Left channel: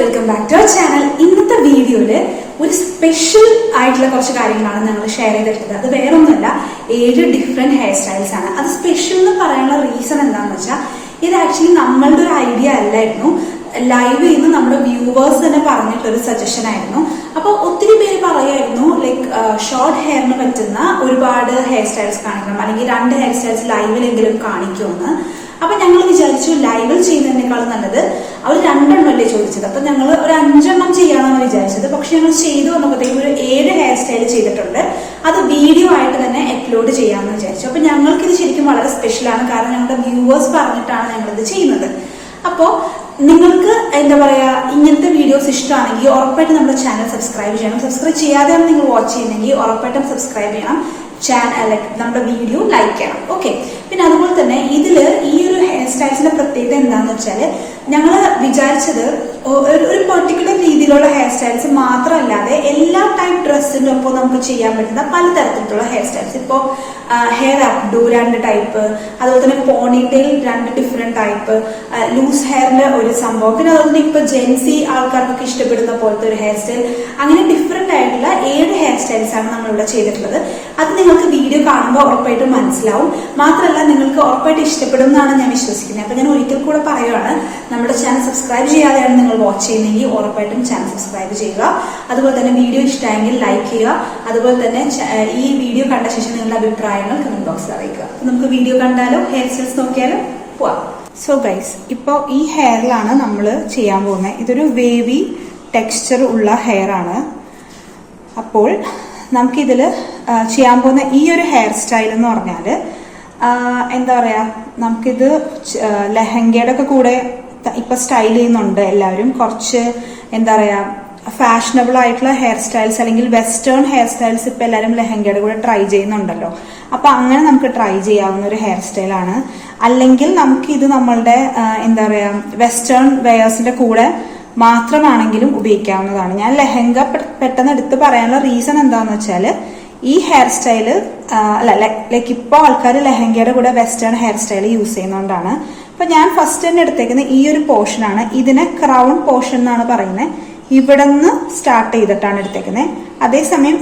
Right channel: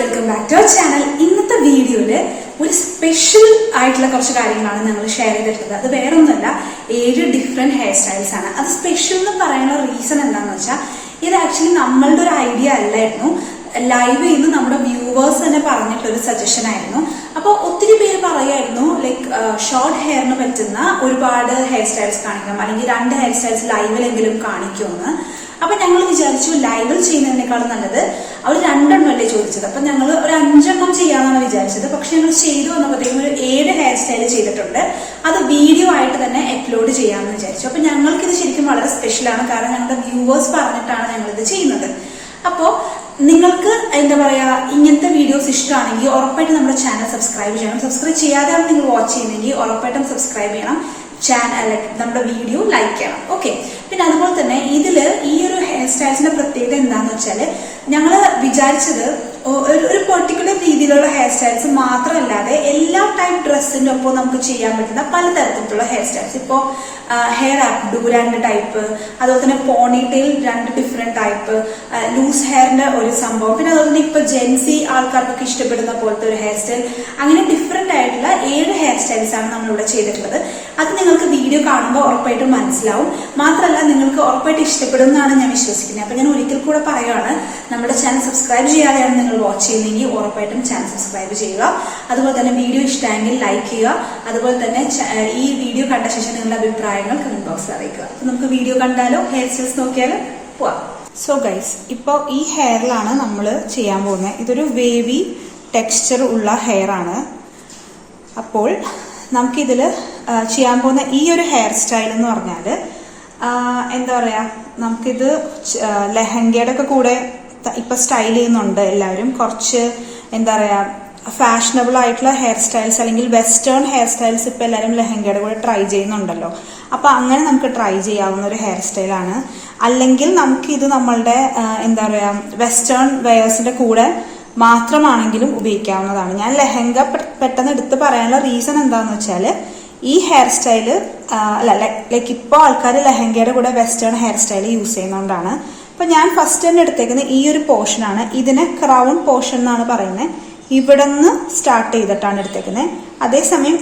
Welcome back to our channel. ഇന്നത്തെ വീഡിയോയില് ഒരു സ്പെഷ്യൽ ആയിട്ടുള്ള കുറച്ച് കാര്യങ്ങളാണ് ഞങ്ങൾ ഷെയർ ചെയ്തിട്ടുള്ളത്. അത് വേറെ ഒന്നുമല്ല, 7 ഡിഫറെന്റ് ഹെയർ സ്റ്റൈൽസ് ആണ്. അത് സ്പെഷ്യൽ എന്ന് പറയാനുള്ള റീസൺ എന്താണെന്ന് വെച്ചാൽ, ഇത് ആക്ച്വലി നമ്മളുടെ ഒരു ഐഡിയ അല്ലായിരുന്നു. ലൈവ് ചെയ്യുന്ന നമ്മുടെ വ്യൂവേഴ്സ് തന്നെ പറഞ്ഞിട്ടൊരു സജഷൻ ആയിരുന്നു. അപ്പൊ ഒത്തിരി പേര് പറയായിരുന്നു ലൈക്ക് ഷോർട്ട് ഹെയറിന് പറ്റുന്ന ഒരുപാട് ഹെയർ സ്റ്റൈൽസ് കാണിക്കണം, അല്ലെങ്കിൽ 2 ഹെയർ സ്റ്റൈൽസ് ലൈവിലെങ്കിലും കാണിക്കുമെന്ന്. അപ്പൊ ഞങ്ങൾ വിചാരിച്ചു ലൈവിൽ ചെയ്യുന്നതിനേക്കാളും നല്ലത് അവർ 2 എണ്ണമല്ലേ ചോദിച്ചത്, അപ്പൊ ഞങ്ങൾ ഒരു 5 എണ്ണം ചെയ്യാമെന്നാണ് വിചാരിച്ചത്. പക്ഷെ ഞങ്ങൾ ചെയ്തു വന്നപ്പോഴത്തേക്കും ഒരു 7 ഹെയർ സ്റ്റൈൽ ചെയ്തിട്ടുണ്ട്. അത് വീഡിയോ ആയിട്ട് തന്നെ അപ്ലോഡ് ചെയ്യാമെന്ന് വിചാരിച്ചു. അപ്പൊ ഞങ്ങൾക്കിത് ശരിക്കും വളരെ സ്പെഷ്യലാണ്, കാരണം ഞങ്ങളുടെ വ്യൂവേഴ്സ് പറഞ്ഞിട്ടാണ് ഞങ്ങളിത് ചെയ്യുന്നത്. അപ്പോ നിങ്ങൾക്ക് എന്താ പറയാ, ഇങ്ങനത്തെ വീഡിയോസ് ഇഷ്ടമാണെങ്കിൽ ഉറപ്പായിട്ട് നമ്മുടെ ചാനൽ സബ്സ്ക്രൈബ് ചെയ്യണം. സബ്സ്ക്രൈബ് ചെയ്യാതെയാണ് നിങ്ങൾ വാച്ച് ചെയ്യുന്നെങ്കിൽ ഉറപ്പായിട്ടും സബ്സ്ക്രൈബ് ചെയ്യണം. നമ്മുടെ വീഡിയോ ലൈക്ക് ചെയ്യണം. ഓക്കെ. പിന്നെ അതുപോലെ തന്നെ ഇതില് ഈ ഒരു ഹെയർ സ്റ്റൈൽസിന്റെ പ്രത്യേകത എന്താന്ന് വെച്ചാല്, ഞങ്ങള് വിചാരിച്ചത് ഒരു പെർട്ടിക്കുലർ രീതിയിലുള്ള ഹെയർ സ്റ്റൈൽസ് മാത്രമല്ലാതെ എല്ലാ ടൈപ്പ് ഡ്രസ്സിന്റെ ഒപ്പം നമുക്ക് ചെയ്യാൻ പറ്റുന്ന പലതരത്തിലുള്ള ഹെയർ സ്റ്റൈൽസ്. ഇപ്പോ ഹെയർ അപ്ഡു 2 ടൈപ്പ്, അതുപോലെ തന്നെ പോണിടെയിൽ 2 ഡിഫറെന്റ് ടൈപ്പ്, ലൂസ് ഹെയറിന്റെ ഒരു സംഭവം, പിന്നെ അതുപോലെ തന്നെ ഇപ്പൊ ജെൻസി ആൾക്കാർക്കൊക്കെ ഇഷ്ടപ്പെടുന്ന പോലത്തെ ഒരു ഹെയർ സ്റ്റൈൽ, അങ്ങനെ ഡിഫറെന്റ് ആയിട്ടുള്ള 7 ഹെയർ സ്റ്റൈൽസ് ആണ് നമ്മളിവിടെ ചെയ്തിട്ടുള്ളത്. അത് നിങ്ങൾക്ക് വീഡിയോ കാണുമ്പോൾ ഉറപ്പായിട്ടും മനസ്സിലാവും. മാത്രമല്ല നിങ്ങൾക്ക് ഉറപ്പായിട്ട് ഇഷ്ടപ്പെടും എന്നാണ് ഞാൻ വിശ്വസിക്കുന്നത്. അപ്പൊ ഞാൻ ഒരിക്കൽ കൂടെ പറയുകയാണ്, നമ്മുടെ ചാനൽ സബ്സ്ക്രൈബ് ചെയ്യാതെയാണ് നിങ്ങൾ വാച്ച് ചെയ്യുന്നെങ്കിൽ ഉറപ്പായിട്ടും ചാനൽ സബ്സ്ക്രൈബ് ചെയ്യുക. അതുപോലെ തന്നെ വീഡിയോ ഇഷ്ടമായെങ്കിൽ ലൈക്ക് ചെയ്യുക. അതുപോലെ തന്നെ ഈ വീഡിയോ കണ്ട ശേഷം നിങ്ങളുടെ അഭിപ്രായങ്ങൾ കമന്റ് ബോക്സിൽ അറിയിക്കുക. അപ്പൊ നമുക്ക് വീഡിയോ കണ്ടാലോ, ഹെയർ സ്റ്റൈൽസ് നോക്കിയാലോ പോവാം. സോ ഗൈസ്, ഇപ്പൊ ഈ ഹെയറിലാണ് നമ്മൾ ചെയ്യാൻ പോകുന്നത്. ഇതൊരു വേവി ടെക്സ്ചർ ഉള്ള ഹെയർ ആണ്. അപ്പോൾ നമുക്കിതില് ചെയ്യാൻ പോകുന്ന ഈ ഒരു ഹെയർ സ്റ്റൈൽ എന്ന് പറഞ്ഞാല് എന്താ പറയാ, നമുക്കിത് ലെഹങ്കയുടെ ഒക്കെ കൂടെ ഇപ്പൊ സ്റ്റൈൽ ചെയ്യുന്നുണ്ട് എല്ലാവരും. കുറച്ച് എന്താ പറയാ, ഫാഷനബിൾ ആയിട്ടുള്ള ഹെയർ സ്റ്റൈൽസ് അല്ലെങ്കിൽ വെസ്റ്റേൺ ഹെയർ സ്റ്റൈൽസ് ഇപ്പൊ എല്ലാവരും ലെഹങ്കയുടെ കൂടെ ട്രൈ ചെയ്യുന്നുണ്ടല്ലോ. അപ്പൊ അങ്ങനെ നമുക്ക് ട്രൈ ചെയ്യാവുന്ന ഒരു ഹെയർ സ്റ്റൈലാണ്. അല്ലെങ്കിൽ നമുക്ക് ഇത് നമ്മളുടെ എന്താ പറയാ, വെസ്റ്റേൺ വെയേഴ്സിന്റെ കൂടെ മാത്രമാണെങ്കിലും ഉപയോഗിക്കാവുന്നതാണ്. ഞാൻ ലെഹങ്ക പെട്ടെന്ന് എടുത്ത് പറയാനുള്ള റീസൺ എന്താന്ന് വെച്ചാല്, ഈ ഹെയർ സ്റ്റൈല് ലൈക്ക് ഇപ്പൊ ആൾക്കാർ ലെഹങ്കയുടെ കൂടെ വെസ്റ്റേൺ ഹെയർ സ്റ്റൈൽ യൂസ് ചെയ്യുന്നതുകൊണ്ടാണ്. അപ്പൊ ഞാൻ ഫസ്റ്റ് തന്നെ എടുത്തേക്കുന്ന ഈ ഒരു പോർഷൻ ആണ്. ഇതിനെ ക്രൗൺ പോർഷൻ എന്നാണ് പറയുന്നത്. ഇവിടെ നിന്ന് സ്റ്റാർട്ട് ചെയ്തിട്ടാണ് എടുത്തേക്കുന്നത്. അതേസമയം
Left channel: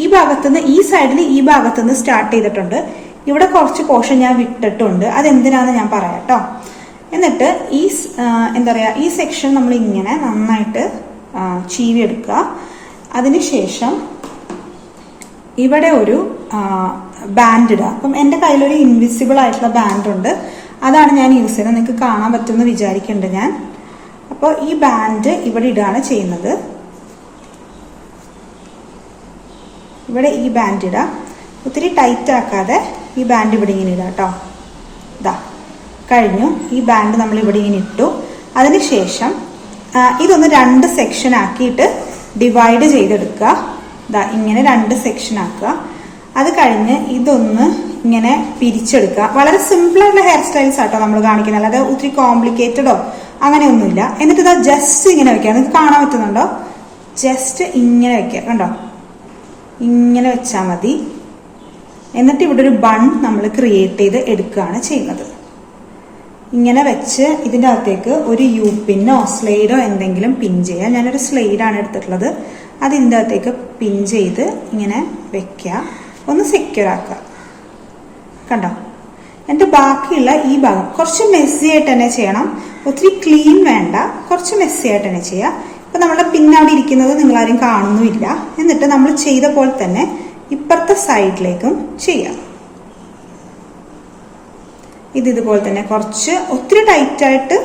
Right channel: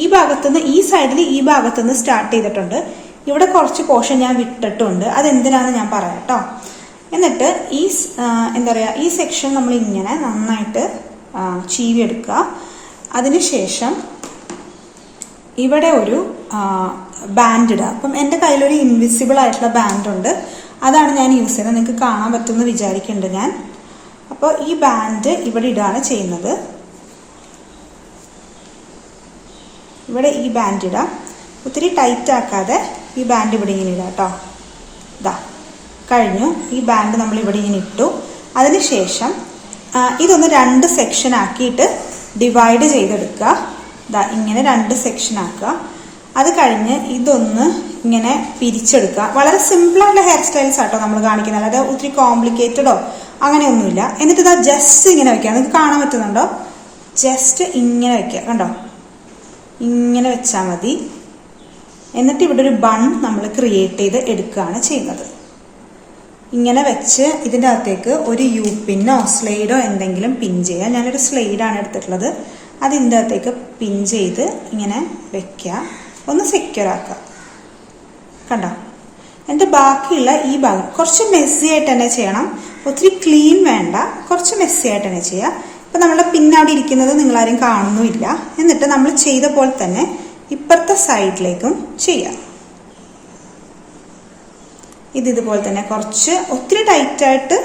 ഈ ഭാഗത്തുനിന്ന്, ഈ സൈഡിൽ ഈ ഭാഗത്തുനിന്ന് സ്റ്റാർട്ട് ചെയ്തിട്ടുണ്ട്. ഇവിടെ കുറച്ച് പോർഷൻ ഞാൻ വിട്ടിട്ടുണ്ട്. അതെന്തിനാന്ന് ഞാൻ പറയാം കേട്ടോ. എന്നിട്ട് ഈ എന്താ പറയാ, ഈ സെക്ഷൻ നമ്മൾ ഇങ്ങനെ നന്നായിട്ട് ചീവി എടുക്കുക. അതിനുശേഷം ഇവിടെ ഒരു ബാൻഡ് ഇടുക. അപ്പം എന്റെ കയ്യിലൊരു ഇൻവിസിബിൾ ആയിട്ടുള്ള ബാൻഡ് ഉണ്ട്, അതാണ് ഞാൻ യൂസ് ചെയ്യുന്നത്. നിങ്ങൾക്ക് കാണാൻ പറ്റുമെന്ന് വിചാരിക്കുന്നുണ്ട് ഞാൻ. അപ്പോൾ ഈ ബാൻഡ് ഇവിടെ ഇടുകയാണ് ചെയ്യുന്നത്. ഇവിടെ ഈ ബാൻഡ് ഇടാം. ഒത്തിരി ടൈറ്റ് ആക്കാതെ ഈ ബാൻഡ് ഇവിടെ ഇങ്ങനെ ഇടാം കേട്ടോ. ഇതാ കഴിഞ്ഞു. ഈ ബാൻഡ് നമ്മൾ ഇവിടെ ഇങ്ങനെ ഇട്ടു. അതിനുശേഷം ഇതൊന്ന് 2 സെക്ഷൻ ആക്കിയിട്ട് ഡിവൈഡ് ചെയ്തെടുക്കുക. ഇതാ ഇങ്ങനെ 2 സെക്ഷൻ ആക്കുക. അത് കഴിഞ്ഞ് ഇതൊന്ന് ഇങ്ങനെ പിരിച്ചെടുക്കുക. വളരെ സിമ്പിൾ ആയിട്ടുള്ള ഹെയർ സ്റ്റൈൽസ് ആട്ടോ നമ്മൾ കാണിക്കുന്നത്, അല്ലാതെ ഒത്തിരി കോംപ്ലിക്കേറ്റഡോ അങ്ങനെയൊന്നുമില്ല. എന്നിട്ട് ഇതാ ജസ്റ്റ് ഇങ്ങനെ വെക്കുക. നിങ്ങൾക്ക് കാണാൻ പറ്റുന്നുണ്ടോ? ജസ്റ്റ് ഇങ്ങനെ വെക്കുക. കണ്ടോ? ഇങ്ങനെ വെച്ചാൽ മതി. എന്നിട്ട് ഇവിടെ ഒരു ബൺ നമ്മൾ ക്രിയേറ്റ് ചെയ്ത് എടുക്കുകയാണ് ചെയ്യുന്നത്. ഇങ്ങനെ വെച്ച് ഇതിൻ്റെ അകത്തേക്ക് ഒരു യു പിന്നോ സ്ലൈഡോ എന്തെങ്കിലും പിൻ ചെയ്യാം. ഞാനൊരു സ്ലൈഡാണ് എടുത്തിട്ടുള്ളത്. അത് ഇതിൻ്റെ അകത്തേക്ക് പിൻ ചെയ്ത് ഇങ്ങനെ വെക്കുക. ഒന്ന് സെക്യൂർ ആക്കുക. കണ്ടോ? എന്നിട്ട് ബാക്കിയുള്ള ഈ ഭാഗം കുറച്ച് മെസ്സി ആയിട്ട് തന്നെ ചെയ്യണം. ഒത്തിരി ക്ലീൻ വേണ്ട, കുറച്ച് മെസ്സി ആയിട്ട് തന്നെ ചെയ്യുക. ഇപ്പൊ നമ്മുടെ പിന്നവിടെ ഇരിക്കുന്നത് നിങ്ങളാരും കാണുന്നുമില്ല. എന്നിട്ട് നമ്മൾ ചെയ്ത പോലെ തന്നെ ഇപ്പുറത്തെ സൈഡിലേക്കും ചെയ്യാം. ഇതുപോലെ തന്നെ കുറച്ച് ഒത്തിരി ടൈറ്റായിട്ട്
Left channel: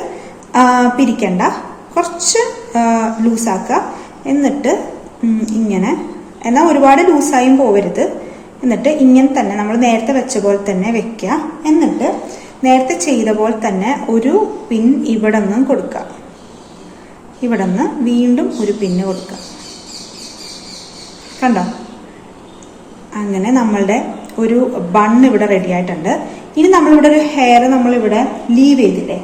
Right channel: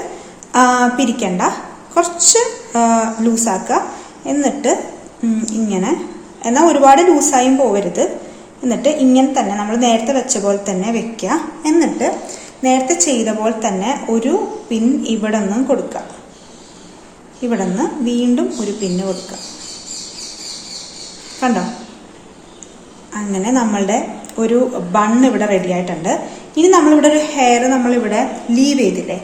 പിരിക്കണ്ട, കുറച്ച് ലൂസാക്കുക. എന്നിട്ട് ഇങ്ങനെ, എന്നാൽ ഒരുപാട് ലൂസായും പോവരുത്. എന്നിട്ട് ഇങ്ങനെ തന്നെ നമ്മൾ നേരത്തെ വെച്ച പോലെ തന്നെ വെക്കുക. എന്നിട്ട് നേരത്തെ ചെയ്ത പോലെ തന്നെ ഒരു പിൻ ഇവിടെ നിന്നും കൊടുക്കുക. ഇവിടെ നിന്ന് വീണ്ടും ഒരു പിന്ന് കൊടുക്കുക. കണ്ടോ? അങ്ങനെ നമ്മളുടെ ഒരു ബൺ ഇവിടെ റെഡി ആയിട്ടുണ്ട്. ഇനി നമ്മളിവിടെ ഒരു ഹെയർ നമ്മളിവിടെ ലീവ് ചെയ്തില്ലേ,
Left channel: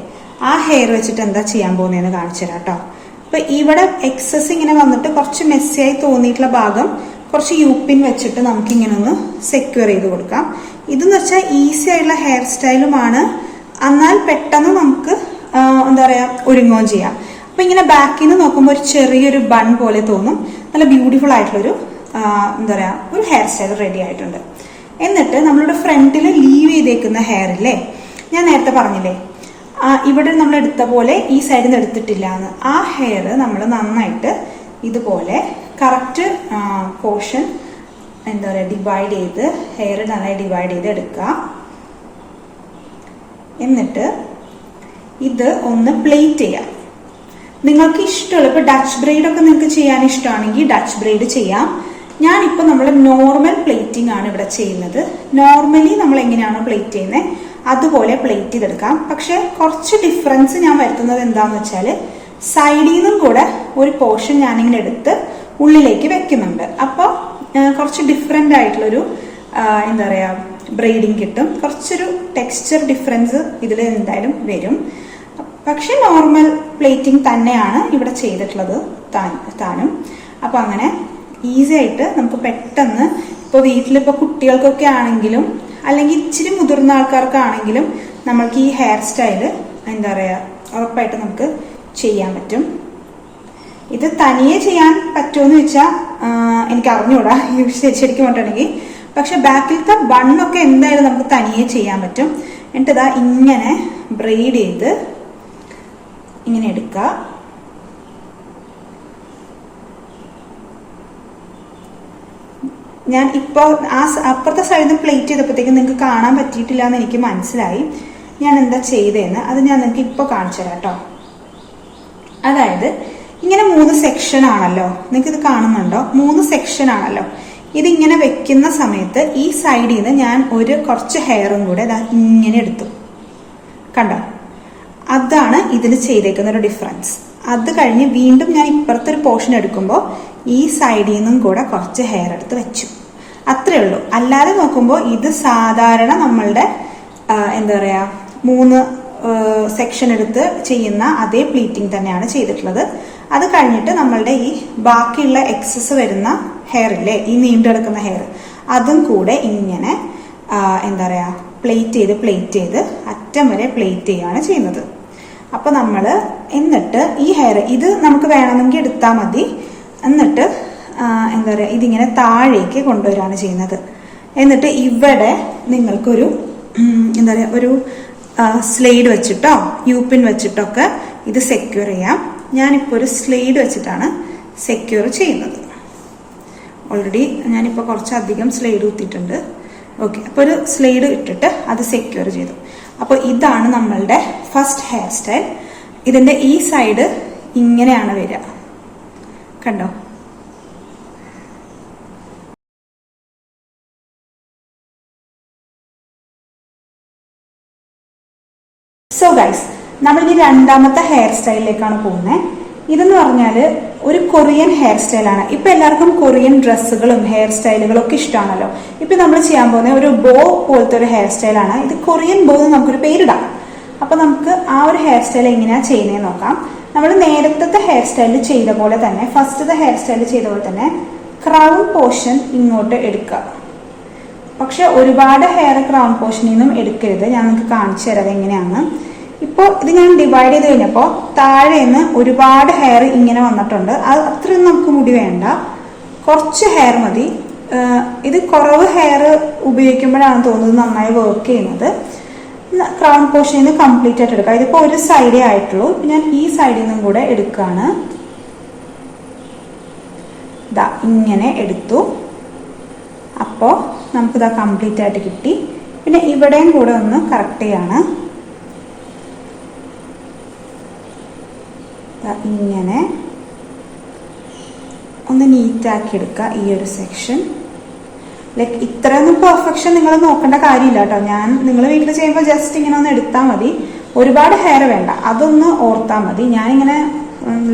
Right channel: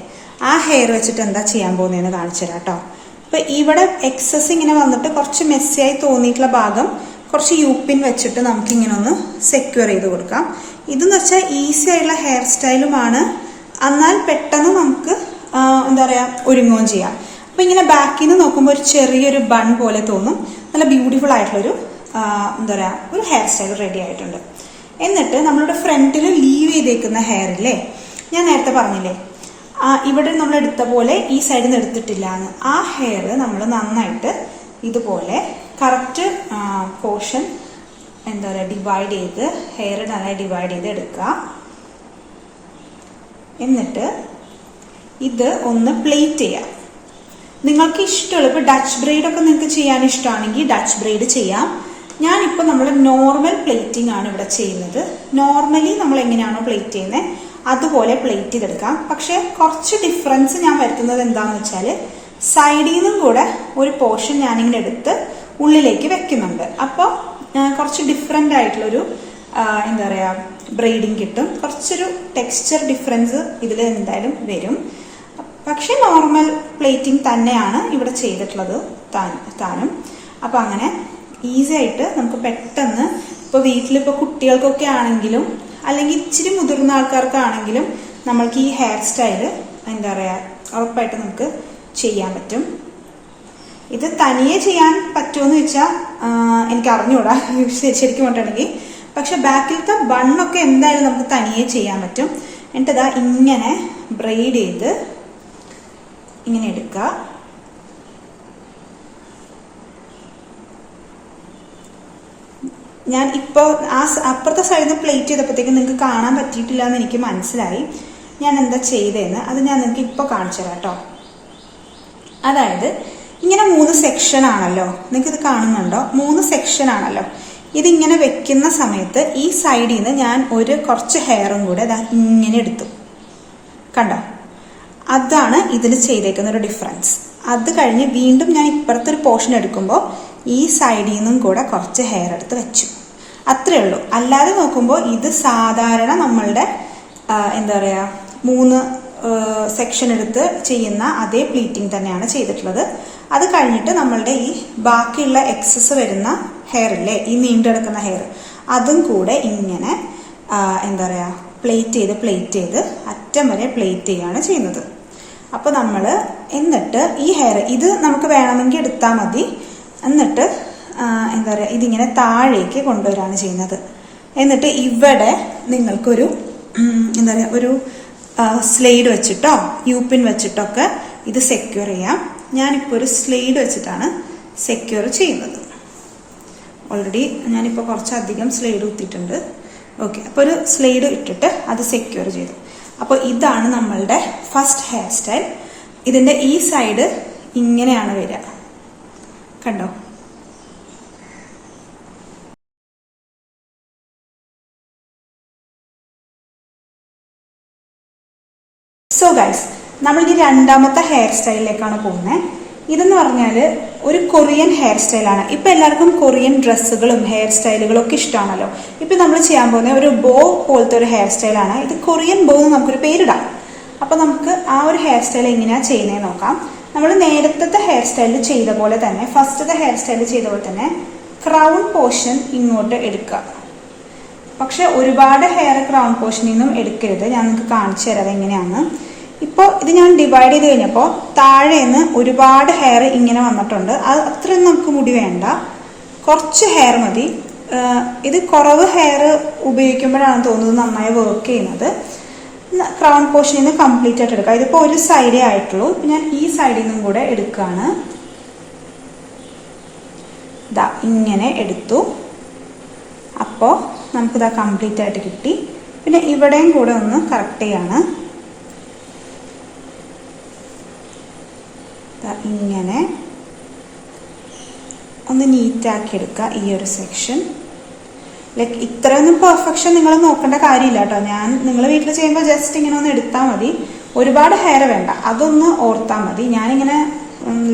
ആ ഹെയർ വെച്ചിട്ട് എന്താ ചെയ്യാൻ പോകുന്നതെന്ന് കാണിച്ചു തരാം കേട്ടോ. അപ്പൊ ഇവിടെ എക്സസ് ഇങ്ങനെ വന്നിട്ട് കുറച്ച് മെസ്സിയായി തോന്നിയിട്ടുള്ള ഭാഗം കുറച്ച് യൂപ്പിൻ വെച്ചിട്ട് നമുക്ക് ഇങ്ങനെ ഒന്ന് സെക്യൂർ ചെയ്ത് കൊടുക്കാം. ഇതെന്ന് വെച്ചാൽ ഈസി ആയിട്ടുള്ള ഹെയർ സ്റ്റൈലുമാണ്, എന്നാൽ പെട്ടെന്ന് നമുക്ക് എന്താ പറയാ ഒരുങ്ങുകയും ചെയ്യാം. അപ്പൊ ഇങ്ങനെ ബാക്കിൽ നിന്ന് നോക്കുമ്പോൾ ഒരു ചെറിയൊരു ബൺ പോലെ തോന്നും. നല്ല ബ്യൂട്ടിഫുൾ ആയിട്ടുള്ളൊരു എന്താ പറയാ ഒരു ഹെയർ സ്റ്റൈൽ റെഡി ആയിട്ടുണ്ട്. എന്നിട്ട് നമ്മളുടെ ഫ്രണ്ടിൽ ലീവ് ചെയ്തേക്കുന്ന ഹെയർ ഇല്ലേ, ഞാൻ നേരത്തെ പറഞ്ഞില്ലേ ഇവിടെ നമ്മൾ എടുത്ത പോലെ ഈ സൈഡിൽ നിന്ന് എടുത്തിട്ടില്ല എന്ന്, ആ ഹെയർ നമ്മൾ നന്നായിട്ട് ഇതുപോലെ കറക്റ്റ് പോർഷൻ എന്താ പറയാ ഡിവൈഡ് ചെയ്ത് ഹെയർ നന്നായി ഡിവൈഡ് ചെയ്ത് എടുക്കുക. എന്നിട്ട് ഇത് ഒന്ന് പ്ലേറ്റ് ചെയ്യാം. നിങ്ങൾക്ക് ഇഷ്ടമുള്ള ഇപ്പൊ ഡച്ച് ബ്രെയ്ഡ് ഒക്കെ നിങ്ങൾക്ക് ചെയ്യാൻ ഇഷ്ടമാണെങ്കിൽ ഡച്ച് ബ്രെയ്ഡ് ചെയ്യാം. ഞാനിപ്പോ നമ്മൾ നോർമൽ പ്ലേറ്റിംഗ് ആണ് ഇവിടെ ചെയ്യുന്നത്. നോർമലി നമ്മൾ എങ്ങനെയാണോ പ്ലേറ്റ് ചെയ്യുന്നത് അതുപോലെ പ്ലേറ്റ് ചെയ്തെടുക്കാം. പക്ഷെ കുറച്ച് ഡിഫറൻസ് ഞാൻ വരുത്തുന്നത് എന്താന്ന് വെച്ചാല് സൈഡിൽ നിന്നും കൂടെ ഒരു പോർഷൻ ഞാനിങ്ങനെ എടുത്ത് ഉള്ളിലേക്ക് വെക്കുന്നുണ്ട്. അപ്പൊ കുറച്ച് ഡിഫറെന്റ് ആയിട്ടുള്ളൊരു എന്താ പറയാ ബ്രെയ്ഡിങ് കിട്ടും. കുറച്ചൊരു ടെക്സ്ചർ ഡിഫറൻസ് ഇതിൽ എന്തായാലും വരും. പക്ഷെ നോർമൽ പ്ലേറ്റിംഗ് തന്നെയാണ് ഇവിടെ ചെയ്തിട്ടുള്ളത് താനും. അപ്പൊ അങ്ങനെ ഈസി ആയിട്ട് നമുക്ക് പെട്ടെന്ന് ഇപ്പൊ വീട്ടിലിപ്പോ കുട്ടികൾക്കൊക്കെ ആണെങ്കിലും അല്ലെങ്കിൽ ഇച്ചിരി മുതിർന്ന ആൾക്കാർക്കാണെങ്കിലും നമ്മൾക്ക് ഈ ഹെയർ സ്റ്റൈല് എന്താ പറയാ ഉറപ്പായിട്ട് നമുക്ക് ചെയ്യാൻ പറ്റും. ഇത് തനിയെ ചെയ്യാൻ പറ്റുമെന്ന് വെച്ചാൽ എനിക്ക് അറിഞ്ഞൂടാ ശരിക്കും പറഞ്ഞിട്ടുണ്ടെങ്കിൽ. പക്ഷെ ബാക്കിലത്തെ ബണ്ണൊക്കെ എന്തായാലും നമുക്ക് തനിയെ ചെയ്യാൻ പറ്റും. എന്നിട്ട് ഇതാ ഇങ്ങനെ ബ്രെയ്ഡ് ചെയ്ത് ഇങ്ങനെ എടുക്കുക. ഞാൻ ഇപ്പോ അപ്പുറത്തെ സൈഡിൽ നിന്ന് പ്ലേറ്റ് ചെയ്തപ്പോഴത്തേക്കും നിങ്ങൾക്ക് കാണാൻ പറ്റിയിട്ടില്ല എന്ന് എനിക്ക് മനസ്സിലായി. ഞാൻ എന്താ ചെയ്തതെന്ന് അത് ഞാൻ നിങ്ങൾക്ക് ഇപ്പൊ കാണിച്ചു തരാം കേട്ടോ. അതായത് ഇങ്ങനെ 3 സെക്ഷൻ ആണല്ലോ, നിങ്ങൾക്ക് ഇത് കാണുന്നുണ്ടോ? 3 സെക്ഷൻ ആണല്ലോ. ഇതിങ്ങനെ വെക്കുന്ന സമയത്ത് ഈ സൈഡിൽ നിന്ന് ഞാൻ കുറച്ച് ഹെയറും കൂടെ ഇങ്ങനെ എടുത്തു, കണ്ടോ? അതാണ് ഇതിൽ ചെയ്തേക്കുന്ന ഒരു ഡിഫറൻസ്. അത് കഴിഞ്ഞ് വീണ്ടും ഞാൻ ഇപ്പുറത്തെ ഒരു പോർഷൻ എടുക്കുമ്പോൾ ഈ സൈഡിൽ നിന്നും കൂടെ കുറച്ച് ഹെയർ എടുത്ത് വെച്ചു. അത്രേ ഉള്ളൂ. അല്ലാതെ നോക്കുമ്പോൾ ഇത് സാധാരണ നമ്മളുടെ എന്താ പറയാ 3 സെക്ഷൻ എടുത്ത് ചെയ്യുന്ന അതേ പ്ലീറ്റിംഗ് തന്നെയാണ് ചെയ്തിട്ടുള്ളത്. അത് കഴിഞ്ഞിട്ട് നമ്മളുടെ ഈ ബാക്കിയുള്ള എക്സസ് വരുന്ന ഹെയർ ഇല്ലേ, ഈ നീണ്ടെടുക്കുന്ന ഹെയർ, അതും കൂടെ ഇങ്ങനെ എന്താ പറയാ പ്ലേറ്റ് ചെയ്ത് അറ്റം വരെ പ്ലേറ്റ് ചെയ്യാണ് ചെയ്യുന്നത്. അപ്പൊ നമ്മള് എന്നിട്ട് ഈ ഹെയർ ഇത് നമുക്ക് വേണമെങ്കിൽ എടുത്താൽ മതി. എന്നിട്ട് എന്താ പറയാ ഇതിങ്ങനെ താഴേക്ക് കൊണ്ടുവരാണ് ചെയ്യുന്നത്. എന്നിട്ട് ഇവിടെ നിങ്ങൾക്കൊരു എന്താ പറയാ ഒരു സ്ലൈഡ് വെച്ചിട്ടോ യൂപിൻ വെച്ചിട്ടൊക്കെ ഇത് സെക്യൂർ ചെയ്യാം. ഞാനിപ്പോ ഒരു സ്ലൈഡ് വെച്ചിട്ടാണ് സെക്യൂർ ചെയ്യുന്നത്. ഓൾറെഡി ഞാനിപ്പോ കുറച്ചധികം സ്ലൈഡ് കുത്തിയിട്ടുണ്ട്. ഓക്കെ, അപ്പൊ ഒരു സ്ലൈഡ് ഇട്ടിട്ട് അത് സെക്യൂർ ചെയ്തു. അപ്പൊ ഇതാണ് നമ്മളുടെ ഫസ്റ്റ് ഹെയർ സ്റ്റൈൽ. ഇതിന്റെ ഈ സൈഡ് ഇങ്ങനെയാണ് വരിക, കണ്ടോ? സോ ഗൈസ്, നമ്മളിനി രണ്ടാമത്തെ ഹെയർ സ്റ്റൈലിലേക്കാണ് പോകുന്നത്. ഇതെന്ന് പറഞ്ഞാല് ഒരു കൊറിയൻ ഹെയർ സ്റ്റൈലാണ്. ഇപ്പൊ എല്ലാവർക്കും കൊറിയൻ ഡ്രസ്സുകളും ഹെയർ സ്റ്റൈലുകളും ഒക്കെ ഇഷ്ടമാണല്ലോ. ഇപ്പൊ നമ്മൾ ചെയ്യാൻ പോകുന്ന ഒരു ബോ പോലത്തെ ഒരു ഹെയർ സ്റ്റൈലാണ്. ഇത് കൊറിയൻ ബോ എന്ന് നമുക്കൊരു പേരിടാം. അപ്പൊ നമുക്ക് ആ ഒരു ഹെയർ സ്റ്റൈൽ എങ്ങനെയാ ചെയ്യുന്നതെന്ന് നോക്കാം. നമ്മൾ നേരത്തെ ഹെയർ സ്റ്റൈലിൽ ചെയ്ത പോലെ തന്നെ, ഫസ്റ്റത്തെ ഹെയർ സ്റ്റൈലിൽ ചെയ്ത പോലെ തന്നെ ക്രൗൺ പോർഷൻ ഇങ്ങോട്ട് എടുക്കുക. പക്ഷെ ഒരുപാട് ഹെയർ ക്രൗൺ പോർഷനിൽ നിന്നും എടുക്കരുത്. ഞാൻ നിങ്ങൾക്ക് കാണിച്ചു തരാം എങ്ങനെയാണെന്ന്. ഇപ്പൊ ഇത് ഞാൻ ഡിവൈഡ് ചെയ്ത് കഴിഞ്ഞപ്പോ താഴേന്ന് ഒരുപാട് ഹെയർ ഇങ്ങനെ വന്നിട്ടുണ്ട്. അത് അത്രയും നമുക്ക് മുടി വേണ്ട, കുറച്ച് ഹെയർ മതി. ഇത് കുറവ് ഹെയർ ഉപയോഗിക്കുമ്പോഴാണ് തോന്നുന്നത് നന്നായി വർക്ക് ചെയ്യുന്നത്. ക്രൗൺ പോർഷനിൽ നിന്ന് കംപ്ലീറ്റ് ആയിട്ട് എടുക്കുക. ഇതിപ്പോ ഒരു സൈഡേ ആയിട്ടുള്ളൂ. ഇപ്പൊ ഞാൻ ഈ സൈഡിൽ നിന്നും കൂടെ എടുക്കുകയാണ്. ഇതാ ഇങ്ങനെ എടുത്തു. അപ്പോ നമുക്കിതാ കംപ്ലീറ്റ് ആയിട്ട് കിട്ടി. പിന്നെ ഇവിടെയും കൂടെ ഒന്ന് കറക്റ്റ് ചെയ്യാണ്. ഇങ്ങനെ ഒന്ന് നീറ്റാക്കി എടുക്കുക ഈ ഒരു സെക്ഷൻ. ലൈക്ക് ഇത്രയൊന്നും പെർഫെക്ഷൻ നിങ്ങൾ നോക്കേണ്ട കാര്യമില്ല കേട്ടോ. നിങ്ങൾ വീട്ടിൽ ചെയ്യുമ്പോൾ ജസ്റ്റ് ഇങ്ങനെ ഒന്ന് എടുത്താൽ മതി. ഒരുപാട് ഹെയർ വേണ്ട, അതൊന്ന് ഓർത്താൽ മതി. ഞാനിങ്ങനെ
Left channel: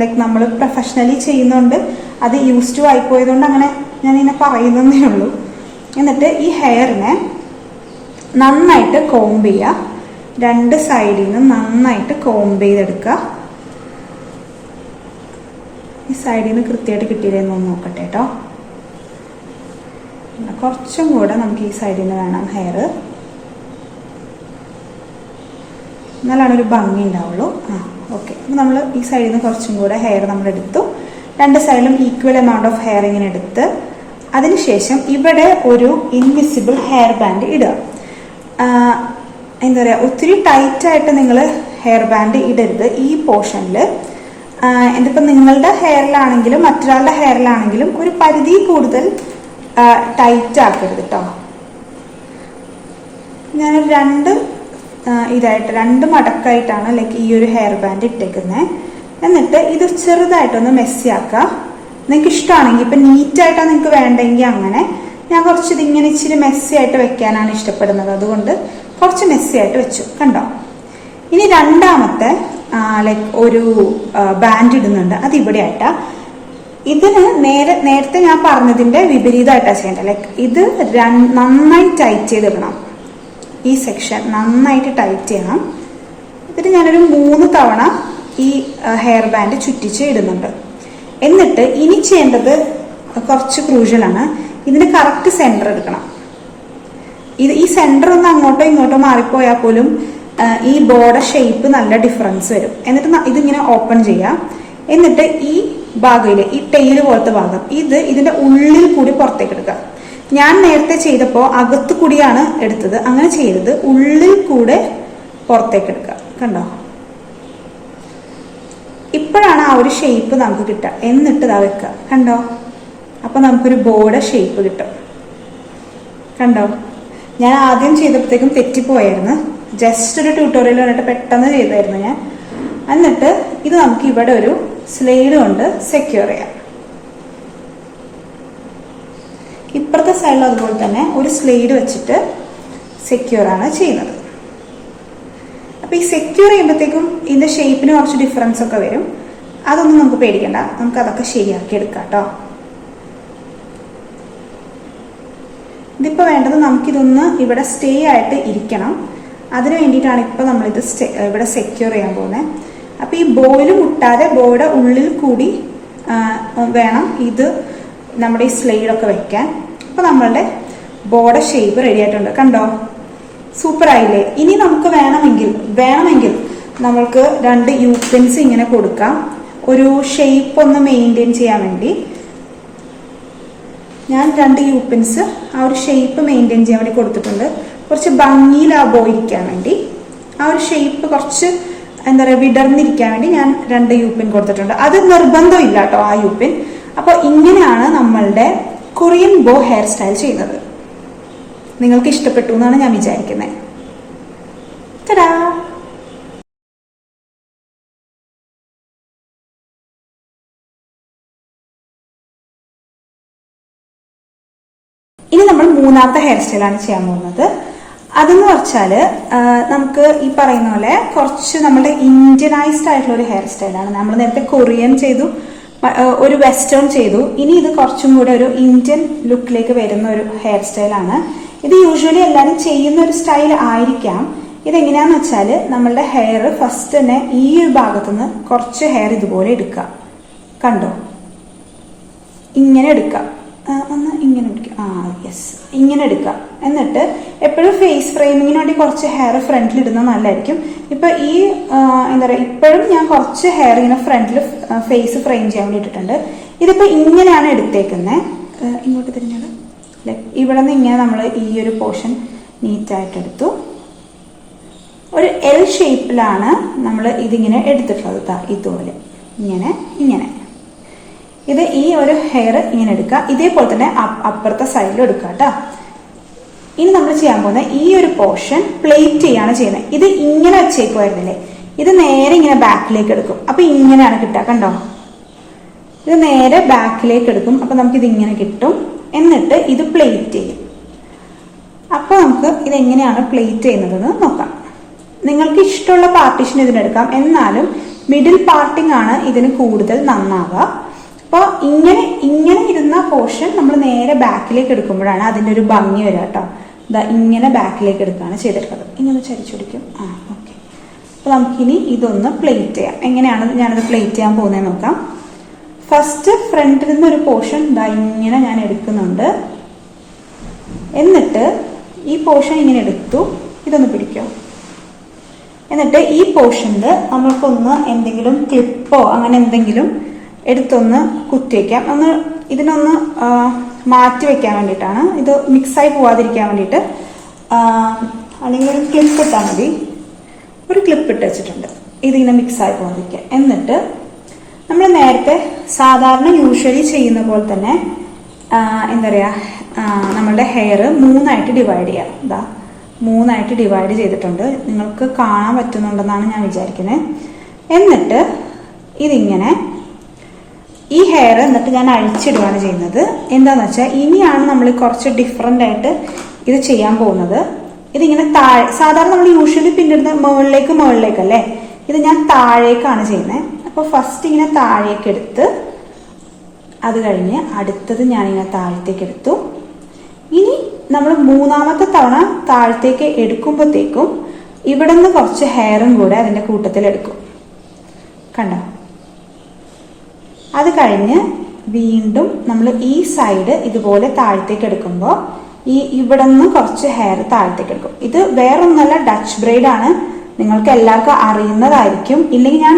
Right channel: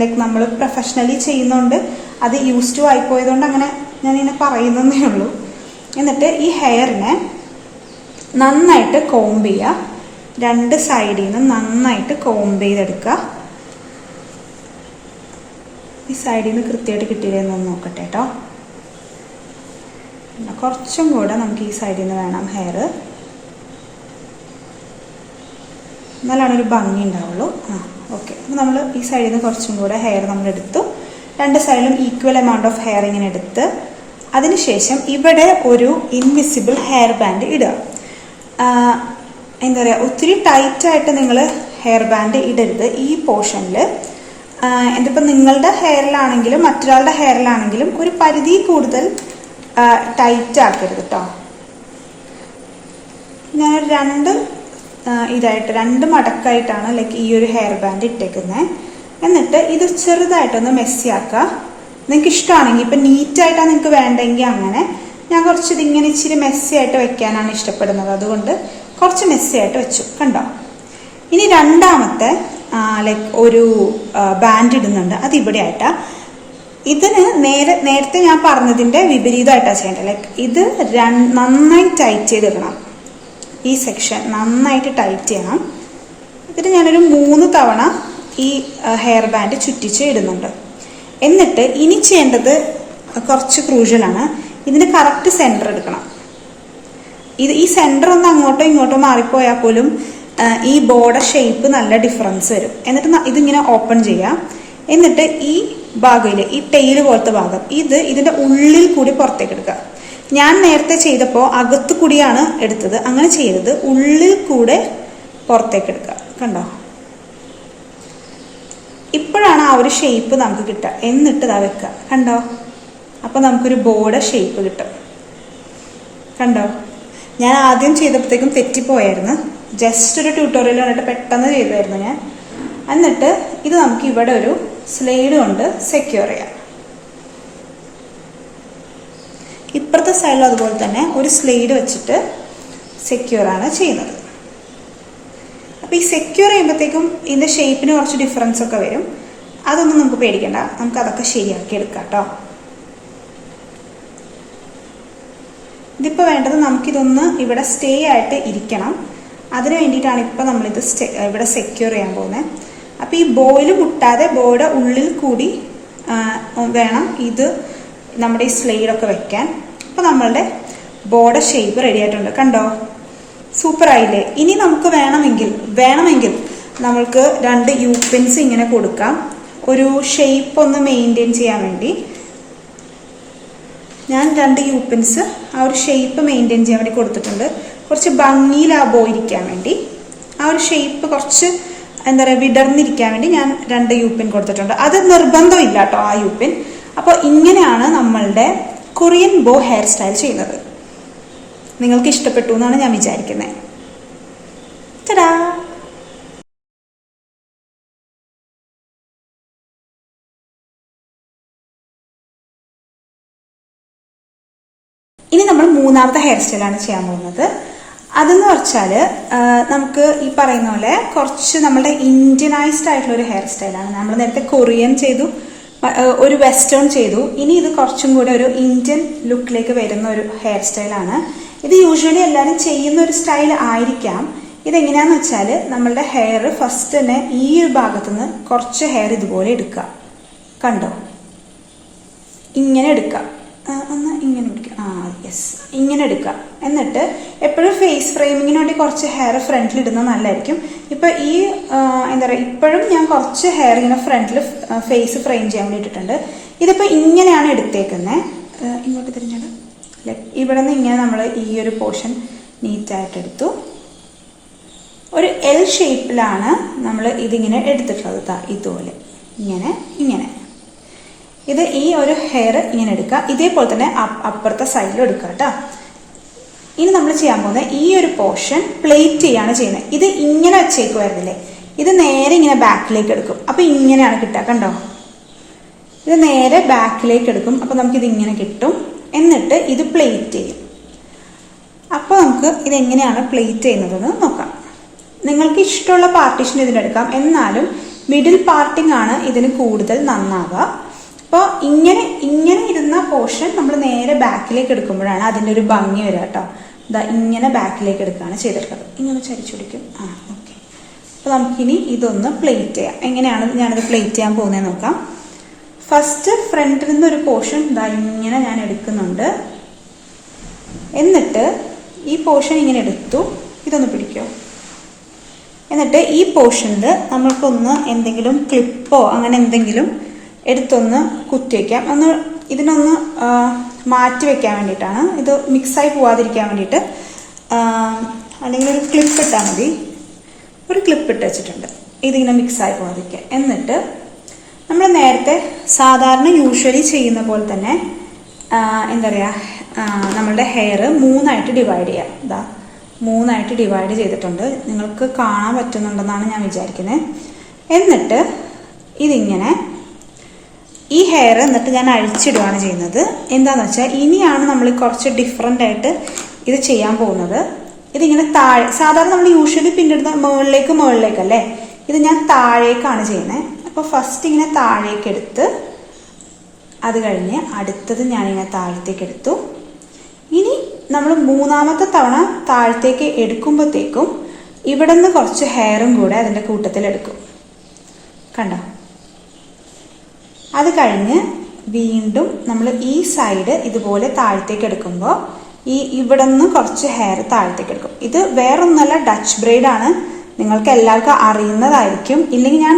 ലൈക്ക് നമ്മൾ പ്രൊഫഷണലി ചെയ്യുന്നോണ്ട് അത് യൂസ് ടു ആയിപ്പോയതുകൊണ്ട് അങ്ങനെ ഞാനിങ്ങനെ പറയുന്നതേ ഉള്ളൂ. എന്നിട്ട് ഈ ഹെയറിനെ നന്നായിട്ട് കോംബ് ചെയ്യുക. 2 സൈഡിൽ നിന്ന് നന്നായിട്ട് കോംബ് ചെയ്തെടുക്കുക. ഈ സൈഡിൽ നിന്ന് കൃത്യമായിട്ട് കിട്ടിയില്ലെന്ന് നോക്കട്ടെ കേട്ടോ. കുറച്ചും കൂടെ നമുക്ക് ഈ സൈഡിൽ നിന്ന് വേണം ഹെയർ, എന്നാലാണ് ഒരു ഭംഗി ഉണ്ടാവുള്ളൂ. ഓക്കെ, നമ്മൾ ഈ സൈഡിൽ നിന്ന് കുറച്ചും കൂടെ ഹെയർ നമ്മൾ എടുത്തു. രണ്ട് സൈഡിലും ഈക്വൽ എമൗണ്ട് ഓഫ് ഹെയർ ഇങ്ങനെ എടുത്ത് അതിനുശേഷം ഇവിടെ ഒരു ഇൻവിസിബിൾ ഹെയർ ബാൻഡ് ഇടുക. എന്താ പറയുക, ഒത്തിരി ടൈറ്റായിട്ട് നിങ്ങൾ ഹെയർ ബാൻഡ് ഇടരുത് ഈ പോർഷനിൽ. എന്തിപ്പോൾ നിങ്ങളുടെ ഹെയറിലാണെങ്കിലും മറ്റൊരാളുടെ ഹെയറിലാണെങ്കിലും ഒരു പരിധി കൂടുതൽ ടൈറ്റ് ആക്കരുത് കേട്ടോ. ഞാൻ രണ്ട് മടക്കായിട്ടാണ് ലൈക്ക് ഈ ഒരു ഹെയർ ബാൻഡ് ഇട്ടേക്കുന്നത്. എന്നിട്ട് ഇത് ചെറുതായിട്ടൊന്ന് മെസ്സി ആക്കുക. നിങ്ങൾക്ക് ഇഷ്ടമാണെങ്കിൽ ഇപ്പം നീറ്റായിട്ടാണ് നിങ്ങൾക്ക് വേണ്ടെങ്കിൽ അങ്ങനെ. ഞാൻ കുറച്ച് ഇതിങ്ങനെ ഇച്ചിരി മെസ്സി ആയിട്ട് വെക്കാനാണ് ഇഷ്ടപ്പെടുന്നത്, അതുകൊണ്ട് കുറച്ച് മെസ്സി ആയിട്ട് വെച്ചു. കണ്ടോ? ഇനി രണ്ടാമത്തെ ലൈക്ക് ഒരു ബാൻഡ് ഇടുന്നുണ്ട്, അത് ഇവിടെ ആയിട്ടാ. ഇതിന് നേരത്തെ ഞാൻ പറഞ്ഞതിന്റെ വിപരീതമായിട്ടാണ് ചെയ്യേണ്ടത്. ലൈക്ക് ഇത് നന്നായി ടൈറ്റ് ചെയ്തിടണം. ഈ സെക്ഷൻ നന്നായിട്ട് ടൈറ്റ് ചെയ്യണം. ഇതിന് ഞാനൊരു 3 തവണ ഈ ഹെയർ ബാൻഡ് ചുറ്റിച്ച് ഇടുന്നുണ്ട്. എന്നിട്ട് ഇനി ചെയ്യേണ്ടത് കുറച്ച് ക്രൂഷ്യലാണ്. ഇതിന്റെ കറക്റ്റ് സെന്റർ എടുക്കണം. ഈ സെന്റർ ഒന്ന് അങ്ങോട്ടോ ഇങ്ങോട്ടോ മാറിപ്പോയാൽ പോലും ഈ ബോർഡർ ഷേപ്പ് നല്ല ഡിഫറൻസ് വരും. എന്നിട്ട് ഇതിങ്ങനെ ഓപ്പൺ ചെയ്യാം. എന്നിട്ട് ഈ ഭാഗയില് ഈ ടെയിൽ പോലത്തെ ഭാഗം ഇതിന്റെ ഉള്ളിൽ കൂടി പുറത്തേക്ക് എടുക്കുക. ഞാൻ നേരത്തെ ചെയ്തപ്പോൾ അകത്ത് കൂടിയാണ് എടുത്തത്, അങ്ങനെ ചെയ്തത് ഉള്ളിൽ കൂടെ പുറത്തേക്ക് എടുക്കുക. കണ്ടോ? ഇപ്പോഴാണ് ആ ഒരു ഷേപ്പ് നമുക്ക് കിട്ടുക. എന്നിട്ട് ഇതാ വെക്കുക. കണ്ടോ? അപ്പൊ നമുക്കൊരു ബോർഡർ ഷേപ്പ് കിട്ടും. കണ്ടോ? ഞാൻ ആദ്യം ചെയ്തപ്പോഴത്തേക്കും തെറ്റിപ്പോയായിരുന്നു. ജസ്റ്റ് ഒരു ട്യൂട്ടോറിയൽ കണ്ടിട്ട് പെട്ടെന്ന് ചെയ്തായിരുന്നു ഞാൻ. എന്നിട്ട് ഇത് നമുക്ക് ഇവിടെ ഒരു സ്ലൈഡ് കൊണ്ട് സെക്യൂർ ചെയ്യാം. ഇപ്പുറത്തെ സൈഡിൽ അതുപോലെ തന്നെ ഒരു സ്ലൈഡ് വെച്ചിട്ട് സെക്യൂർ ആണ് ചെയ്യുന്നത്. അപ്പൊ ഈ സെക്യൂർ ചെയ്യുമ്പോഴത്തേക്കും ഇതിന്റെ ഷേപ്പിന് കുറച്ച് ഡിഫറൻസ് ഒക്കെ വരും. അതൊന്നും നമുക്ക് പേടിക്കണ്ട, നമുക്ക് അതൊക്കെ ശരിയാക്കി എടുക്കാം കേട്ടോ. ഇതിപ്പോ വേണ്ടത് നമുക്കിതൊന്ന് ഇവിടെ സ്റ്റേ ആയിട്ട് ഇരിക്കണം. അതിന് വേണ്ടിയിട്ടാണ് ഇപ്പൊ നമ്മളിത് ഇവിടെ സെക്യൂർ ചെയ്യാൻ പോകുന്നത്. അപ്പൊ ഈ ബോയിൽ മുട്ടാതെ ബോയുടെ ഉള്ളിൽ കൂടി വേണം ഇത് നമ്മുടെ ഈ സ്ലൈഡൊക്കെ വെക്കാൻ. അപ്പൊ നമ്മളുടെ ബോർഡർ ഷേപ്പ് റെഡി ആയിട്ടുണ്ട്. കണ്ടോ? സൂപ്പർ ആയില്ലേ? ഇനി നമുക്ക് വേണമെങ്കിൽ നമ്മൾക്ക് 2 യൂപിൻസ് ഇങ്ങനെ കൊടുക്കാം, ഒരു ഷേപ്പ് ഒന്ന് മെയിൻറ്റെയിൻ ചെയ്യാൻ വേണ്ടി. ഞാൻ 2 യൂപിൻസ് ആ ഒരു ഷേപ്പ് മെയിൻറ്റെയിൻ ചെയ്യാൻ വേണ്ടി കൊടുത്തിട്ടുണ്ട്. കുറച്ച് ഭംഗിയിൽ ആ ബോ ഇരിക്കാൻ വേണ്ടി, ആ ഒരു ഷേപ്പ് കുറച്ച് എന്താ പറയുക വിടർന്നിരിക്കാൻ വേണ്ടി ഞാൻ 2 യൂപിൻ കൊടുത്തിട്ടുണ്ട്. അത് നിർബന്ധമില്ല കേട്ടോ ആ യൂപിൻ. അപ്പൊ ഇങ്ങനെയാണ് നമ്മളുടെ കൊറിയൻ ബോ ഹെയർ സ്റ്റൈൽ ചെയ്യുന്നത്. നിങ്ങൾക്ക് ഇഷ്ടപ്പെട്ടു എന്നാണ് ഞാൻ വിചാരിക്കുന്നത്. ടാ. ഇനി നമ്മൾ 3ാമത്തെ ഹെയർ സ്റ്റൈലാണ് ചെയ്യാൻ പോകുന്നത്. അതെന്ന് വെച്ചാല് നമുക്ക് ഈ പറയുന്ന പോലെ കുറച്ച് നമ്മുടെ ഇന്ത്യനൈസ്ഡ് ആയിട്ടുള്ള ഒരു ഹെയർ സ്റ്റൈലാണ്. നമ്മൾ നേരത്തെ കൊറിയൻ ചെയ്തു, ഒരു വെസ്റ്റേൺ ചെയ്തു. ഇനി ഇത് കുറച്ചും കൂടെ ഒരു ഇന്ത്യൻ ലുക്കിലേക്ക് വരുന്ന ഒരു ഹെയർ സ്റ്റൈലാണ്. ഇത് യൂഷ്വലി എല്ലാവരും ചെയ്യുന്ന ഒരു സ്റ്റൈൽ ആയിരിക്കാം. ഇതെങ്ങനെയാന്ന് വെച്ചാല് നമ്മളുടെ ഹെയർ ഫസ്റ്റ് തന്നെ ഈ ഒരു ഭാഗത്തുനിന്ന് കുറച്ച് ഹെയർ ഇതുപോലെ എടുക്കുക. കണ്ടോ? ഇങ്ങനെ എടുക്കുക. ഒന്ന് ഇങ്ങനെ എടുക്കുക. യെസ്, ഇങ്ങനെ എടുക്കുക. എന്നിട്ട് എപ്പോഴും ഫേസ് ഫ്രെയിമിങ്ങിന് വേണ്ടി കുറച്ച് ഹെയർ ഫ്രണ്ടിൽ ഇടുന്നത് നല്ലതായിരിക്കും. ഇപ്പൊ ഈ എന്താ പറയുക, ഇപ്പോഴും ഞാൻ കുറച്ച് ഹെയർ ഇങ്ങനെ ഫ്രണ്ടിൽ ഫേസ് ഫ്രെയിം ചെയ്യാൻ വേണ്ടി ഇട്ടിട്ടുണ്ട്. ഇതിപ്പോ ഇങ്ങനെയാണ് എടുത്തേക്കുന്നത്. ഇങ്ങോട്ട് തിരിഞ്ഞത് ഇവിടെ നിന്ന് ഇങ്ങനെ നമ്മൾ ഈ ഒരു പോർഷൻ നീറ്റായിട്ട് എടുത്തു. ഒരു എൽ ഷേപ്പിലാണ് നമ്മൾ ഇതിങ്ങനെ എടുത്തിട്ടുള്ളത്. ഇതുപോലെ ഇങ്ങനെ ഇത് ഈ ഒരു ഹെയർ ഇങ്ങനെ എടുക്കുക. ഇതേപോലെ തന്നെ അപ്പുറത്തെ സൈഡിൽ എടുക്കുക കേട്ടോ. ഇനി നമ്മൾ ചെയ്യാൻ പോകുന്നത് ഈ ഒരു പോർഷൻ പ്ലേറ്റ് ചെയ്യാണ് ചെയ്യുന്നത്. ഇത് ഇങ്ങനെ വെച്ചേക്കുമായിരുന്നില്ലേ, ഇത് നേരെ ഇങ്ങനെ ബാക്കിലേക്ക് എടുക്കും. അപ്പൊ ഇങ്ങനെയാണ് കിട്ടുക. കണ്ടോ? ഇത് നേരെ ബാക്കിലേക്ക് എടുക്കും. അപ്പൊ നമുക്ക് ഇത് ഇങ്ങനെ കിട്ടും. എന്നിട്ട് ഇത് പ്ലേറ്റ് ചെയ്യും. അപ്പൊ നമുക്ക് ഇതെങ്ങനെയാണ് പ്ലേറ്റ് ചെയ്യുന്നതെന്ന് നോക്കാം. നിങ്ങൾക്ക് ഇഷ്ടമുള്ള പാർട്ടീഷൻ ഇതിനെടുക്കാം. എന്നാലും മിഡിൽ പാർട്ടിങ് ആണ് ഇതിന് കൂടുതൽ നന്നാവുക. അപ്പോൾ ഇങ്ങനെ ഇരുന്ന പോർഷൻ നമ്മൾ നേരെ ബാക്കിലേക്ക് എടുക്കുമ്പോഴാണ് അതിന്റെ ഒരു ഭംഗി വരിക കേട്ടോ. ഇങ്ങനെ ബാക്കിലേക്ക് എടുക്കുകയാണ് ചെയ്തിട്ടുള്ളത്. ഇങ്ങനെ ചരിച്ചൊടിക്കും. ഓക്കെ. അപ്പൊ നമുക്കിനി ഇതൊന്ന് പ്ലേറ്റ് ചെയ്യാം. എങ്ങനെയാണ് ഞാനത് പ്ലേറ്റ് ചെയ്യാൻ പോകുന്നത് നോക്കാം. ഫസ്റ്റ് ഫ്രണ്ടിൽ നിന്ന് ഒരു പോർഷൻ ഇങ്ങനെ ഞാൻ എടുക്കുന്നുണ്ട്. എന്നിട്ട് ഈ പോർഷൻ ഇങ്ങനെ എടുത്തു. ഇതൊന്ന് പിടിക്കോ. എന്നിട്ട് ഈ പോർഷനിൽ നമ്മൾക്കൊന്ന് എന്തെങ്കിലും ക്ലിപ്പോ അങ്ങനെ എന്തെങ്കിലും എടുത്തൊന്ന് കുത്തി വയ്ക്കാം. ഇതിനൊന്ന് മാറ്റി വെക്കാൻ വേണ്ടിയിട്ടാണ്, ഇത് മിക്സായി പോവാതിരിക്കാൻ വേണ്ടിയിട്ട്. അല്ലെങ്കിൽ ഒരു ക്ലിപ്പ് ഇട്ടാൽ മതി. ഒരു ക്ലിപ്പ് ഇട്ട് വെച്ചിട്ടുണ്ട്, ഇതിങ്ങനെ മിക്സായി പോവാതിരിക്കുക. എന്നിട്ട് നമ്മൾ നേരത്തെ സാധാരണ യൂഷ്വലി ചെയ്യുന്ന പോലെ തന്നെ എന്താ പറയുക, നമ്മളുടെ ഹെയർ 3ആയിട്ട് ഡിവൈഡ് ചെയ്യാം. ഇതാ 3ആയിട്ട് ഡിവൈഡ് ചെയ്തിട്ടുണ്ട്. നിങ്ങൾക്ക് കാണാൻ പറ്റുന്നുണ്ടെന്നാണ് ഞാൻ വിചാരിക്കുന്നത്. എന്നിട്ട് ഇതിങ്ങനെ ഈ ഹെയർ എന്നിട്ട് ഞാൻ അഴിച്ചിടുകയാണ് ചെയ്യുന്നത്. എന്താണെന്ന് വെച്ചാൽ ഇനിയാണ് നമ്മൾ കുറച്ച് ഡിഫറെൻ്റ് ആയിട്ട് ഇത് ചെയ്യാൻ പോകുന്നത്. ഇതിങ്ങനെ താഴെ, സാധാരണ നമ്മൾ യൂഷ്വലി പിന്നിടുന്ന മുകളിലേക്കല്ലേ, ഇത് ഞാൻ താഴേക്കാണ് ചെയ്യുന്നത്. അപ്പോൾ ഫസ്റ്റ് ഇങ്ങനെ താഴേക്ക് എടുത്ത് അത് കഴിഞ്ഞ് അടുത്തത് ഞാനിങ്ങനെ താഴത്തേക്ക് എടുത്തു. ഇനി നമ്മൾ 3ാമത്തെ തവണ താഴത്തേക്ക് എടുക്കുമ്പോഴത്തേക്കും ഇവിടെ നിന്ന് കുറച്ച് ഹെയറും കൂടെ അതിൻ്റെ കൂട്ടത്തിൽ എടുക്കും. കണ്ടോ? അത് വീണ്ടും നമ്മൾ ഈ സൈഡ് ഇതുപോലെ താഴത്തേക്ക് എടുക്കുമ്പോൾ ഇവിടെ നിന്ന് കുറച്ച് ഹെയർ താഴത്തേക്ക് എടുക്കും. ഇത് വേറൊന്നല്ല, ഡച്ച് ബ്രെയ്ഡ് ആണ്. നിങ്ങൾക്ക് എല്ലാവർക്കും അറിയുന്നതായിരിക്കും. ഇല്ലെങ്കിൽ ഞാൻ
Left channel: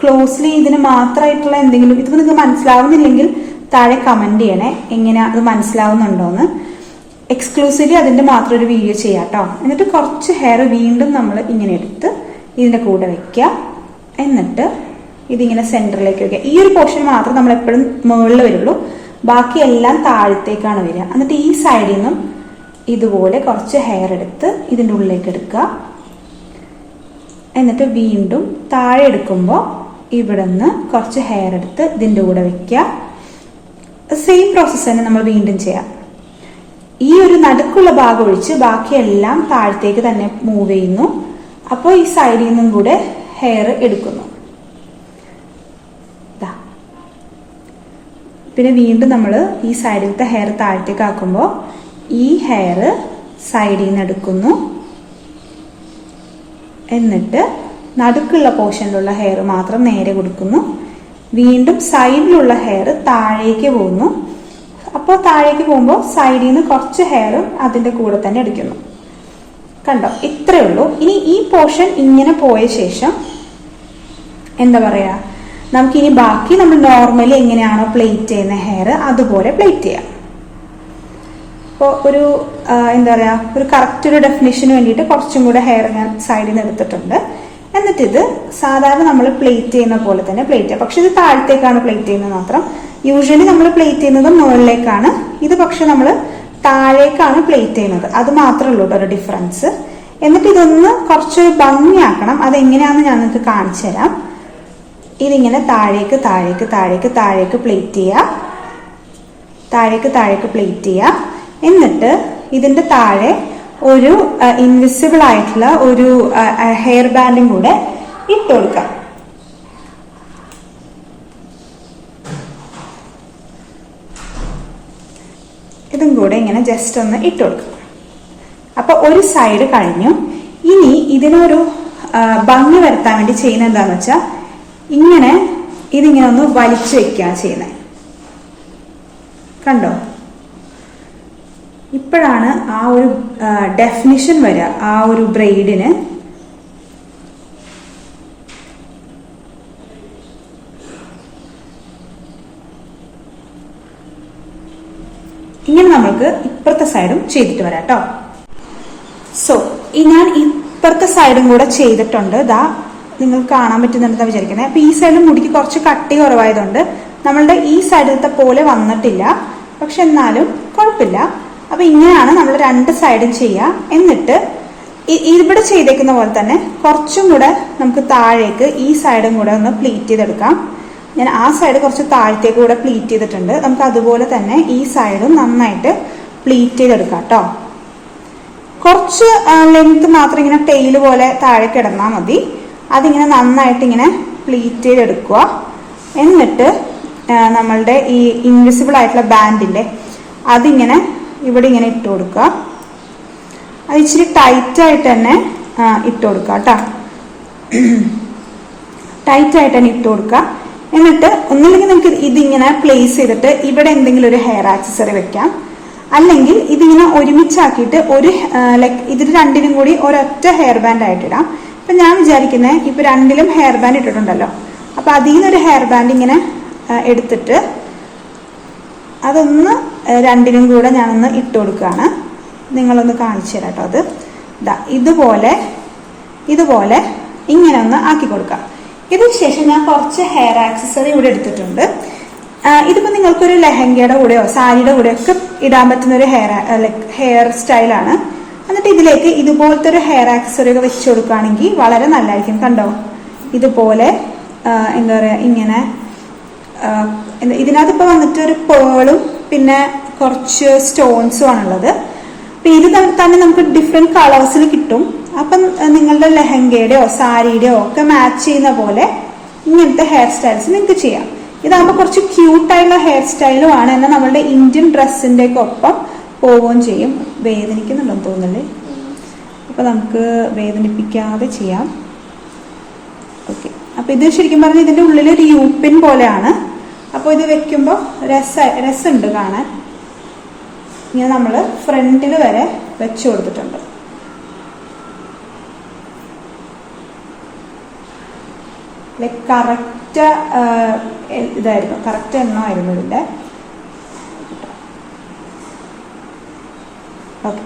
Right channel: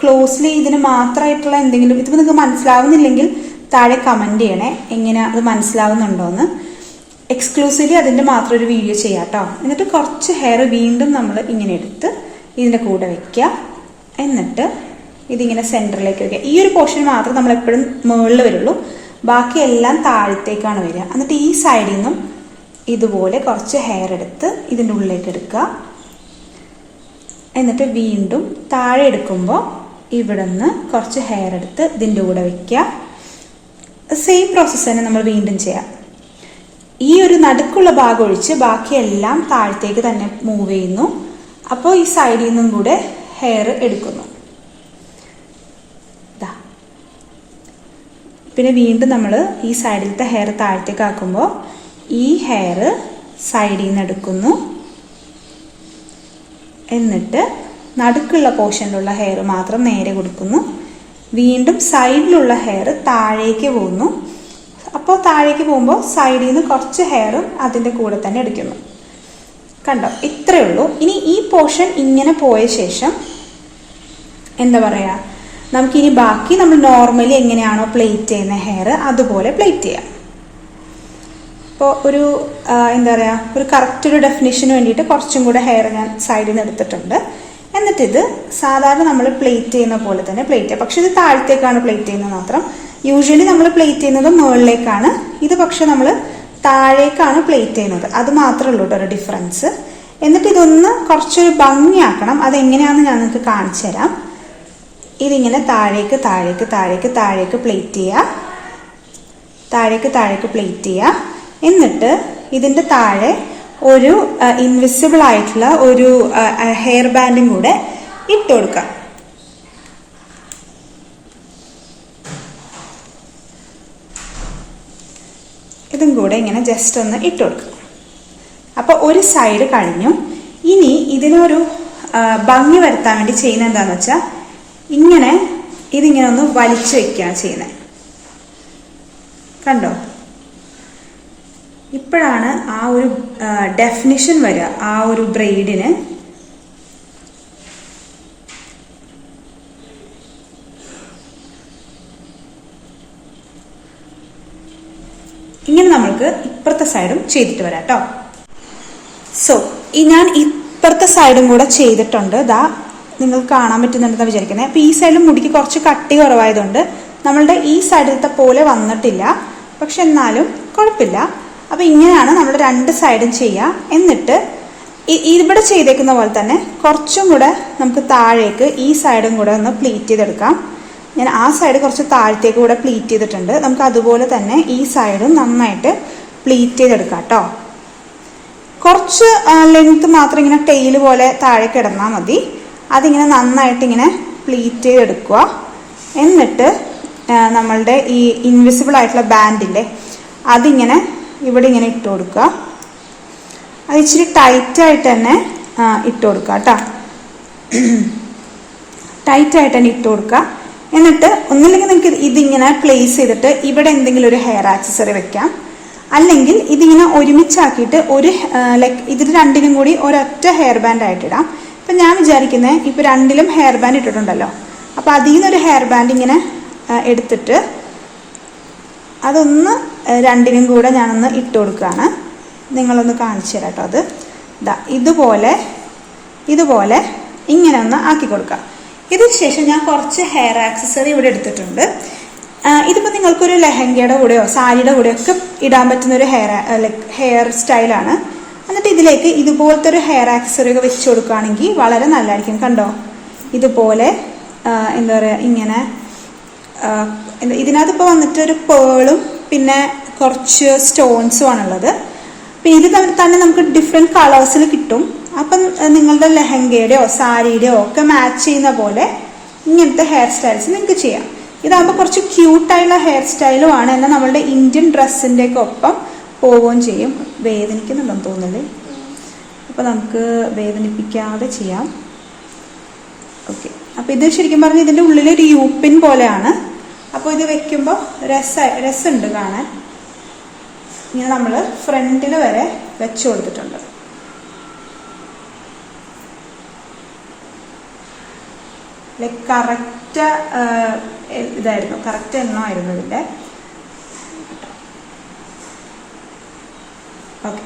ക്ലോസ്ലി ഇതിന് മാത്രമായിട്ടുള്ള എന്തെങ്കിലും, ഇത് നിങ്ങൾക്ക് മനസ്സിലാവുന്നില്ലെങ്കിൽ താഴെ കമന്റ് ചെയ്യണേ, എങ്ങനെ അത് മനസ്സിലാവുന്നുണ്ടോന്ന്. എക്സ്ക്ലൂസീവ്ലി അതിന്റെ മാത്രം ഒരു വീഡിയോ ചെയ്യാം കേട്ടോ. എന്നിട്ട് കുറച്ച് ഹെയർ വീണ്ടും നമ്മൾ ഇങ്ങനെ എടുത്ത് ഇതിന്റെ കൂടെ വെക്കുക. എന്നിട്ട് ഇതിങ്ങനെ സെന്ററിലേക്ക് വെക്കുക. ഈ ഒരു പോർഷൻ മാത്രം നമ്മൾ എപ്പോഴും മുകളിൽ വരുള്ളൂ, ബാക്കി എല്ലാം താഴത്തേക്കാണ് വരിക. എന്നിട്ട് ഈ സൈഡിൽ നിന്നും ഇതുപോലെ കുറച്ച് ഹെയർ എടുത്ത് ഇതിൻ്റെ ഉള്ളിലേക്ക് എടുക്കുക. എന്നിട്ട് വീണ്ടും താഴെ എടുക്കുമ്പോൾ ഇവിടെ നിന്ന് കുറച്ച് ഹെയർ എടുത്ത് ഇതിൻ്റെ കൂടെ വെക്കുക. സെയിം പ്രോസസ്സ് തന്നെ നമ്മൾ വീണ്ടും ചെയ്യാം. ഈ ഒരു നടുക്കുള്ള ഭാഗം ഒഴിച്ച് ബാക്കിയെല്ലാം താഴത്തേക്ക് തന്നെ മൂവ് ചെയ്യുന്നു. അപ്പോൾ ഈ സൈഡിൽ നിന്നും കൂടെ ഹെയർ എടുക്കുന്നു. പിന്നെ വീണ്ടും നമ്മൾ ഈ സൈഡിലത്തെ ഹെയർ താഴത്തേക്ക് ആക്കുമ്പോൾ ഈ ഹെയർ സൈഡിൽ നിന്ന് എടുക്കുന്നു. എന്നിട്ട് നടുക്കുള്ള പോർഷനിലുള്ള ഹെയർ മാത്രം നേരെ കൊടുക്കുന്നു. വീണ്ടും സൈഡിലുള്ള ഹെയർ താഴേക്ക് പോകുന്നു. അപ്പോൾ താഴേക്ക് പോകുമ്പോൾ സൈഡിൽ നിന്ന് കുറച്ച് ഹെയറും അതിൻ്റെ കൂടെ തന്നെ എടുക്കുന്നു. കണ്ടോ? ഇത്രയേ ഉള്ളൂ. ഇനി ഈ പോർഷൻ ഇങ്ങനെ പോയ ശേഷം എന്താ പറയുക, നമുക്കിനി ബാക്കി നമ്മൾ നോർമലി എങ്ങനെയാണോ പ്ലേറ്റ് ചെയ്യുന്ന ഹെയർ അതുപോലെ പ്ലേറ്റ് ചെയ്യാം. ഇപ്പോൾ ഒരു എന്താ പറയുക, ഒരു കറക്റ്റ് ഒരു ഡെഫിനിഷന് വേണ്ടിയിട്ട് കുറച്ചും കൂടെ ഹെയർ ഞാൻ സൈഡിൽ നിന്ന് എടുത്തിട്ടുണ്ട്. എന്നിട്ടിത് സാധാരണ നമ്മൾ പ്ലേറ്റ് ചെയ്യുന്ന പോലെ തന്നെ പ്ലേറ്റ് ചെയ്യാം. പക്ഷെ ഇത് താഴത്തേക്കാണ് പ്ലേറ്റ് ചെയ്യുന്നത് മാത്രം. യൂഷ്വലി നമ്മൾ പ്ലേറ്റ് ചെയ്യുന്നത് മുകളിലേക്കാണ്, ഇത് പക്ഷെ നമ്മൾ താഴേക്കാണ് പ്ലേറ്റ് ചെയ്യുന്നത്. അത് മാത്രമേ ഉള്ളൂ ഒരു ഡിഫറൻസ്. എന്നിട്ട് ഇതൊന്ന് കുറച്ചൊരു ഭംഗിയാക്കണം. അതെങ്ങനെയാണെന്ന് ഞാൻ നിങ്ങൾക്ക് കാണിച്ചു തരാം. ഇതിങ്ങനെ താഴേക്ക് താഴേക്ക് താഴേക്ക് താഴേക്ക് പ്ലേറ്റ് ചെയ്യുക, താഴേക്ക് താഴേക്ക് പ്ലേറ്റ് ചെയ്യുക. എന്നിട്ട് ഇതിന്റെ താഴെ ഒരു ഇൻവിസിബിൾ ആയിട്ടുള്ള ഒരു ഹെയർ ബാൻഡും കൂടെ ഇട്ട് കൊടുക്കാം. ഇതും കൂടെ ഇങ്ങനെ ജസ്റ്റ് ഒന്ന് ഇട്ട് കൊടുക്കുക. അപ്പൊ ഒരു സൈഡ് കഴിഞ്ഞു. ഇനി ഇതിനൊരു ഭംഗി വരുത്താൻ വേണ്ടി ചെയ്യുന്നത് എന്താന്ന് വെച്ചാൽ ഇങ്ങനെ ഇതിങ്ങനെ ഒന്ന് വലിച്ചു വെക്കുകയാണ് ചെയ്യുന്നത്. കണ്ടോ? ഇപ്പോഴാണ് ആ ഒരു ഡെഫിനിഷൻ വരിക ആ ഒരു ബ്രെയ്ഡിന്. ഇങ്ങനെ നമ്മൾക്ക് ഇപ്പുറത്തെ സൈഡും ചെയ്തിട്ട് വരാം കേട്ടോ. സോ ഞാൻ ഇപ്പുറത്തെ സൈഡും കൂടെ ചെയ്തിട്ടുണ്ട്. ദാ നിങ്ങൾക്ക് കാണാൻ പറ്റുന്നുണ്ടെന്ന് വിചാരിക്കുന്നത്. അപ്പൊ ഈ സൈഡിൽ മുടിക്ക് കുറച്ച് കട്ടി കുറവായതുകൊണ്ട് നമ്മളുടെ ഈ സൈഡിലത്തെ പോലെ വന്നിട്ടില്ല, പക്ഷെ എന്നാലും കുഴപ്പമില്ല. അപ്പൊ ഇങ്ങനെയാണ് നമ്മൾ രണ്ട് സൈഡും ചെയ്യുക. എന്നിട്ട് ഇവിടെ ചെയ്തേക്കുന്ന പോലെ തന്നെ കുറച്ചും കൂടെ നമുക്ക് താഴേക്ക് ഈ സൈഡും കൂടെ ഒന്ന് പ്ലീറ്റ് ചെയ്തെടുക്കാം. ഞാൻ ആ സൈഡ് കുറച്ച് താഴത്തേക്ക് കൂടെ പ്ലീറ്റ് ചെയ്തിട്ടുണ്ട്. നമുക്ക് അതുപോലെ തന്നെ ഈ സൈഡും നന്നായിട്ട് പ്ലീറ്റ് ചെയ്തെടുക്കാം കേട്ടോ. കുറച്ച് ലെങ്ത് മാത്രം ഇങ്ങനെ ടെയില് പോലെ താഴെ കിടന്നാൽ മതി. അതിങ്ങനെ നന്നായിട്ട് ഇങ്ങനെ പ്ലീറ്റ് ചെയ്തെടുക്കുക. എന്നിട്ട് നമ്മളുടെ ഈ ഇൻവിസിബിൾ ആയിട്ടുള്ള ബാൻഡില്ലേ അതിങ്ങനെ ഇവിടെ ഇങ്ങനെ ഇട്ട് കൊടുക്കുക. അത് ഇച്ചിരി ടൈറ്റ് ആയിട്ട് തന്നെ ഇട്ട് കൊടുക്കുക കേട്ടോ. ടൈറ്റ് ആയിട്ട് തന്നെ ഇട്ട് കൊടുക്കുക. എന്നിട്ട് ഒന്നില്ലെങ്കിൽ നിങ്ങൾക്ക് ഇതിങ്ങനെ പ്ലേസ് ചെയ്തിട്ട് ഇവിടെ എന്തെങ്കിലും ഒരു ഹെയർ ആക്സസറി വെക്കാം. അല്ലെങ്കിൽ ഇതിങ്ങനെ ഒരുമിച്ചാക്കിയിട്ട് ഒരു ലൈക്ക് ഇതിൽ രണ്ടിനും കൂടി ഒരൊറ്റ ഹെയർ ബാൻഡ് ആയിട്ടിടാം. അപ്പം ഞാൻ വിചാരിക്കുന്നത് ഇപ്പം രണ്ടിലും ഹെയർ ബാൻഡ് ഇട്ടിട്ടുണ്ടല്ലോ, അപ്പം അതിൽ നിന്നൊരു ഹെയർ ബാൻഡ് ഇങ്ങനെ എടുത്തിട്ട് അതൊന്ന് രണ്ടിനും കൂടെ ഞാനൊന്ന് ഇട്ട് കൊടുക്കുകയാണ്. നിങ്ങളൊന്ന് കാണിച്ചു തരാം കേട്ടോ. അത് ഇതുപോലെ ഇങ്ങനെ ഒന്ന് ആക്കി കൊടുക്കാം. ഇതിന് ശേഷം ഞാൻ കുറച്ച് ഹെയർ ആക്സസറി ഇവിടെ എടുത്തിട്ടുണ്ട്. ഇതിപ്പോൾ നിങ്ങൾക്കൊരു ലെഹങ്കയുടെ കൂടെയോ സാരിയുടെ കൂടെയോ ഒക്കെ ഇടാൻ പറ്റുന്ന ഒരു ഹെയർ സ്റ്റൈലാണ്. എന്നിട്ട് ഇതിലേക്ക് ഇതുപോലത്തെ ഒരു ഹെയർ ആക്സസറി ഒക്കെ വെച്ച് കൊടുക്കുകയാണെങ്കിൽ വളരെ നല്ലതായിരിക്കും. കണ്ടോ, ഇതുപോലെ എന്താ പറയുക, ഇങ്ങനെ ഇതിനകത്ത് ഇപ്പോൾ വന്നിട്ട് ഒരു പേളും പിന്നെ കുറച്ച് സ്റ്റോൺസും ആണുള്ളത്. അപ്പം ഇത് തന്നെ നമുക്ക് ഡിഫറെൻറ്റ് കളേഴ്സിൽ കിട്ടും. അപ്പം നിങ്ങളുടെ ലെഹങ്കയുടെയോ സാരിയുടെയോ ഒക്കെ മാച്ച് ചെയ്യുന്ന പോലെ ഇങ്ങനത്തെ ഹെയർ സ്റ്റൈൽസ് നിങ്ങൾക്ക് ചെയ്യാം. ഇതാകുമ്പോൾ കുറച്ച് ക്യൂട്ടായിട്ടുള്ള ഹെയർ സ്റ്റൈലും ആണ്, എന്നാൽ നമ്മളുടെ ഇന്ത്യൻ ഡ്രസ്സിൻ്റെ ഒക്കെ ഒപ്പം പോവുകയും ചെയ്യും. വേദനിക്കുന്നുണ്ടെന്ന് തോന്നുന്നില്ലേ? അപ്പോൾ നമുക്ക് വേദനിപ്പിക്കാതെ ചെയ്യാം. ഓക്കെ, അപ്പോൾ ഇത് ശരിക്കും പറഞ്ഞാൽ ഇതിൻ്റെ ഉള്ളിലൊരു യൂപ്പിൻ പോലെയാണ്. അപ്പോൾ ഇത് വെക്കുമ്പോൾ രസമുണ്ട് കാണാൻ. ഇങ്ങനെ നമ്മൾ ഫ്രണ്ടിൽ വരെ വെച്ച് കൊടുത്തിട്ടുണ്ട്. ലൈക്ക് കറക്റ്റ് ഇതായിരുന്നു, കറക്റ്റ് എണ്ണമായിരുന്നു ഇതിൻ്റെ. ഓക്കെ,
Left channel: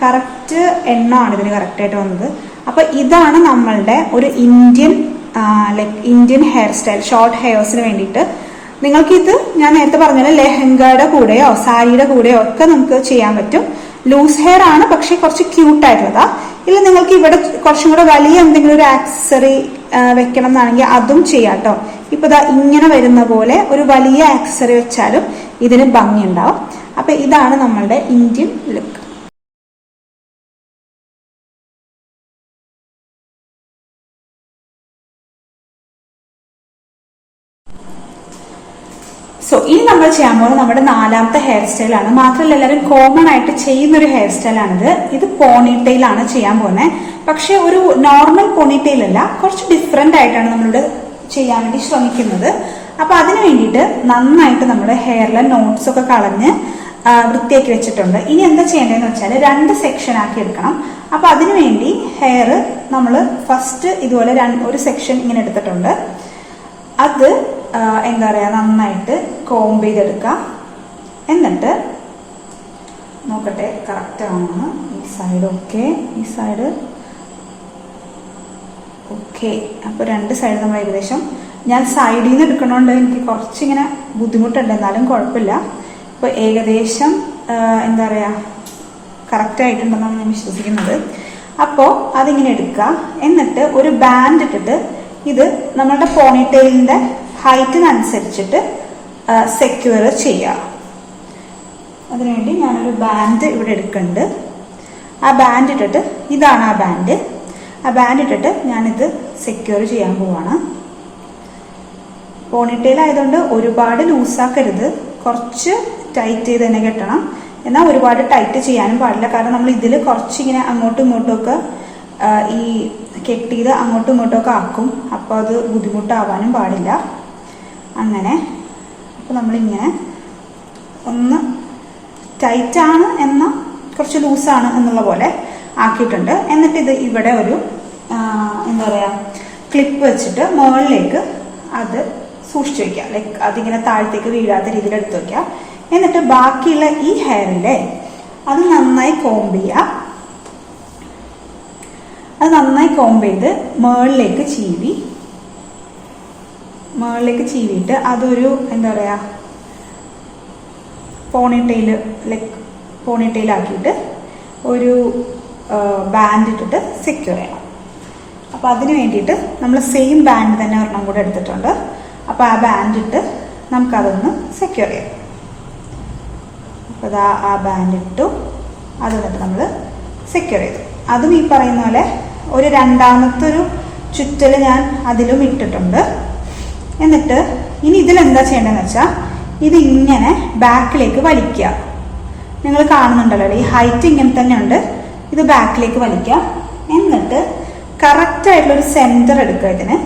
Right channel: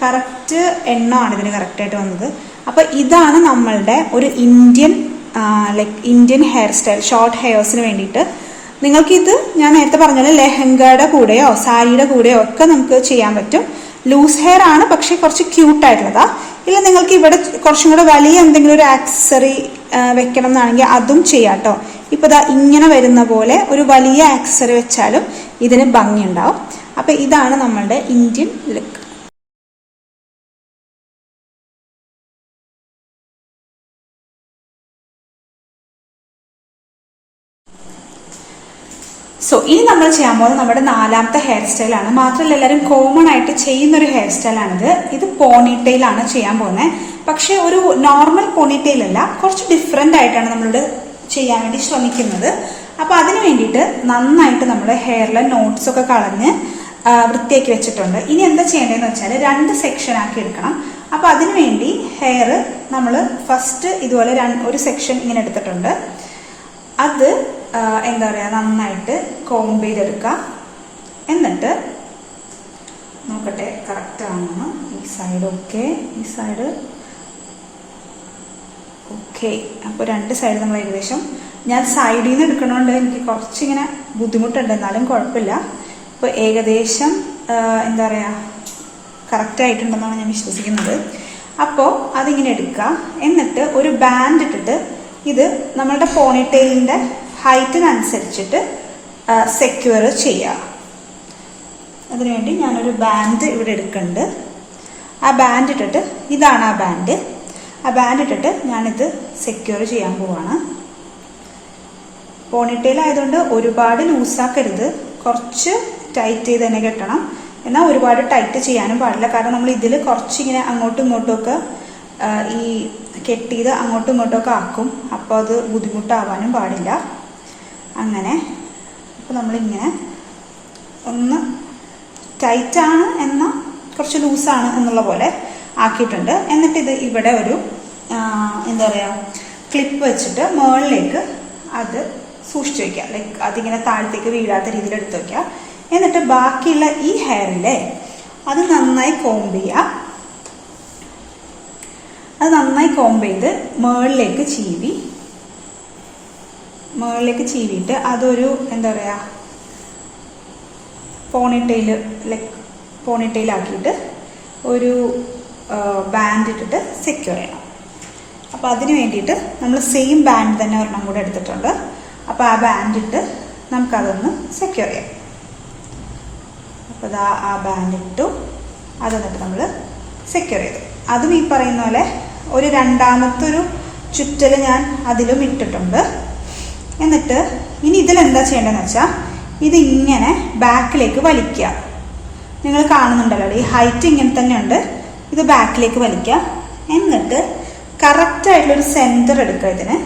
കറക്റ്റ് എണ്ണമാണ് ഇതിന് കറക്റ്റായിട്ട് വന്നത്. അപ്പൊ ഇതാണ് നമ്മളുടെ ഒരു ഇന്ത്യൻ ഹെയർ സ്റ്റൈൽ, ഷോർട്ട് ഹെയർസിന് വേണ്ടിയിട്ട്. നിങ്ങൾക്കിത് ഞാൻ നേരത്തെ പറഞ്ഞ ലെഹങ്കയുടെ കൂടെയോ സാരിയുടെ കൂടെയോ ഒക്കെ നമുക്ക് ചെയ്യാൻ പറ്റും. ലൂസ് ഹെയർ ആണ്, പക്ഷെ കുറച്ച് ക്യൂട്ടായിട്ടുള്ളതാ. ഇല്ല നിങ്ങൾക്ക് ഇവിടെ കുറച്ചും കൂടെ വലിയ എന്തെങ്കിലും ഒരു ആക്സസറി വെക്കണം എന്നാണെങ്കിൽ അതും ചെയ്യാം കേട്ടോ. ഇപ്പൊ ഇങ്ങനെ വരുന്ന പോലെ ഒരു വലിയ ആക്സസറി വെച്ചാലും ഇതിന് ഭംഗി ഉണ്ടാവും. അപ്പൊ ഇതാണ് നമ്മളുടെ ഇന്ത്യൻ ലുക്ക്. സോ ഇനി നമ്മൾ ചെയ്യാൻ പോകുന്നത് നമ്മുടെ 4ാമത്തെ ഹെയർ സ്റ്റൈലാണ്. മാത്രമല്ല എല്ലാവരും കോമൺ ആയിട്ട് ചെയ്യുന്ന ഒരു ഹെയർ സ്റ്റൈലാണിത്. ഇത് പോണിറ്റെയിലാണ് ചെയ്യാൻ പോകുന്നത്. പക്ഷെ ഒരു നോർമൽ പോണിറ്റെയിൽ അല്ല, കുറച്ച് ഡിഫറെന്റ് ആയിട്ടാണ് നമ്മളിവിടെ ചെയ്യാൻ വേണ്ടി ശ്രമിക്കുന്നത്. അപ്പൊ അതിന് വേണ്ടിയിട്ട് നന്നായിട്ട് നമ്മുടെ ഹെയറിലെ നോട്ട്സ് ഒക്കെ കളഞ്ഞ് വൃത്തിയാക്കി വെച്ചിട്ടുണ്ട്. ഇനി എന്താ ചെയ്യേണ്ടതെന്ന് വെച്ചാൽ 2 സെക്ഷൻ ആക്കി എടുക്കണം. അപ്പൊ അതിനു വേണ്ടി ഹെയർ നമ്മൾ ഫസ്റ്റ് ഇതുപോലെ ഒരു സെക്ഷൻ ഇങ്ങനെ എടുത്തിട്ടുണ്ട്. അത് എന്താ പറയുക, നന്നായിട്ട് കോംബ് ചെയ്തെടുക്കാം. എന്നിട്ട് നോക്കട്ടെ കറക്റ്റ് ആണെന്ന്. ഈ സൈഡ് ഓക്കെ, ഈ സൈഡ് ഓക്കെ. അപ്പോൾ 2 സൈഡ് നമ്മൾ ഏകദേശം, ഞാൻ സൈഡിൽ നിന്ന് എടുക്കണോണ്ട് എനിക്ക് കുറച്ചിങ്ങനെ ബുദ്ധിമുട്ടുണ്ട്, എന്നാലും കുഴപ്പമില്ല. ഇപ്പോൾ ഏകദേശം എന്താ പറയുക കറക്റ്റ് ആയിട്ടുണ്ടെന്നാണ് ഞാൻ വിശ്വസിക്കുന്നത്. അപ്പോൾ അതിങ്ങനെ എടുക്കുക. എന്നിട്ട് ഒരു ബാൻഡ് ഇട്ടിട്ട് ഇത് നമ്മളുടെ പോണിറ്റെയിലിന്റെ ഹൈറ്റിനനുസരിച്ചിട്ട് സെക്യൂർ ചെയ്യാം. അതിനുവേണ്ടി ഞാനൊരു ബാൻഡ് ഇവിടെ എടുക്കുന്നുണ്ട്. ആ ബാൻഡ് ഇട്ടിട്ട്, ഇതാണ് ആ ബാൻഡ് ഇട്ടിട്ട് ഞാനിത് സെക്യൂർ ചെയ്യാൻ പോവാണ്. പോണിറ്റെയിൽ ആയതുകൊണ്ട് ഒരുപാട് ലൂസാക്കരുത്, കുറച്ച് ടൈറ്റ് ചെയ്ത് തന്നെ കെട്ടണം. എന്നാൽ ഒരുപാട് ടൈറ്റ് ചെയ്യാനും പാടില്ല, കാരണം നമ്മൾ ഇതിൽ കുറച്ചിങ്ങനെ അങ്ങോട്ടും ഇങ്ങോട്ടും ഒക്കെ ഈ കെട്ടിയത് അങ്ങോട്ടും ഇങ്ങോട്ടും ഒക്കെ ആക്കും. അപ്പോൾ അത് ബുദ്ധിമുട്ടാവാനും പാടില്ല. അങ്ങനെ അപ്പോൾ നമ്മളിങ്ങനെ ഒന്ന് ടൈറ്റാണ് എന്നാൽ കുറച്ച് ലൂസാണ് എന്നുള്ള പോലെ ആക്കിയിട്ടുണ്ട്. എന്നിട്ട് ഇത് ഇവിടെ ഒരു എന്താ പറയുക ക്ലിപ്പ് വെച്ചിട്ട് മുകളിലേക്ക് അത് സൂക്ഷിച്ചു വയ്ക്കുക. ലൈക്ക് അതിങ്ങനെ താഴത്തേക്ക് വീഴാത്ത രീതിയിൽ എടുത്തു വയ്ക്കുക. എന്നിട്ട് ബാക്കിയുള്ള ഈ ഹെയറിലെ അത് നന്നായി കോംബ് ചെയ്യുക. അത് നന്നായി കോംബ് ചെയ്ത് മുകളിലേക്ക് ചീവിയിട്ട് അതൊരു എന്താ പറയുക പോണിറ്റെയിൽ ആക്കിയിട്ട് ഒരു ബാൻഡ് ഇട്ടിട്ട് സെക്യൂർ ചെയ്യണം. അപ്പോൾ അതിന് വേണ്ടിയിട്ട് നമ്മൾ സെയിം ബാൻഡ് തന്നെ ഒരെണ്ണം കൂടെ എടുത്തിട്ടുണ്ട്. അപ്പോൾ ആ ബാൻഡ് ഇട്ട് നമുക്കതൊന്ന് സെക്യൂർ ചെയ്യാം. അപ്പോൾ ആ ബാൻഡ് ഇട്ടു, അത് എന്നിട്ട് നമ്മൾ സെക്യൂർ ചെയ്തു. അതും ഈ പറയുന്ന പോലെ ഒരു 2ാമത്തെ ചുറ്റൽ ഞാൻ അതിലും ഇട്ടിട്ടുണ്ട്. എന്നിട്ട് ഇനി ഇതിലെന്താ ചെയ്യേണ്ടതെന്ന് വെച്ചാൽ ഇതിങ്ങനെ ബാക്കിലേക്ക് വലിക്കുക. നിങ്ങൾ കാണുന്നുണ്ടല്ലോ ഈ ഹൈറ്റ് ഇങ്ങനെ തന്നെ ഉണ്ട്. ഇത് ബാക്കിലേക്ക് വലിക്കുക. എന്നിട്ട് കറക്റ്റ് ആയിട്ടുള്ളൊരു സെന്റർ എടുക്കുക ഇതിന്,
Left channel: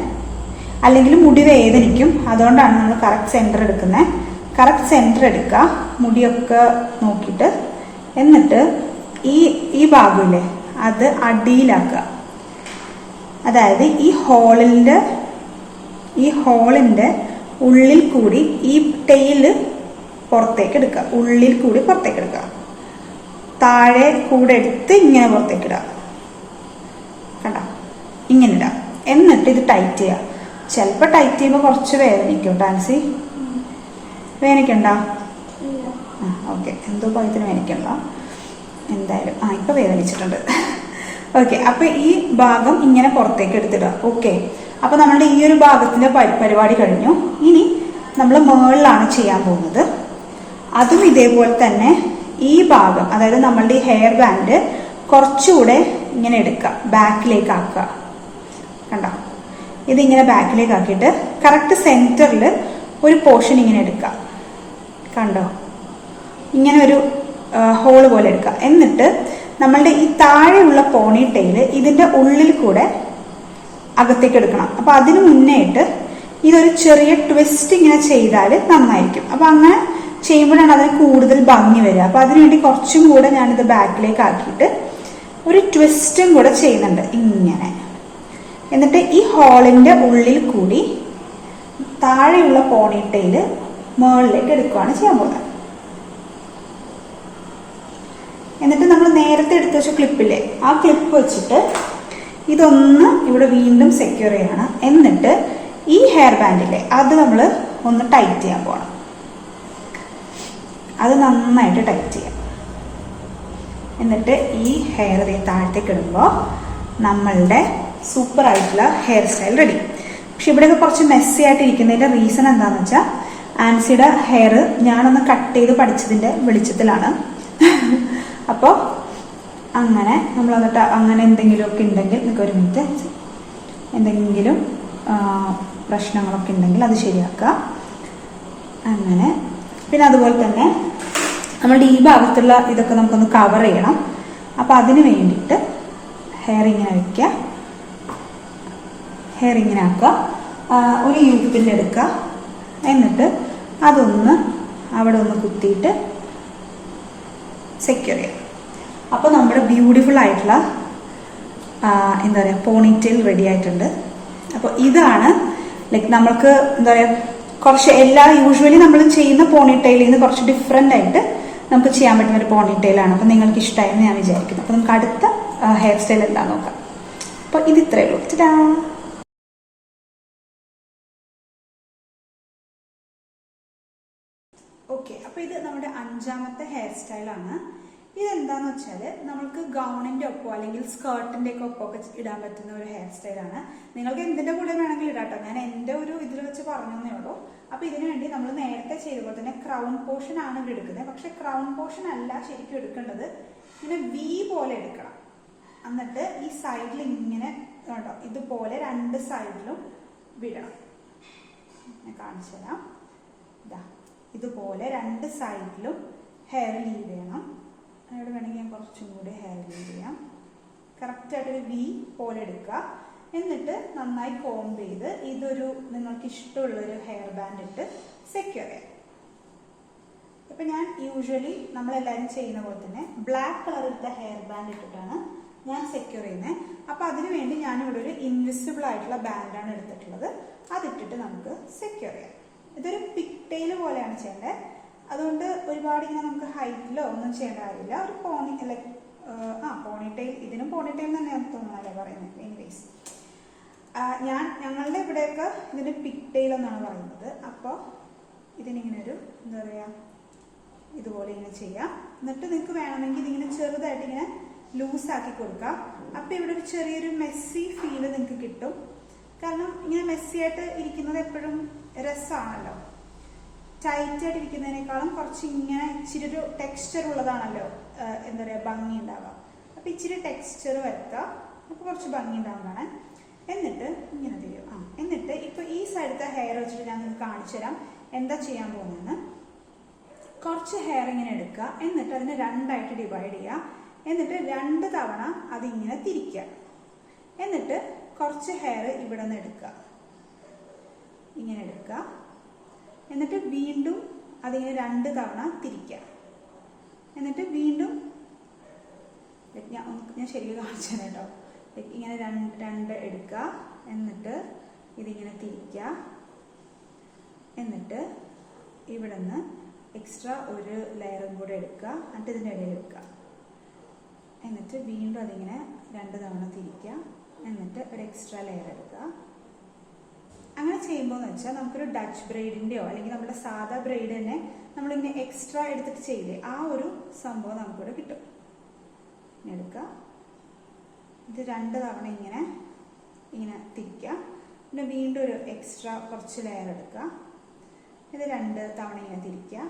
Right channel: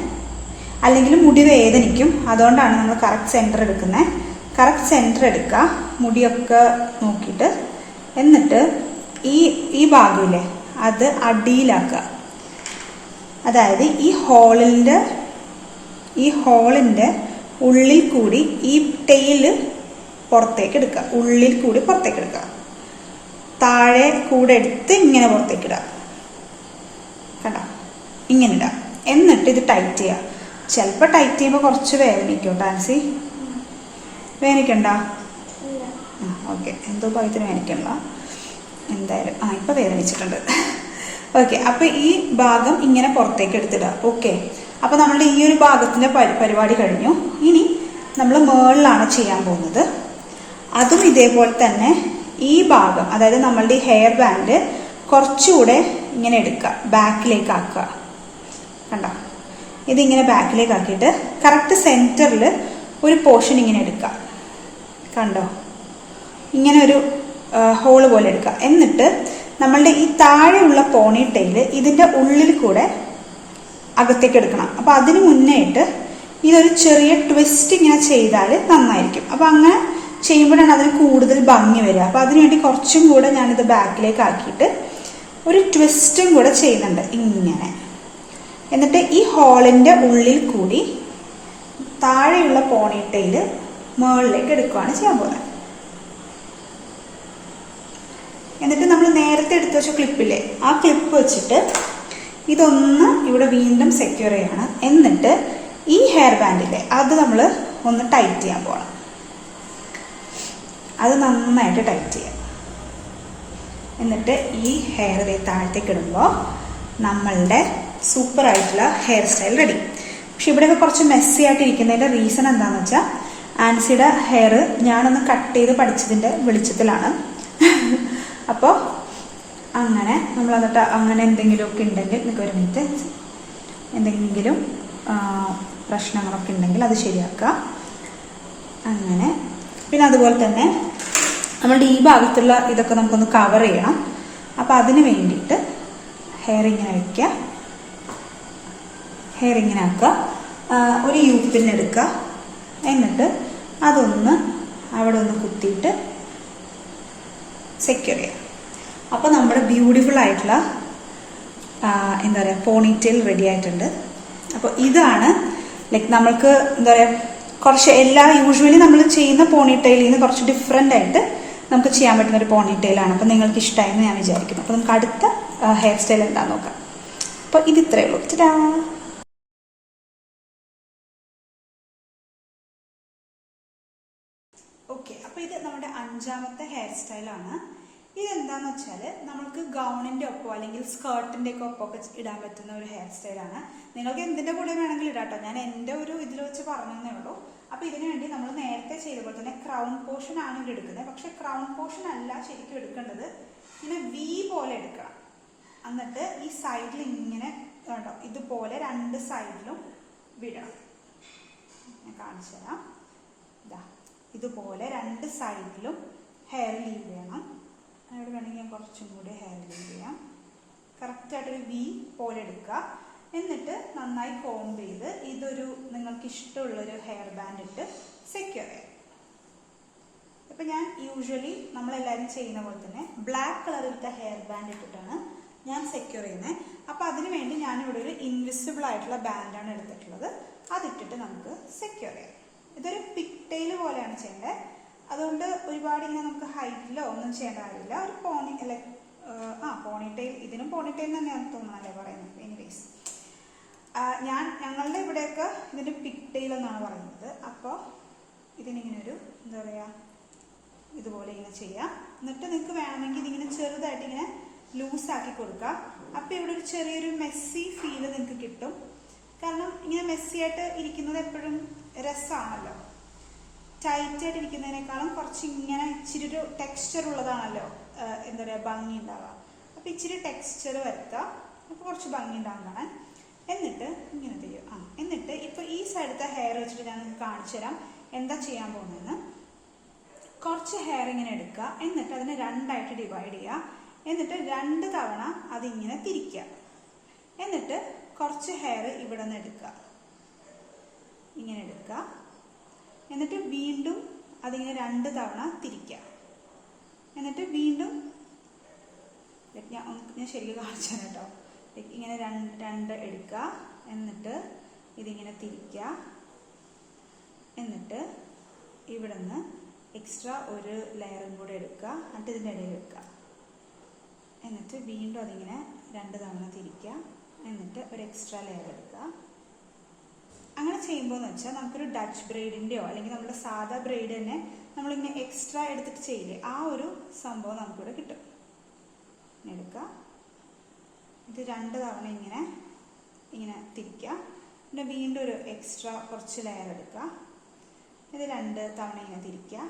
അല്ലെങ്കിൽ മുടി വേദനിക്കും. അതുകൊണ്ടാണ് നമ്മൾ കറക്റ്റ് സെന്റർ എടുക്കുന്നത്. കറക്റ്റ് സെന്റർ എടുക്കുക, മുടിയൊക്കെ നോക്കിയിട്ട്. എന്നിട്ട് ഈ ഭാഗമില്ലേ അത് അടിയിലാക്കുക. അതായത് ഈ ഹോളിന്റെ ഉള്ളിൽ കൂടി ഈ ടെയില് പുറത്തേക്ക് എടുക്കുക, ഉള്ളിൽ കൂടി പുറത്തേക്ക് എടുക്കുക, താഴെ കൂടെ എടുത്ത് ഇങ്ങനെ പുറത്തേക്ക് ഇടുക, കണ്ട ഇങ്ങനെ ഇടുക. എന്നിട്ട് ഇത് ടൈറ്റ് ചെയ്യുക. ചിലപ്പോൾ ടൈറ്റ് ചെയ്യുമ്പോൾ കുറച്ച് വേദനിക്കും. ഡാൻസി വേദനിക്കണ്ട? ഓക്കെ, എന്തോ ഭാഗത്തിന് വേദനിക്കണ്ട എന്തായാലും. ഇപ്പൊ വേദനിച്ചിട്ടുണ്ട്. ഓക്കെ, അപ്പൊ ഈ ഭാഗം ഇങ്ങനെ പുറത്തേക്ക് എടുത്തിടുക. ഓക്കെ, അപ്പൊ നമ്മളുടെ ഈ ഒരു ഭാഗത്തിന്റെ പരിപാടി കഴിഞ്ഞു. ഇനി നമ്മൾ മുകളിലാണ് ചെയ്യാൻ പോകുന്നത്. അതും ഇതേപോലെ തന്നെ ഈ ഭാഗം, അതായത് നമ്മളുടെ ഈ ഹെയർ ബാൻഡ് കുറച്ചുകൂടെ ഇങ്ങനെ എടുക്കുക, ബാക്കിലേക്ക് ആക്കുക. കണ്ടോ, ഇതിങ്ങനെ ബാക്കിലേക്ക് ആക്കിയിട്ട് കറക്റ്റ് സെന്ററിൽ ഒരു പോർഷൻ ഇങ്ങനെ എടുക്കുക. കണ്ടോ, ഇങ്ങനെ ഒരു ഹോള് പോലെ എടുക്കുക. എന്നിട്ട് നമ്മളുടെ ഈ താഴെയുള്ള പോണി ടെയില് ഇതിന്റെ ഉള്ളിൽ കൂടെ അകത്തേക്ക് എടുക്കണം. അപ്പൊ അതിന് മുന്നേയിട്ട് ഇതൊരു ചെറിയ ട്വിസ്റ്റ് ഇങ്ങനെ ചെയ്താൽ നന്നായിരിക്കും. അപ്പൊ അങ്ങനെ ചെയ്യുമ്പോഴാണ് അതിന് കൂടുതൽ ഭംഗി വരിക. അപ്പൊ അതിനുവേണ്ടി കുറച്ചും കൂടെ ഞാനിത് ബാക്കിലേക്ക് ആക്കിയിട്ട് ഒരു ട്വിസ്റ്റും കൂടെ ചെയ്യുന്നുണ്ട് ഇങ്ങനെ. എന്നിട്ട് ഈ ഹോളിന്റെ ഉള്ളിൽ കൂടി താഴെയുള്ള പോണിട്ടയില് മുകളിലേക്ക് എടുക്കുകയാണ് ചെയ്യാൻ പോകുന്നത്. എന്നിട്ട് നമ്മൾ നേരത്തെ എടുത്തു വെച്ച ക്ലിപ്പില്ലേ, ആ ക്ലിപ്പ് വെച്ചിട്ട് ഇതൊന്ന് ഇവിടെ വീണ്ടും സെക്യൂർ ചെയ്യണം. എന്നിട്ട് ഈ ഹെയർ ബാൻഡില്ലേ അത് നമ്മൾ ഒന്ന് ടൈറ്റ് ചെയ്യാൻ പോകണം. അത് നന്നായിട്ട് ടൈറ്റ് ചെയ്യാം. എന്നിട്ട് ഈ ഹെയർ താഴത്തേക്ക് ഇടുമ്പോൾ നമ്മളുടെ സൂപ്പർ ആയിട്ടുള്ള ഹെയർ സ്റ്റൈൽ റെഡി. പക്ഷെ ഇവിടെയൊക്കെ കുറച്ച് മെസ്സി ആയിട്ട് ഇരിക്കുന്നതിന്റെ റീസൺ എന്താണെന്ന് വെച്ചാൽ ആൻസിയുടെ ഹെയർ ഞാനൊന്ന് കട്ട് ചെയ്ത് പഠിച്ചതിന്റെ വെളിച്ചത്തിലാണ്. അപ്പോൾ അങ്ങനെ നമ്മൾ എന്നിട്ട് അങ്ങനെ എന്തെങ്കിലുമൊക്കെ ഉണ്ടെങ്കിൽ നിങ്ങൾക്ക് ഒരു മിനിറ്റ്, എന്തെങ്കിലും പ്രശ്നങ്ങളൊക്കെ ഉണ്ടെങ്കിൽ അത് ശരിയാക്കുക. അങ്ങനെ പിന്നെ അതുപോലെ തന്നെ നമ്മളുടെ ഈ ഭാഗത്തുള്ള ഇതൊക്കെ നമുക്കൊന്ന് കവർ ചെയ്യണം. അപ്പം അതിന് വേണ്ടിയിട്ട് ഹെയർ ഇങ്ങനെ വയ്ക്കുക, ഹെയർ ഇങ്ങനെ ആക്കുക, ഒരു യൂപ്പിൻ എടുക്കുക. എന്നിട്ട് അതൊന്ന് അവിടെ ഒന്ന് കുത്തിയിട്ട് സെക്യൂർ ചെയ്യാം. അപ്പൊ നമ്മുടെ ബ്യൂട്ടിഫുൾ ആയിട്ടുള്ള എന്താ പറയുക പോണിറ്റെയിൽ റെഡി ആയിട്ടുണ്ട്. അപ്പൊ ഇതാണ് ലൈക്ക് നമ്മൾക്ക് എന്താ പറയുക കുറച്ച് യൂഷ്വലി നമ്മൾ ചെയ്യുന്ന പോണിറ്റെയിലിൽ നിന്ന് കുറച്ച് ഡിഫറെന്റ് ആയിട്ട് നമുക്ക് ചെയ്യാൻ പറ്റുന്ന ഒരു പോണിറ്റെയിലാണ്. അപ്പൊ നിങ്ങൾക്ക് ഇഷ്ടമായെന്ന് ഞാൻ വിചാരിക്കുന്നു. അപ്പൊ നമുക്ക് അടുത്ത ഹെയർ സ്റ്റൈൽ എന്താണെന്ന് നോക്കാം. അപ്പൊ ഇത് ഇത്രയേ ഉള്ളൂ. ഓക്കെ, അപ്പൊ ഇത് നമ്മുടെ 5ാമത്തെ ഹെയർ സ്റ്റൈലാണ്. ഇതെന്താന്ന് വെച്ചാൽ നമ്മൾക്ക് ഗൗണിന്റെ ഒപ്പോ അല്ലെങ്കിൽ സ്കേർട്ടിന്റെ ഒക്കെ ഒപ്പം ഒക്കെ ഇടാൻ പറ്റുന്ന ഒരു ഹെയർ സ്റ്റൈലാണ്. നിങ്ങൾക്ക് എന്തിന്റെ കൂടെ വേണമെങ്കിൽ ഇടാട്ടോ, ഞാൻ എന്റെ ഒരു ഇതിൽ വെച്ച് പറഞ്ഞതേ ഉള്ളൂ. അപ്പൊ ഇതിനു വേണ്ടി നമ്മൾ നേരത്തെ ചെയ്തപ്പോൾ തന്നെ ക്രൗൺ പോർഷൻ ആണ് ഇവിടെ എടുക്കുന്നത്. പക്ഷെ ക്രൗൺ പോർഷൻ അല്ല ശരിക്കും എടുക്കേണ്ടത്, ഇങ്ങനെ വി പോലെ എടുക്കണം. എന്നിട്ട് ഈ സൈഡിൽ ഇങ്ങനെ ഉണ്ടോ ഇതുപോലെ 2 സൈഡിലും വിടണം. ഞാൻ കാണിച്ചു തരാം. ഇതാ ഇതുപോലെ 2 സൈഡിലും ഹെയർ ലീവ് ചെയ്യണം. അവിടെ വേണമെങ്കിൽ ഞാൻ കുറച്ചും കൂടി ഹെയർ ലീവ് ചെയ്യാം. കറക്റ്റായിട്ടൊരു വി പോലെ എടുക്കുക. എന്നിട്ട് നന്നായി കോംബ് ചെയ്ത് ഇതൊരു നിങ്ങൾക്ക് ഇഷ്ടമുള്ളൊരു ഹെയർ ബാൻഡ് ഇട്ട് സെക്യൂർ ചെയ്യാം. ഇപ്പൊ ഞാൻ യൂഷ്വലി നമ്മളെല്ലാവരും ചെയ്യുന്ന പോലെ തന്നെ ബ്ലാക്ക് കളറിലത്തെ ഹെയർ ബാൻഡ് ഇട്ടിട്ടാണ് ഞാൻ സെക്യൂർ ചെയ്യുന്നത്. അപ്പൊ അതിനുവേണ്ടി ഞാനിവിടെ ഒരു ഇൻവിസിബിൾ ആയിട്ടുള്ള ബാൻഡാണ് എടുത്തിട്ടുള്ളത്. അതിട്ടിട്ട് നമുക്ക് സെക്യൂർ ചെയ്യാം. ഇതൊരു പിക്ടെയിൽ പോലെയാണ് ചെയ്യേണ്ടത്. അതുകൊണ്ട് ഒരുപാട് ഇങ്ങനെ നമുക്ക് ഹൈറ്റിലോ ഒന്നും ചെയ്യേണ്ട കാര്യമില്ല. ഒരു പോണിറ്റെയിൽ, ഇതിനും പോണിറ്റെയിൽ തന്നെയാണ് തോന്നുന്നല്ലേ പറയുന്നത്. എനിവേസ് ഞങ്ങളുടെ ഇവിടെയൊക്കെ ഇതിന് പിക്ടെയിൽ എന്നാണ് പറയുന്നത്. അപ്പോൾ ഇതിനിങ്ങനെ ഒരു എന്താ പറയുക ഇതുപോലെ ഇങ്ങനെ ചെയ്യാം. എന്നിട്ട് നിങ്ങൾക്ക് വേണമെങ്കിൽ ഇതിങ്ങനെ ചെറുതായിട്ട് ഇങ്ങനെ ലൂസാക്കി കൊടുക്കാം. അപ്പം ഇവിടെ ഒരു ചെറിയൊരു മെസ്സി ഫീല് നിങ്ങൾക്ക് കിട്ടും. കാരണം ഇങ്ങനെ മെസ്സി ആയിട്ട് ഇരിക്കുന്നത് എപ്പോഴും രസമാണല്ലോ. ടൈറ്റ് ആയിട്ട് ഇരിക്കുന്നതിനേക്കാളും കുറച്ച് ഇങ്ങനെ ഇച്ചിരി ഒരു ടെക്സ്ചർ ഉള്ളതാണല്ലോ എന്താ പറയുക ഭംഗി ഉണ്ടാവുക. അപ്പൊ ഇച്ചിരി ടെക്സ്ചർ വരുത്തുക, നമുക്ക് കുറച്ച് ഭംഗി ഉണ്ടാകുന്നതാണ്. എന്നിട്ട് ഇങ്ങനെ ചെയ്യും. എന്നിട്ട് ഇപ്പൊ ഈ സൈഡത്തെ ഹെയർ വെച്ചിട്ട് ഞാൻ നിങ്ങൾക്ക് കാണിച്ചു തരാം എന്താ ചെയ്യാൻ പോകുന്നതെന്ന്. കുറച്ച് ഹെയർ ഇങ്ങനെ എടുക്കുക, എന്നിട്ട് അതിനെ 2ആയിട്ട് ഡിവൈഡ് ചെയ്യുക. എന്നിട്ട് 2 തവണ അതിങ്ങനെ തിരിക്കുക. എന്നിട്ട് കുറച്ച് ഹെയർ ഇവിടെ നിന്ന് എടുക്കുക, ഇങ്ങനെ എടുക്കുക. എന്നിട്ട് വീണ്ടും അതിങ്ങനെ 2 തവണ തിരിക്കുക. എന്നിട്ട് വീണ്ടും ഞാൻ ശരിക്കും കാണിച്ചു തരാം കേട്ടോ. ഇങ്ങനെ രണ്ട് എടുക്കുക, എന്നിട്ട് ഇതിങ്ങനെ തിരിക്കുക, എന്നിട്ട് ഇവിടെ നിന്ന് എക്സ്ട്രാ ഒരു ലെയറും കൂടെ എടുക്കുക, എന്നിട്ട് ഇതിൻ്റെ ഇടയിൽ വെക്കുക, എന്നിട്ട് വീണ്ടും അതിങ്ങനെ 2 തവണ തിരിക്കുക, എന്നിട്ട് ഒരു എക്സ്ട്രാ ലെയർ എടുക്കുക. അങ്ങനെ ചെയ്യുമ്പോൾ എന്ന് വെച്ചാൽ നമുക്കൊരു ഡച്ച് ബ്രെയ്ഡിൻ്റെയോ അല്ലെങ്കിൽ നമ്മുടെ സാധാ ബ്രെയ്ഡ് തന്നെ നമ്മളിങ്ങനെ എക്സ്ട്രാ എടുത്തിട്ട് ചെയ്യില്ലേ, ആ ഒരു സംഭവം നമുക്കിവിടെ കിട്ടും. എടുക്കുക, ഇത് 2 തവണ ഇങ്ങനെ തിരിക്കുക, പിന്നെ വീണ്ടും ഒരു എക്സ്ട്രാ കുറച്ച് ലെയർ എടുക്കുക, ഇത് 2 തവണ ഇങ്ങനെ തിരിക്കുക,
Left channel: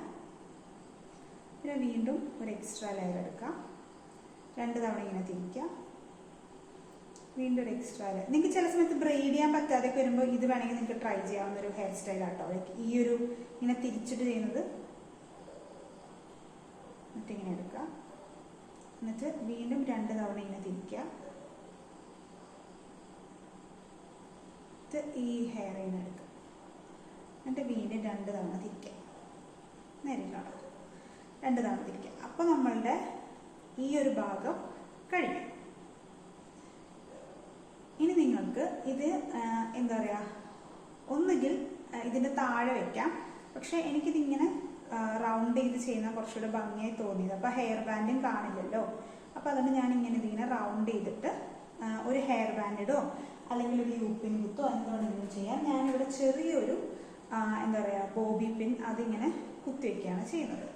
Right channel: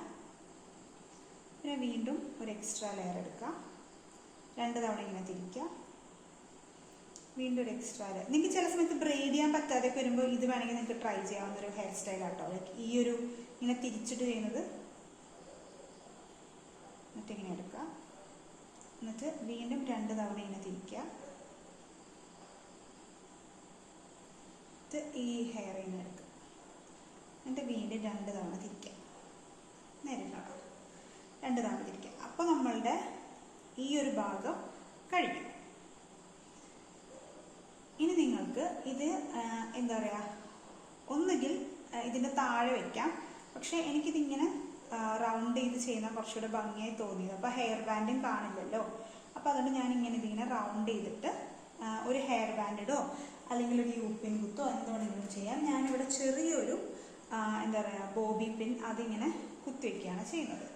പിന്നെ വീണ്ടും ഒരു എക്സ്ട്രാ ലെയർ എടുക്കുക, 2 തവണ ഇങ്ങനെ തിരിക്കുക, വീണ്ടും ഒരു എക്സ്ട്രാ ലെയർ. നിങ്ങൾക്ക് ചില സമയത്ത് ബ്രെയ്ഡ് ചെയ്യാൻ പറ്റാതെ വരുമ്പോൾ ഇത് വേണമെങ്കിൽ നിങ്ങൾക്ക് ട്രൈ ചെയ്യാവുന്ന ഒരു ഹെയർ സ്റ്റൈൽ ആട്ടോ. ലൈക്ക് ഈ ഒരു ഇങ്ങനെ തിരിച്ചിട്ട് ചെയ്യുന്നത്. എന്നിട്ട് ഇങ്ങനെ എടുക്കുക, എന്നിട്ട് വീണ്ടും 2 തവണ ഇങ്ങനെ തിരിക്കുക, ഈ ഹെയർ ഇങ്ങനെ എടുക്കുക, എന്നിട്ട് വീണ്ടും 2 തവണ തിരിക്കുക, നേരിട്ടാണ് 2 തവണ തിരിക്കുക. അപ്പോൾ നമ്മളുടെ ഈ ഒരു ഭാഗം കഴിഞ്ഞു. ഇനി നിങ്ങൾക്ക് ഇത് എന്താ പറയുക, ഒന്നുകിൽ ഇതിൻ്റെ താഴെ വയ്ക്കാം, പക്ഷെ എനിക്കിതിങ്ങനെ റൗണ്ട് ചെയ്ത് ചെയ്യുന്ന കുറച്ചുകൂടെ ഭംഗിയായി തോന്നിയത്. അപ്പോൾ ഹെയർ ബാൻഡും കാണില്ലല്ലോ, അപ്പോൾ അതുകൊണ്ട് ഞാനിങ്ങനെ ഇതിങ്ങനെ റൗണ്ട് ചെയ്തിട്ട് ഒരു ഹെയർ ബാൻഡിഡോ അല്ലെങ്കിൽ ഒരു യൂപ്പിൻ കുത്തോ എന്ത് വേണമെങ്കിലും ചെയ്യാം. ഞാനിവിടെ ചെറിയൊരു എന്താ പറയുക ബോബി പിൻ അതിങ്ങനെ കുത്തിവെക്കുകയാണ് ചെയ്യുന്നത്.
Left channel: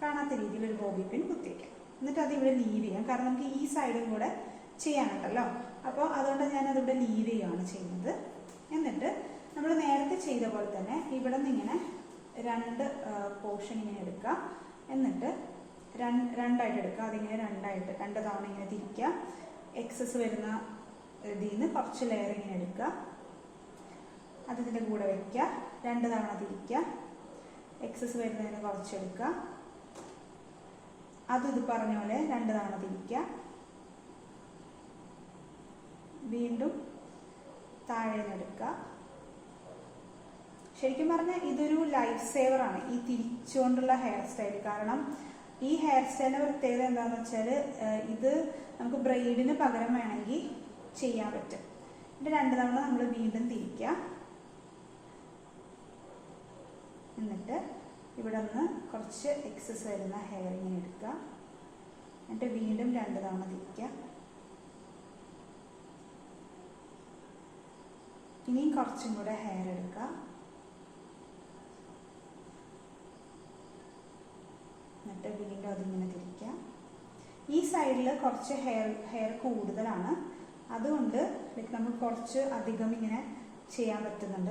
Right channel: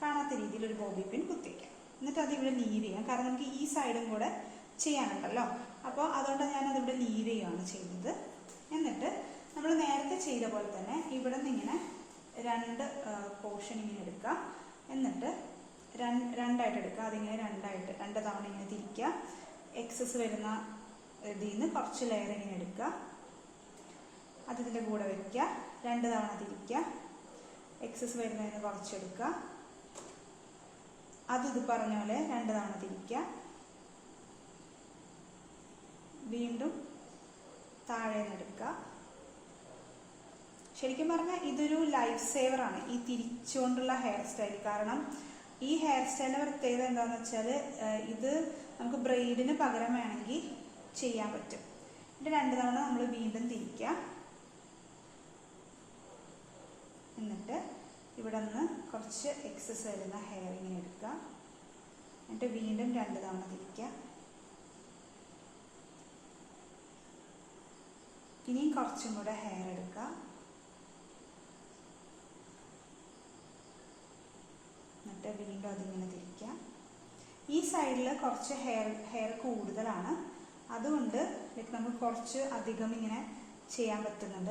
കാണാത്ത രീതിയിൽ ഒരു ബോബി പിൻ കുത്തിവെക്കാം, എന്നിട്ട് അതിവിടെ ലീവ് ചെയ്യാം. കാരണം നമുക്ക് ഈ സൈഡും കൂടെ ചെയ്യാനുണ്ടല്ലോ, അപ്പോൾ അതുകൊണ്ട് ഞാനതിവിടെ ലീവ് ചെയ്യുകയാണ് ചെയ്യുന്നത്. എന്നിട്ട് നമ്മൾ നേരത്തെ ചെയ്ത പോലെ തന്നെ ഇവിടെ നിന്ന് ഇങ്ങനെ 2 പോർഷൻ ഇങ്ങനെ എടുക്കുക, എന്നിട്ട് രണ്ടായിട്ട് എടുക്കുക, അതിങ്ങനെ 2 തവണ ഇങ്ങനെ തിരിക്കുക, എക്സസ് വരുന്ന ഇതിൽ നിന്ന് കുറച്ച് ലെയർ ഇങ്ങനെ എടുക്കുക, അതിൻ്റെ കൂടെ വയ്ക്കുക, 2 തവണ തിരിക്കുക, എക്സസ് വരുന്നതിന് കുറച്ചെടുക്കുക, ഇത് പറഞ്ഞ പോലെ 2 തവണ തിരിക്കുക, വീണ്ടും താഴെ നിന്ന് എടുക്കുക. ശരിക്കും പറഞ്ഞാൽ ഇതൊരു ലൈഫ് സേവർ ആണ് ഈ തിരിച്ചുകൊണ്ടുള്ള ഹെയർ സ്റ്റൈൽ. കാരണം ഈ ഹെയർ സ്റ്റൈലിന്റെ പ്രത്യേകത എന്താണെന്ന് വെച്ചാൽ ഇത് നമുക്ക് ബ്രെയ്ഡിന് പകരം വേണമെങ്കിൽ ചെയ്യാൻ പറ്റും. എന്നിട്ട് 2 തവണ നമ്മൾ വീണ്ടും തിരിക്കുക, എന്നിട്ട് ഇവിടെ നിന്ന് കുറച്ച് എക്സസ് വരുന്ന ഹെയർ ഇങ്ങനെ എടുക്കുക, എന്നിട്ട് വീണ്ടും 2 തവണ തിരിക്കുക, ഇനിയും കുറച്ചും കൂടെ ഹെയർ എടുക്കുക, എന്നിട്ട് വീണ്ടും അതിങ്ങനെ തിരിക്കുക. ഈ സൈഡിൽ കുറച്ച് ഹെയർ കൂടുതലാണ്, അതുകൊണ്ട് നമുക്ക് കുറച്ച് അധികം ഇങ്ങനെ ചെയ്യാൻ പറ്റുന്നുണ്ട്.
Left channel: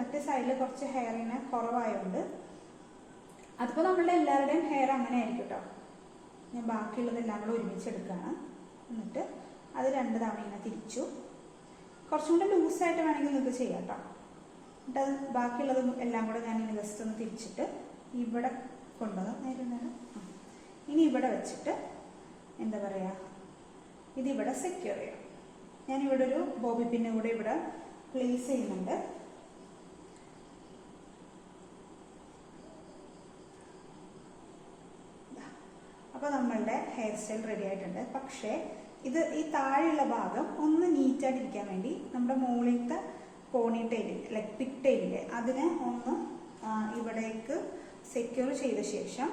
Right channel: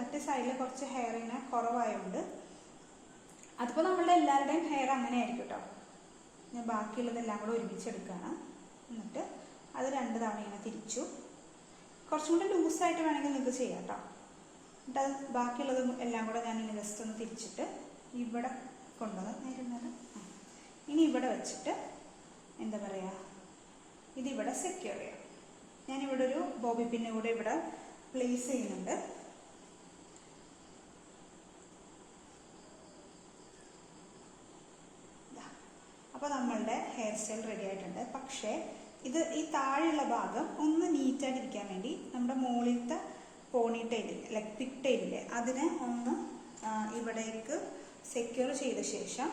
മറ്റേ സൈഡിൽ കുറച്ച് ഹെയർ ഇങ്ങനെ കുറവായതുകൊണ്ട് അതിപ്പോൾ നമ്മളുടെ എല്ലാവരുടെയും ഹെയർ അങ്ങനെ ആയിരിക്കും കേട്ടോ. ഞാൻ ബാക്കിയുള്ളതെല്ലാം കൂടെ ഒരുമിച്ചെടുക്കുകയാണ്, എന്നിട്ട് അത് 2 തവണ ഇങ്ങനെ തിരിച്ചു. കുറച്ചും കൂടെ ലൂസായിട്ട് വേണമെങ്കിൽ നിങ്ങൾക്ക് ചെയ്യാം കേട്ടോ. എന്നിട്ട് അത് ബാക്കിയുള്ളത് എല്ലാം കൂടെ ഞാൻ ഇങ്ങനെ ജസ്റ്റ് ഒന്ന് തിരിച്ചിട്ട് ഇവിടെ കൊണ്ടുവന്ന് ഇനി ഇവിടെ വെച്ചിട്ട് എന്താ പറയുക ഇതിവിടെ സെക്യൂർ ചെയ്യാം. ഞാനിവിടെ ഒരു ബോബി പിന്ന് കൂടെ ഇവിടെ പ്ലേസ് ചെയ്യുന്നുണ്ട്. അപ്പോൾ നമ്മളുടെ ഹെയർ സ്റ്റൈൽ റെഡി ആയിട്ടുണ്ട്. പക്ഷേ ഈ താഴെയുള്ള ഭാഗം ഒന്ന് നീറ്റായിട്ടിരിക്കാൻ വേണ്ടി നമ്മുടെ മുകളിലത്തെ പോണി ടൈലില്ലേ, ലൈക്ക് പിക് ടൈലില്ലേ, അതിനെ ഒന്ന് ഇവിടേക്ക് സെക്യൂർ ചെയ്ത ശേഷം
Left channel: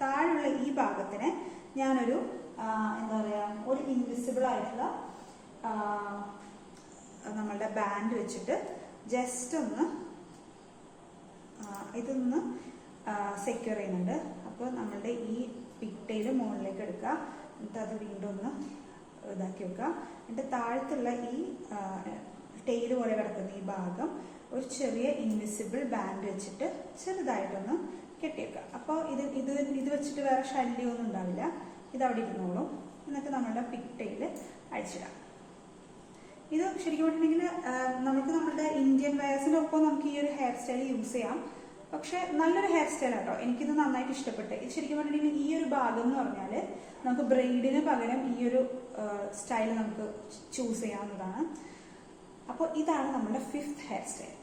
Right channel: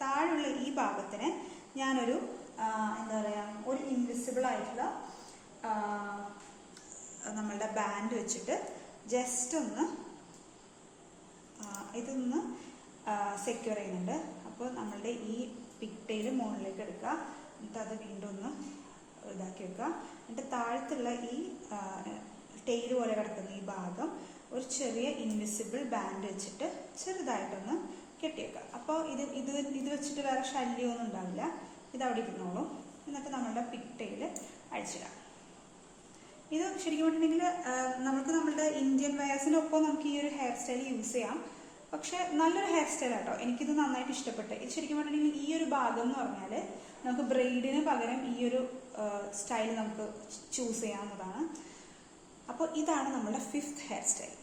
താഴെയുള്ള ഈ ഭാഗത്തിന് ഞാനൊരു എന്താ പറയുക ഒരു ഇൻവിസിബിൾ ആയിട്ടുള്ള നമ്മളുടെ ബാൻഡ് വെച്ചിട്ട് ജസ്റ്റ് ഒന്ന് ഇതൊന്ന് സെക്യൂർ ചെയ്യുന്നുണ്ട്. അപ്പോൾ നമ്മളുടെ ഈ പിക് ടൈൽ മുകളിലേക്ക് എടുക്കുക, എന്നിട്ട് അത് വീണ്ടും ഒന്ന് ഇതാക്കി വെക്കുക. എന്നിട്ട് താഴത്തുള്ള ഈ ടെയിൽ പോലെ കിടക്കുന്ന ഈ ഭാഗം ഒരു ചെറിയ ഇൻവിസിബിൾ ബാൻഡ് വെച്ചിട്ട് ചെറുതായിട്ടൊന്ന് കെട്ടിവെക്കുക. അപ്പോൾ ഇത് വെച്ചിട്ട് വേറെ ശല്യമൊന്നും ഉണ്ടാവില്ല, ഇത് അവിടെ ഇരുന്നോളും. എന്നിട്ട് നമ്മളുടെ പിക് ടൈൽ അടിച്ചിടാം. ഇത് ശരിക്കും പറഞ്ഞിട്ടുണ്ടെങ്കിൽ നമുക്ക് നമ്മുടെ ഇന്ത്യൻ വെയേഴ്സിനൊപ്പം നമുക്ക് ഈ ഒരു ഹെയർ സ്റ്റൈൽ യൂസ് ചെയ്യാം. പക്ഷെ നല്ലൊരു ഹെയർ സ്റ്റൈൽ ആട്ടോ, എനിക്കിത് നന്നായിട്ട് ഇഷ്ടപ്പെട്ടു. ഇത് ശരിക്കും പറഞ്ഞിട്ടുണ്ടെങ്കിൽ ഈ ഒരു ഭാഗം എന്ന് പറഞ്ഞാൽ നമുക്ക് ബ്രെയ്ഡിന് പകരം ഈ ഒരു സ്റ്റൈൽ നമുക്ക് ചൂസ് ചെയ്യാവുന്നതാണ്. അപ്പോൾ ഇതാണ് നമ്മുടെ 5th ഹെയർ സ്റ്റൈൽ.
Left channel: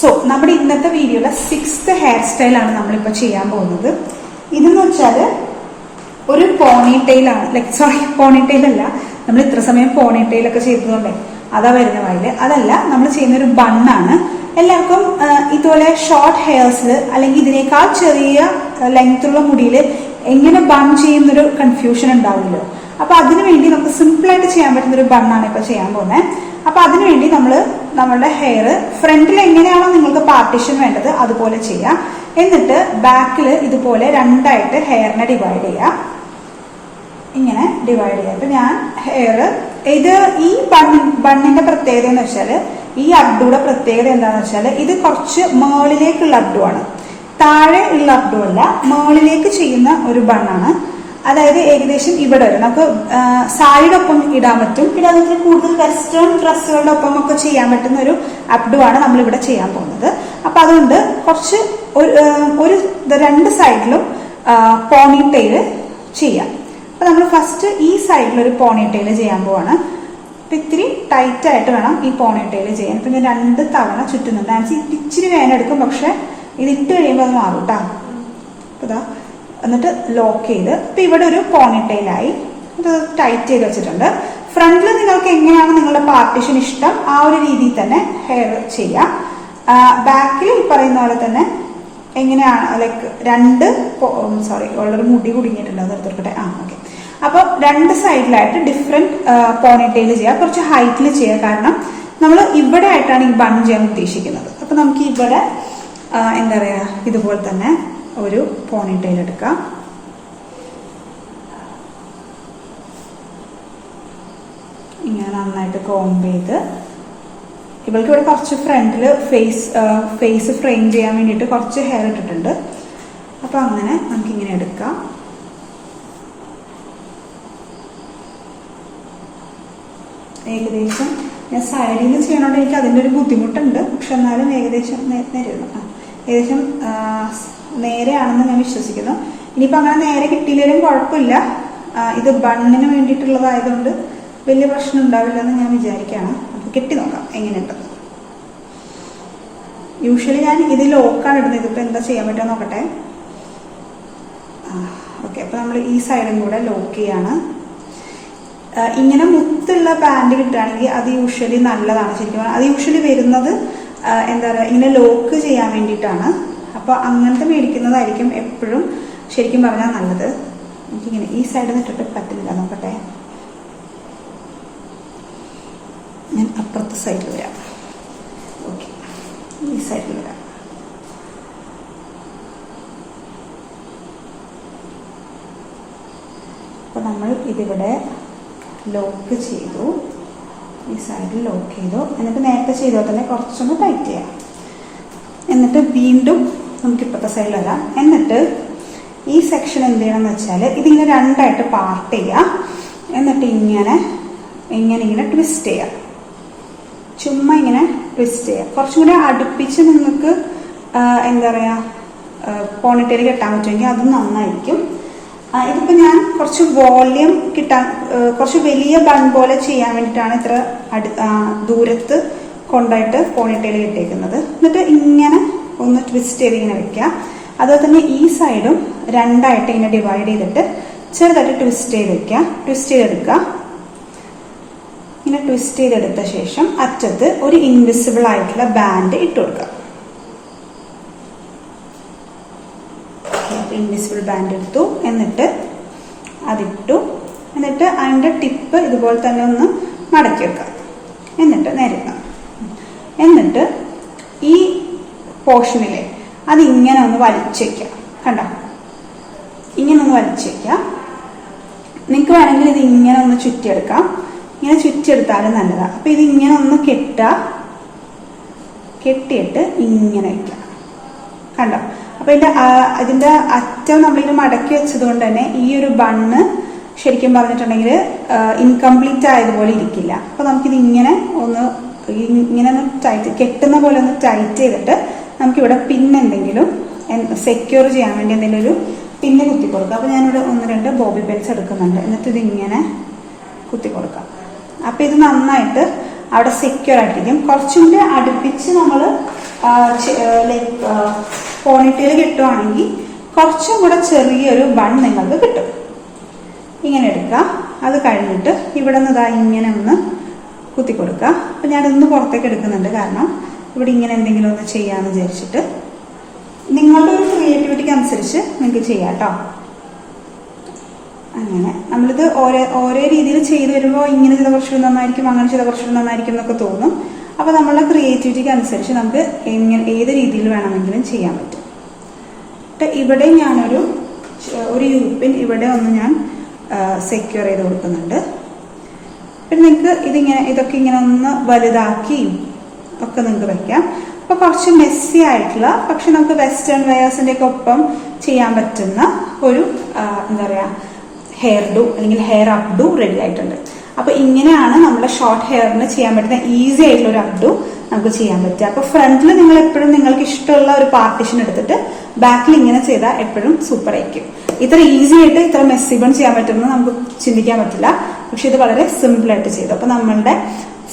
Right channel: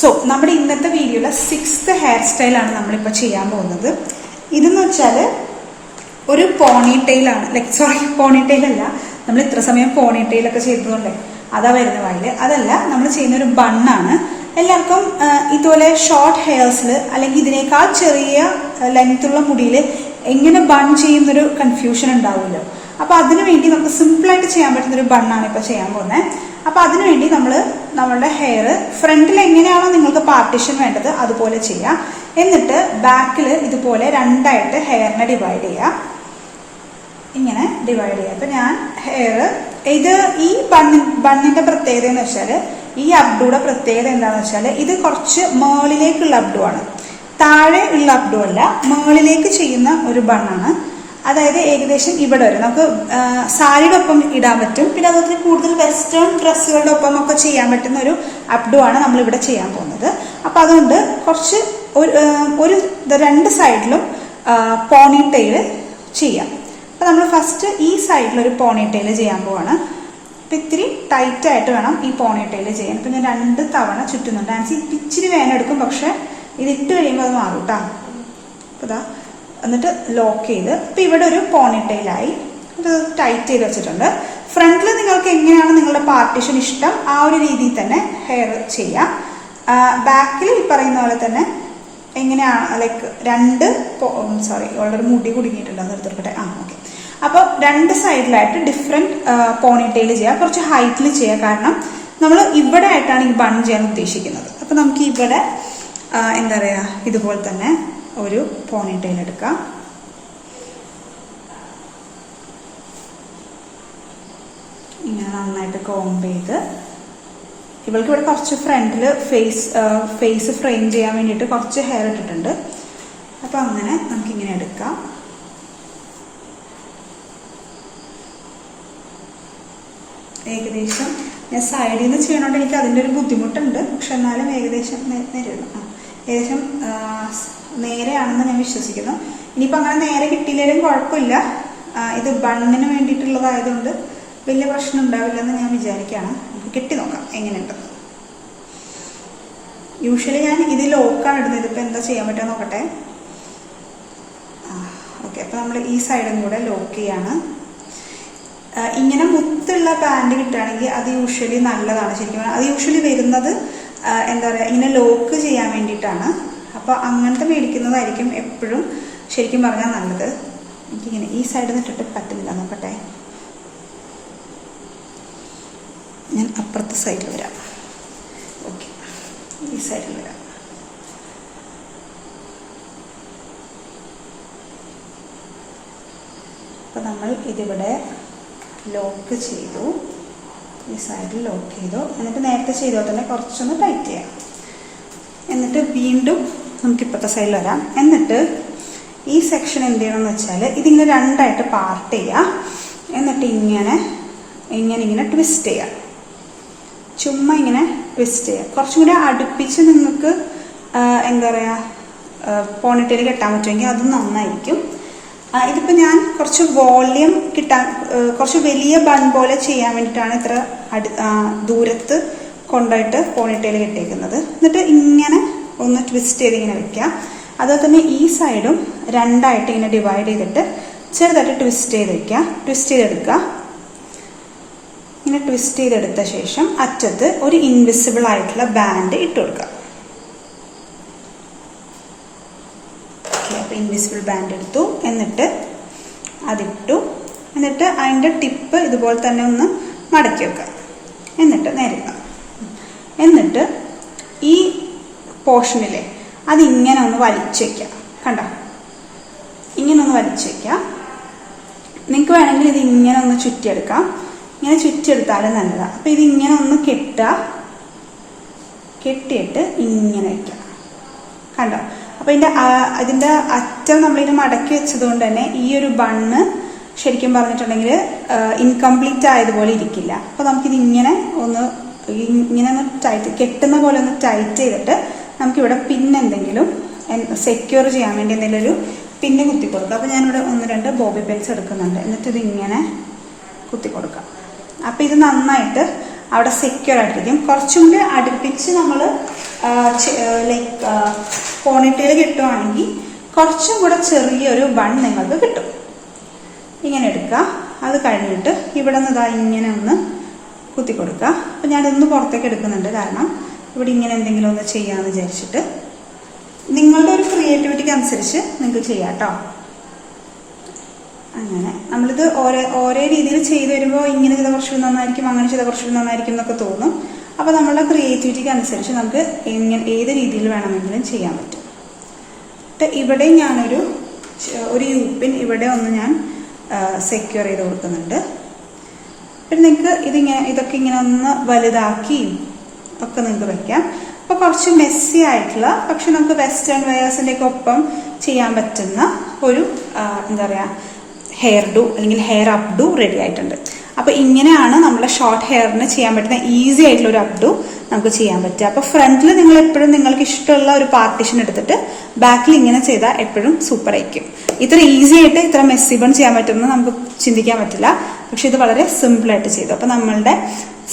സോ നമ്മുടെ ഇന്നത്തെ വീഡിയോയിലെ 6th ഹെയർ സ്റ്റൈലാണ് നമ്മളിപ്പോൾ ചെയ്യാൻ പോകുന്നത്. ഇതെന്ന് വെച്ചാൽ ഒരു പോണിടെയിലാണ്, ലൈക് സോറി പോണിടെയിൽ അല്ല, നമ്മൾ ഇത്ര സമയം പോണിടെയിലൊക്കെ ചെയ്തതുകൊണ്ടേ അതാ വരുന്ന വായില്. അതല്ല, നമ്മൾ ചെയ്യുന്ന ഒരു ബണ്ണാണ്. എല്ലാവർക്കും ഇതുപോലെ ഷോർട്ട് ഹെയർസിൽ അല്ലെങ്കിൽ ഇതിനേക്കാൾ ചെറിയ ലെങ്ത്തുള്ള മുടിയിൽ എങ്ങനെ ബൺ ചെയ്യുന്നൊരു കൺഫ്യൂഷൻ ഉണ്ടാവില്ലോ. അപ്പൊ അതിനുവേണ്ടി നമുക്ക് സിമ്പിളായിട്ട് ചെയ്യാൻ പറ്റുന്ന ഒരു ബണ്ണാണ് ഇപ്പൊ ചെയ്യാൻ പോകുന്നത്. അപ്പൊ അതിനുവേണ്ടി നമ്മളുടെ ഹെയർ ഫ്രണ്ടിൽ എങ്ങനെയാണോ നിങ്ങൾക്ക് പാർട്ടീഷൻ വേണ്ടത് അതുപോലെ ചെയ്യാം. എന്നിട്ട് ബാക്കിൽ ഇതുപോലെ രണ്ടായിട്ട് ഹെയറിനെ ഡിവൈഡ് ചെയ്യാം. ഇങ്ങനെ ഡിവൈഡ് ചെയ്യാം. അപ്പൊ ഞാൻ ഹെയർ ഈ ബണ്ണിന്റെ പ്രത്യേകത എന്ന് വെച്ചാൽ, ഈ അബ്ഡുയുടെ പ്രത്യേകത എന്താണെന്ന് വെച്ചാൽ, ഇത് കുറച്ച് മുകളിലേക്കുള്ള അബ്ഡു ആണ്, താഴെ ഉള്ള അബ്ഡു അല്ല, മുകളിലേക്ക് ചെയ്യുന്ന ഒരു ബണ്ണാണ്. അതായത് ഏകദേശം ഇവിടെ വരെ നമുക്ക് സാരിയുടെ ഒപ്പം ഇടാൻ പറ്റും. പിന്നെ അതുപോലെ കൂടുതൽ വെസ്റ്റേൺ ഡ്രസ്സുകളുടെ ഒപ്പം ഒക്കെ ചെയ്യാൻ പറ്റുന്ന ഒരു അബ്ഡു ആണ് നമ്മൾ ഇവിടെ ചെയ്യാൻ പോകുന്നത്. അപ്പൊ അതുകൊണ്ട് കുറച്ച് ഒരു രണ്ട് സൈഡിലും പോണിടെയിൽ ചെയ്യാം. അപ്പൊ നമ്മൾ ഫസ്റ്റ് ഈ സൈഡിൽ ഒരു പോണിടെയിൽ ചെയ്യാൻ പോവാണ്. അപ്പൊ ഇത്തിരി ടൈറ്റ് ആയിട്ട് വേണം ഈ പോണിടെയിൽ ചെയ്യാൻ. ഇപ്പൊ ഞാൻ 2 തവണ ചുറ്റുന്നുണ്ട്. ആൻസി ഇച്ചിരി വേനെടുക്കും, പക്ഷെ ഇത് ഇട്ട് കഴിയുമ്പോൾ അത് മാറും കേട്ടോ. അപ്പൊ ഇതാ എന്നിട്ട് ലോക്ക് ചെയ്ത് ഇപ്പൊ ഇവിടെ ഒരു പോണിടെയിലായി. ഇത് ടൈറ്റ് ചെയ്ത് വെച്ചിട്ടുണ്ട്. ഫ്രണ്ടിൽ നിങ്ങൾക്ക് എങ്ങനെയാണ് നിങ്ങളുടെ പാർട്ടീഷൻ ഇഷ്ടം ആ ഒരു രീതിയിൽ തന്നെ ഹെയർ ചെയ്യാം. ബാക്കിൽ ഈ പറയുന്ന പോലെ തന്നെ എങ്ങനെയാണ്, ലൈക്ക് ഓൾറെഡി മുടി കുടുങ്ങിയിട്ടുണ്ട്, അത് എടുത്തിട്ടെ. ഓക്കെ. അപ്പൊ രണ്ട് സൈഡിലായിട്ട് ഡിഫറെന്റ് പോണിടെയിൽ ചെയ്യാം. കുറച്ച് ഹൈറ്റിൽ ചെയ്യാം, കാരണം നമ്മൾ ഇവിടെ ആയിട്ടാണ് ഈ ബൺ ചെയ്യാൻ ഉദ്ദേശിക്കുന്നത്. അപ്പൊ നമുക്ക് ഇവിടെ എന്താ പറയാ, ഇതുപോലെ തന്നെ ഒരു പോണിടെയിൽ എടുക്കാം. ഇങ്ങനെ നന്നായിട്ട് കോംബ് ചെയ്ത്, ഇവൾക്ക് ഇവിടെ കുറച്ച് ഫ്രണ്ടിൽ ഫേസ് ഫ്രെയിം ചെയ്യാൻ വേണ്ടിയിട്ട് കുറച്ച് ഹെയർ ഇട്ടിട്ടുണ്ട്. അപ്പൊ അങ്ങനെ നമുക്കിങ്ങനെ എടുക്കാം. ഏകദേശം ഞാൻ സൈഡിൽ നിന്ന് ചെയ്യണോണ്ട് എനിക്ക് അതിൻ്റെ ഒരു ബുദ്ധിമുട്ടുണ്ട്, പക്ഷെ എന്നാലും ഏകദേശം ഏകദേശം നേരെയാണെന്ന് ഞാൻ വിശ്വസിക്കുന്നു. ഇനിയിപ്പോൾ അങ്ങനെ നേരെ കിട്ടിയില്ലെങ്കിലും കുഴപ്പമില്ല. ഇത് ബണ്ണിന് വേണ്ടിയിട്ടുള്ളതായതുകൊണ്ട് വലിയ പ്രശ്നം ഉണ്ടാവില്ലെന്ന് ഞാൻ വിചാരിക്കുകയാണ്. നമുക്ക് കെട്ടി നോക്കാം എങ്ങനെയുണ്ട്. യൂഷ്വലി ഞാൻ ഇത് ലോക്കാണ് ഇടുന്നത്. ഇതിപ്പോൾ എന്താ ചെയ്യാൻ പറ്റുക നോക്കട്ടെ. ഓക്കെ. അപ്പോൾ നമ്മൾ ഈ സൈഡും കൂടെ ലോക്ക് ചെയ്യാണ്. ഇങ്ങനെ മുത്തുള്ള ബാൻഡ് കിട്ടുകയാണെങ്കിൽ അത് യൂഷ്വലി നല്ലതാണ്. ശരിക്കും അത് യൂഷ്വലി വരുന്നത് എന്താ പറയുക, ഇങ്ങനെ ലോക്ക് ചെയ്യാൻ വേണ്ടിയിട്ടാണ്. അപ്പൊ അങ്ങനത്തെ മേടിക്കുന്നതായിരിക്കും എപ്പോഴും ശരിക്കും പറഞ്ഞാൽ നല്ലത്. എനിക്കിങ്ങനെ ഈ സൈഡിൽ നിന്നിട്ട് പറ്റില്ല, നോക്കട്ടെ. ഞാൻ അപ്പുറത്തെ സൈഡിൽ വരാം. ഓക്കെ, ഈ സൈഡിൽ വരാം. അപ്പൊ നമ്മൾ ഇതിവിടെ ലോക്ക് ചെയ്തു, ഈ സൈഡിൽ ലോക്ക് ചെയ്തു. എന്നിട്ട് നേരത്തെ ചെയ്തോ തന്നെ കുറച്ചൊന്ന് ടൈറ്റ് ചെയ്യാം. എന്നിട്ട് വീണ്ടും നമുക്ക് ഇപ്പോഴത്തെ സൈഡിൽ വരാം. എന്നിട്ട് ഈ സെക്ഷൻ എന്ത് ചെയ്യണം എന്ന് വെച്ചാൽ, ഇതിങ്ങനെ രണ്ടായിട്ട് പാർട്ട് ചെയ്യാം. എന്നിട്ട് ഇങ്ങനെ ട്വിസ്റ്റ് ചെയ്യാം. ചുമ്മാ ഇങ്ങനെ ട്വിസ്റ്റ് ചെയ്യാം. കുറച്ചും കൂടെ അടുപ്പിച്ച് നിങ്ങൾക്ക് എന്താ പറയാ പോണിടെയിൽ കെട്ടാൻ പറ്റുമെങ്കിൽ അത് നന്നായിരിക്കും. ഇതിപ്പോ ഞാൻ കുറച്ച് വോള്യൂം കിട്ടാൻ, കുറച്ച് വലിയ ബൺ പോലെ ചെയ്യാൻ വേണ്ടിയിട്ടാണ് ഇത്ര ദൂരത്ത് കൊണ്ടായിട്ട് പോണിടെയിൽ കെട്ടിയേക്കുന്നത്. എന്നിട്ട് ഇങ്ങനെ ഒന്ന് ട്വിസ്റ്റ് ചെയ്ത് ഇങ്ങനെ വെക്കാം. അതുപോലെ തന്നെ ഈ സൈഡും രണ്ടായിട്ട് ഇങ്ങനെ ഡിവൈഡ് ചെയ്തിട്ട് ചെറുതായിട്ട് ട്വിസ്റ്റ് ചെയ്ത് വെക്കാം. ട്വിസ്റ്റ് ചെയ്തെടുക്കുക. ഇങ്ങനെ ട്വിസ്റ്റ് ചെയ്തെടുത്ത ശേഷം അറ്റത്ത് ഒരു ഇൻവിസിബിൾ ആയിട്ടുള്ള ബാൻഡ് ഇട്ട് കൊടുക്കുക. അപ്പൊ ഇൻവിസിബിൾ ബാൻഡ് എടുത്തു. എന്നിട്ട് അതിട്ടു. എന്നിട്ട് അതിന്റെ ടിപ്പ് ഇതുപോലെ തന്നെ ഒന്ന് മടക്കി വെക്കുക. എന്നിട്ട് നേരെ എന്നിട്ട് ഈ പോർഷനിലെ അതിങ്ങനെ ഒന്ന് വലിച്ചേക്കാം. കണ്ടോ, ഇങ്ങനെ ഒന്ന് വലിച്ചേക്കാം. നിങ്ങൾക്ക് വേണമെങ്കിൽ ഇത് ഇങ്ങനെ ഒന്ന് ചുറ്റിയെടുക്കാം. ഇങ്ങനെ ചുറ്റിയെടുത്താലും നല്ലതാണ്. അപ്പൊ ഇത് ഇങ്ങനെ ഒന്ന് കെട്ടിയിട്ട് ഇങ്ങനെ വയ്ക്കാം. കണ്ടോ, അപ്പൊ ഇതിന്റെ അറ്റം നമ്മളിത് മടക്കി വെച്ചത് കൊണ്ട് തന്നെ ഈ ഒരു ബണ്ണ് ശരിക്കും പറഞ്ഞിട്ടുണ്ടെങ്കിൽ ഇൻകംപ്ലീറ്റ് ആയതുപോലെ ഇരിക്കില്ല. അപ്പൊ നമുക്കിത് ഇങ്ങനെ ഒന്ന് ടൈറ്റ്, കെട്ടുന്ന പോലെ ഒന്ന് ടൈറ്റ് ചെയ്തിട്ട് നമുക്കിവിടെ പിന്നെന്തെങ്കിലും സെക്യൂർ ചെയ്യാൻ വേണ്ടി എന്തെങ്കിലും ഒരു പിന്നെ കുത്തി കൊടുക്കുക. അപ്പൊ ഞാനിവിടെ 1-2 ബോബി പെൻസ് എടുക്കുന്നുണ്ട്. എന്നിട്ട് ഇതിങ്ങനെ കുത്തി കൊടുക്കാം. അപ്പൊ ഇത് നന്നായിട്ട് അവിടെ സെക്യൂർ ആയിട്ടിരിക്കും. കുറച്ചും കൂടി അടുപ്പിച്ച് നമ്മൾ ലൈക്ക് പോണിറ്റെയിൽ കിട്ടുവാണെങ്കിൽ കുറച്ചും കൂടെ ചെറിയൊരു ബൺ നിങ്ങൾക്ക് കിട്ടും. ഇങ്ങനെ എടുക്കുക. അത് കഴിഞ്ഞിട്ട് ഇവിടെ നിന്ന് ഇതാ ഇങ്ങനെ ഒന്ന് കുത്തി കൊടുക്കുക. അപ്പൊ ഞാനിതൊന്ന് പുറത്തേക്ക് എടുക്കുന്നുണ്ട്, കാരണം ഇവിടെ ഇങ്ങനെ എന്തെങ്കിലും ഒന്ന് ചെയ്യാന്ന് വിചാരിച്ചിട്ട്. നിങ്ങളുടെ ഒരു ക്രിയേറ്റിവിറ്റിക്ക് അനുസരിച്ച് നിങ്ങൾക്ക് ചെയ്യാം കേട്ടോ. അങ്ങനെ നമ്മളിത് ഓരോ രീതിയിൽ ചെയ്ത് വരുമ്പോൾ ഇങ്ങനെ ചെയ്ത കുറച്ചുകൂടി നന്നായിരിക്കും, അങ്ങനെ ചെയ്ത കുറച്ചുകൂടി നന്നായിരിക്കും എന്നൊക്കെ തോന്നും. അപ്പൊ നമ്മളുടെ ക്രിയേറ്റിവിറ്റിക്ക് അനുസരിച്ച് നമുക്ക് ഏത് രീതിയിൽ വേണമെങ്കിലും ചെയ്യാൻ പറ്റും. ഇവിടെ ഞാനൊരു യൂപ്പിൻ ഇവിടെ ഒന്ന് ഞാൻ സെക്യൂർ ചെയ്ത് കൊടുക്കുന്നുണ്ട്. പിന്നെ നിങ്ങൾക്ക് ഇതൊക്കെ ഇങ്ങനെ ഒന്ന് വലുതാക്കി ഒക്കെ നിങ്ങൾക്ക് വെക്കാം. അപ്പൊ കുറച്ച് മെസ്സി ആയിട്ടുള്ള, പക്ഷെ നമുക്ക് വെസ്റ്റേൺ വെയേഴ്സിന്റെ ഒക്കെ ഒപ്പം ചെയ്യാൻ പറ്റുന്ന ഒരു എന്താ പറയാ ഹെയർ ഡു അല്ലെങ്കിൽ ഹെയർ അപ്ഡു റെഡി ആയിട്ടുണ്ട്. അപ്പൊ ഇങ്ങനെയാണ് നമ്മുടെ ഷോർട്ട് ഹെയറിന് ചെയ്യാൻ പറ്റുന്ന ഈസി ആയിട്ടുള്ള ഒരു അപ്ഡു നമുക്ക് ചെയ്യാൻ പറ്റുക. അപ്പൊ ഫ്രണ്ടിൽ നിങ്ങൾ എപ്പോഴും നിങ്ങൾക്ക് ഇഷ്ടമുള്ള ഒരു പാർട്ടീഷൻ എടുത്തിട്ട് ബാക്കിൽ ഇങ്ങനെ ചെയ്താൽ എപ്പോഴും സൂപ്പർ ആയിരിക്കും. ഇത്ര ഈസി ആയിട്ട് ഇത്ര മെസ്സി ബൺ ചെയ്യാൻ പറ്റുമെന്ന് നമുക്ക് ചിന്തിക്കാൻ പറ്റില്ല, പക്ഷെ ഇത് വളരെ സിമ്പിൾ ആയിട്ട് ചെയ്തു. അപ്പൊ നമ്മളുടെ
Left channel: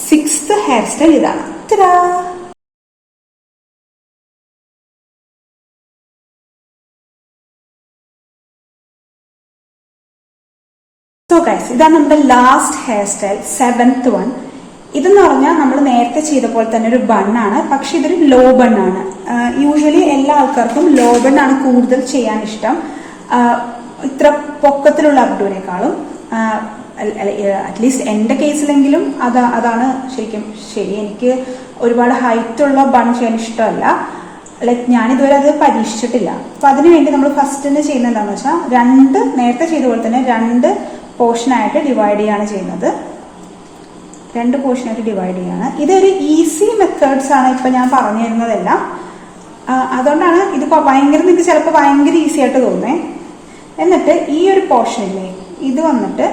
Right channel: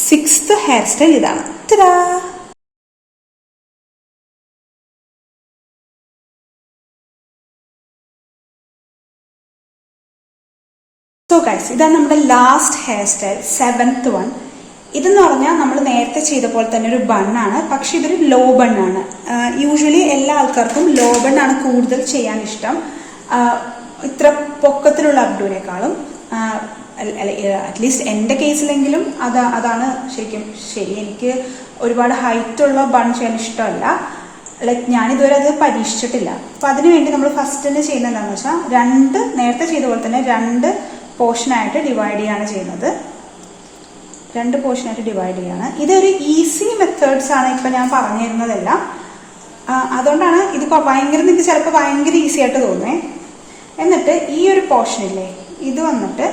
6th ഹെയർ സ്റ്റൈൽ ഇതാണ്. സോ ഗൈസ്, ഇതാണ് നമ്മുടെ last hair style, 7th one. ഇതെന്ന് പറഞ്ഞാൽ നമ്മൾ നേരത്തെ ചെയ്ത പോലെ തന്നെ ഒരു ബണ്ണാണ്, പക്ഷെ ഇതൊരു ലോ ബണ്ണാണ്. യൂഷ്വലി എല്ലാ ആൾക്കാർക്കും ലോ ബണ്ണാണ് കൂടുതൽ ചെയ്യാൻ ഇഷ്ടം, ഇത്ര പൊക്കത്തിലുള്ള അബ്ഡുവിനേക്കാളും. അറ്റ്ലീസ്റ്റ് എന്റെ കേസിലെങ്കിലും അതാണ് ശരിക്കും ശരി. എനിക്ക് ഒരുപാട് ഹൈറ്റ് ഉള്ള ബൺ ചെയ്യാൻ ഇഷ്ടമല്ല. ലൈക്ക് ഞാനിതുവരെ അത് പരീക്ഷിച്ചിട്ടില്ല. അപ്പൊ അതിനുവേണ്ടി നമ്മൾ ഫസ്റ്റ് തന്നെ ചെയ്യുന്നത് എന്താണെന്ന് വെച്ചാൽ നേരത്തെ ചെയ്ത പോലെ തന്നെ 2 പോർഷനായിട്ട് ഡിവൈഡ് ചെയ്യാണ് ചെയ്യുന്നത്. 2 പോർഷനായിട്ട് ഡിവൈഡ് ചെയ്യാണ്. ഇതൊരു ഈസി മെത്തേഡ്സ് ആണ് ഇപ്പൊ ഞാൻ പറഞ്ഞു തരുന്നതെല്ലാം. അതുകൊണ്ടാണ് ഇത് നിങ്ങൾക്ക് ചിലപ്പോൾ ഭയങ്കര ഈസി ആയിട്ട് തോന്നേ. എന്നിട്ട് ഈ ഒരു പോർഷനില്ലേ, ഇത് വന്നിട്ട്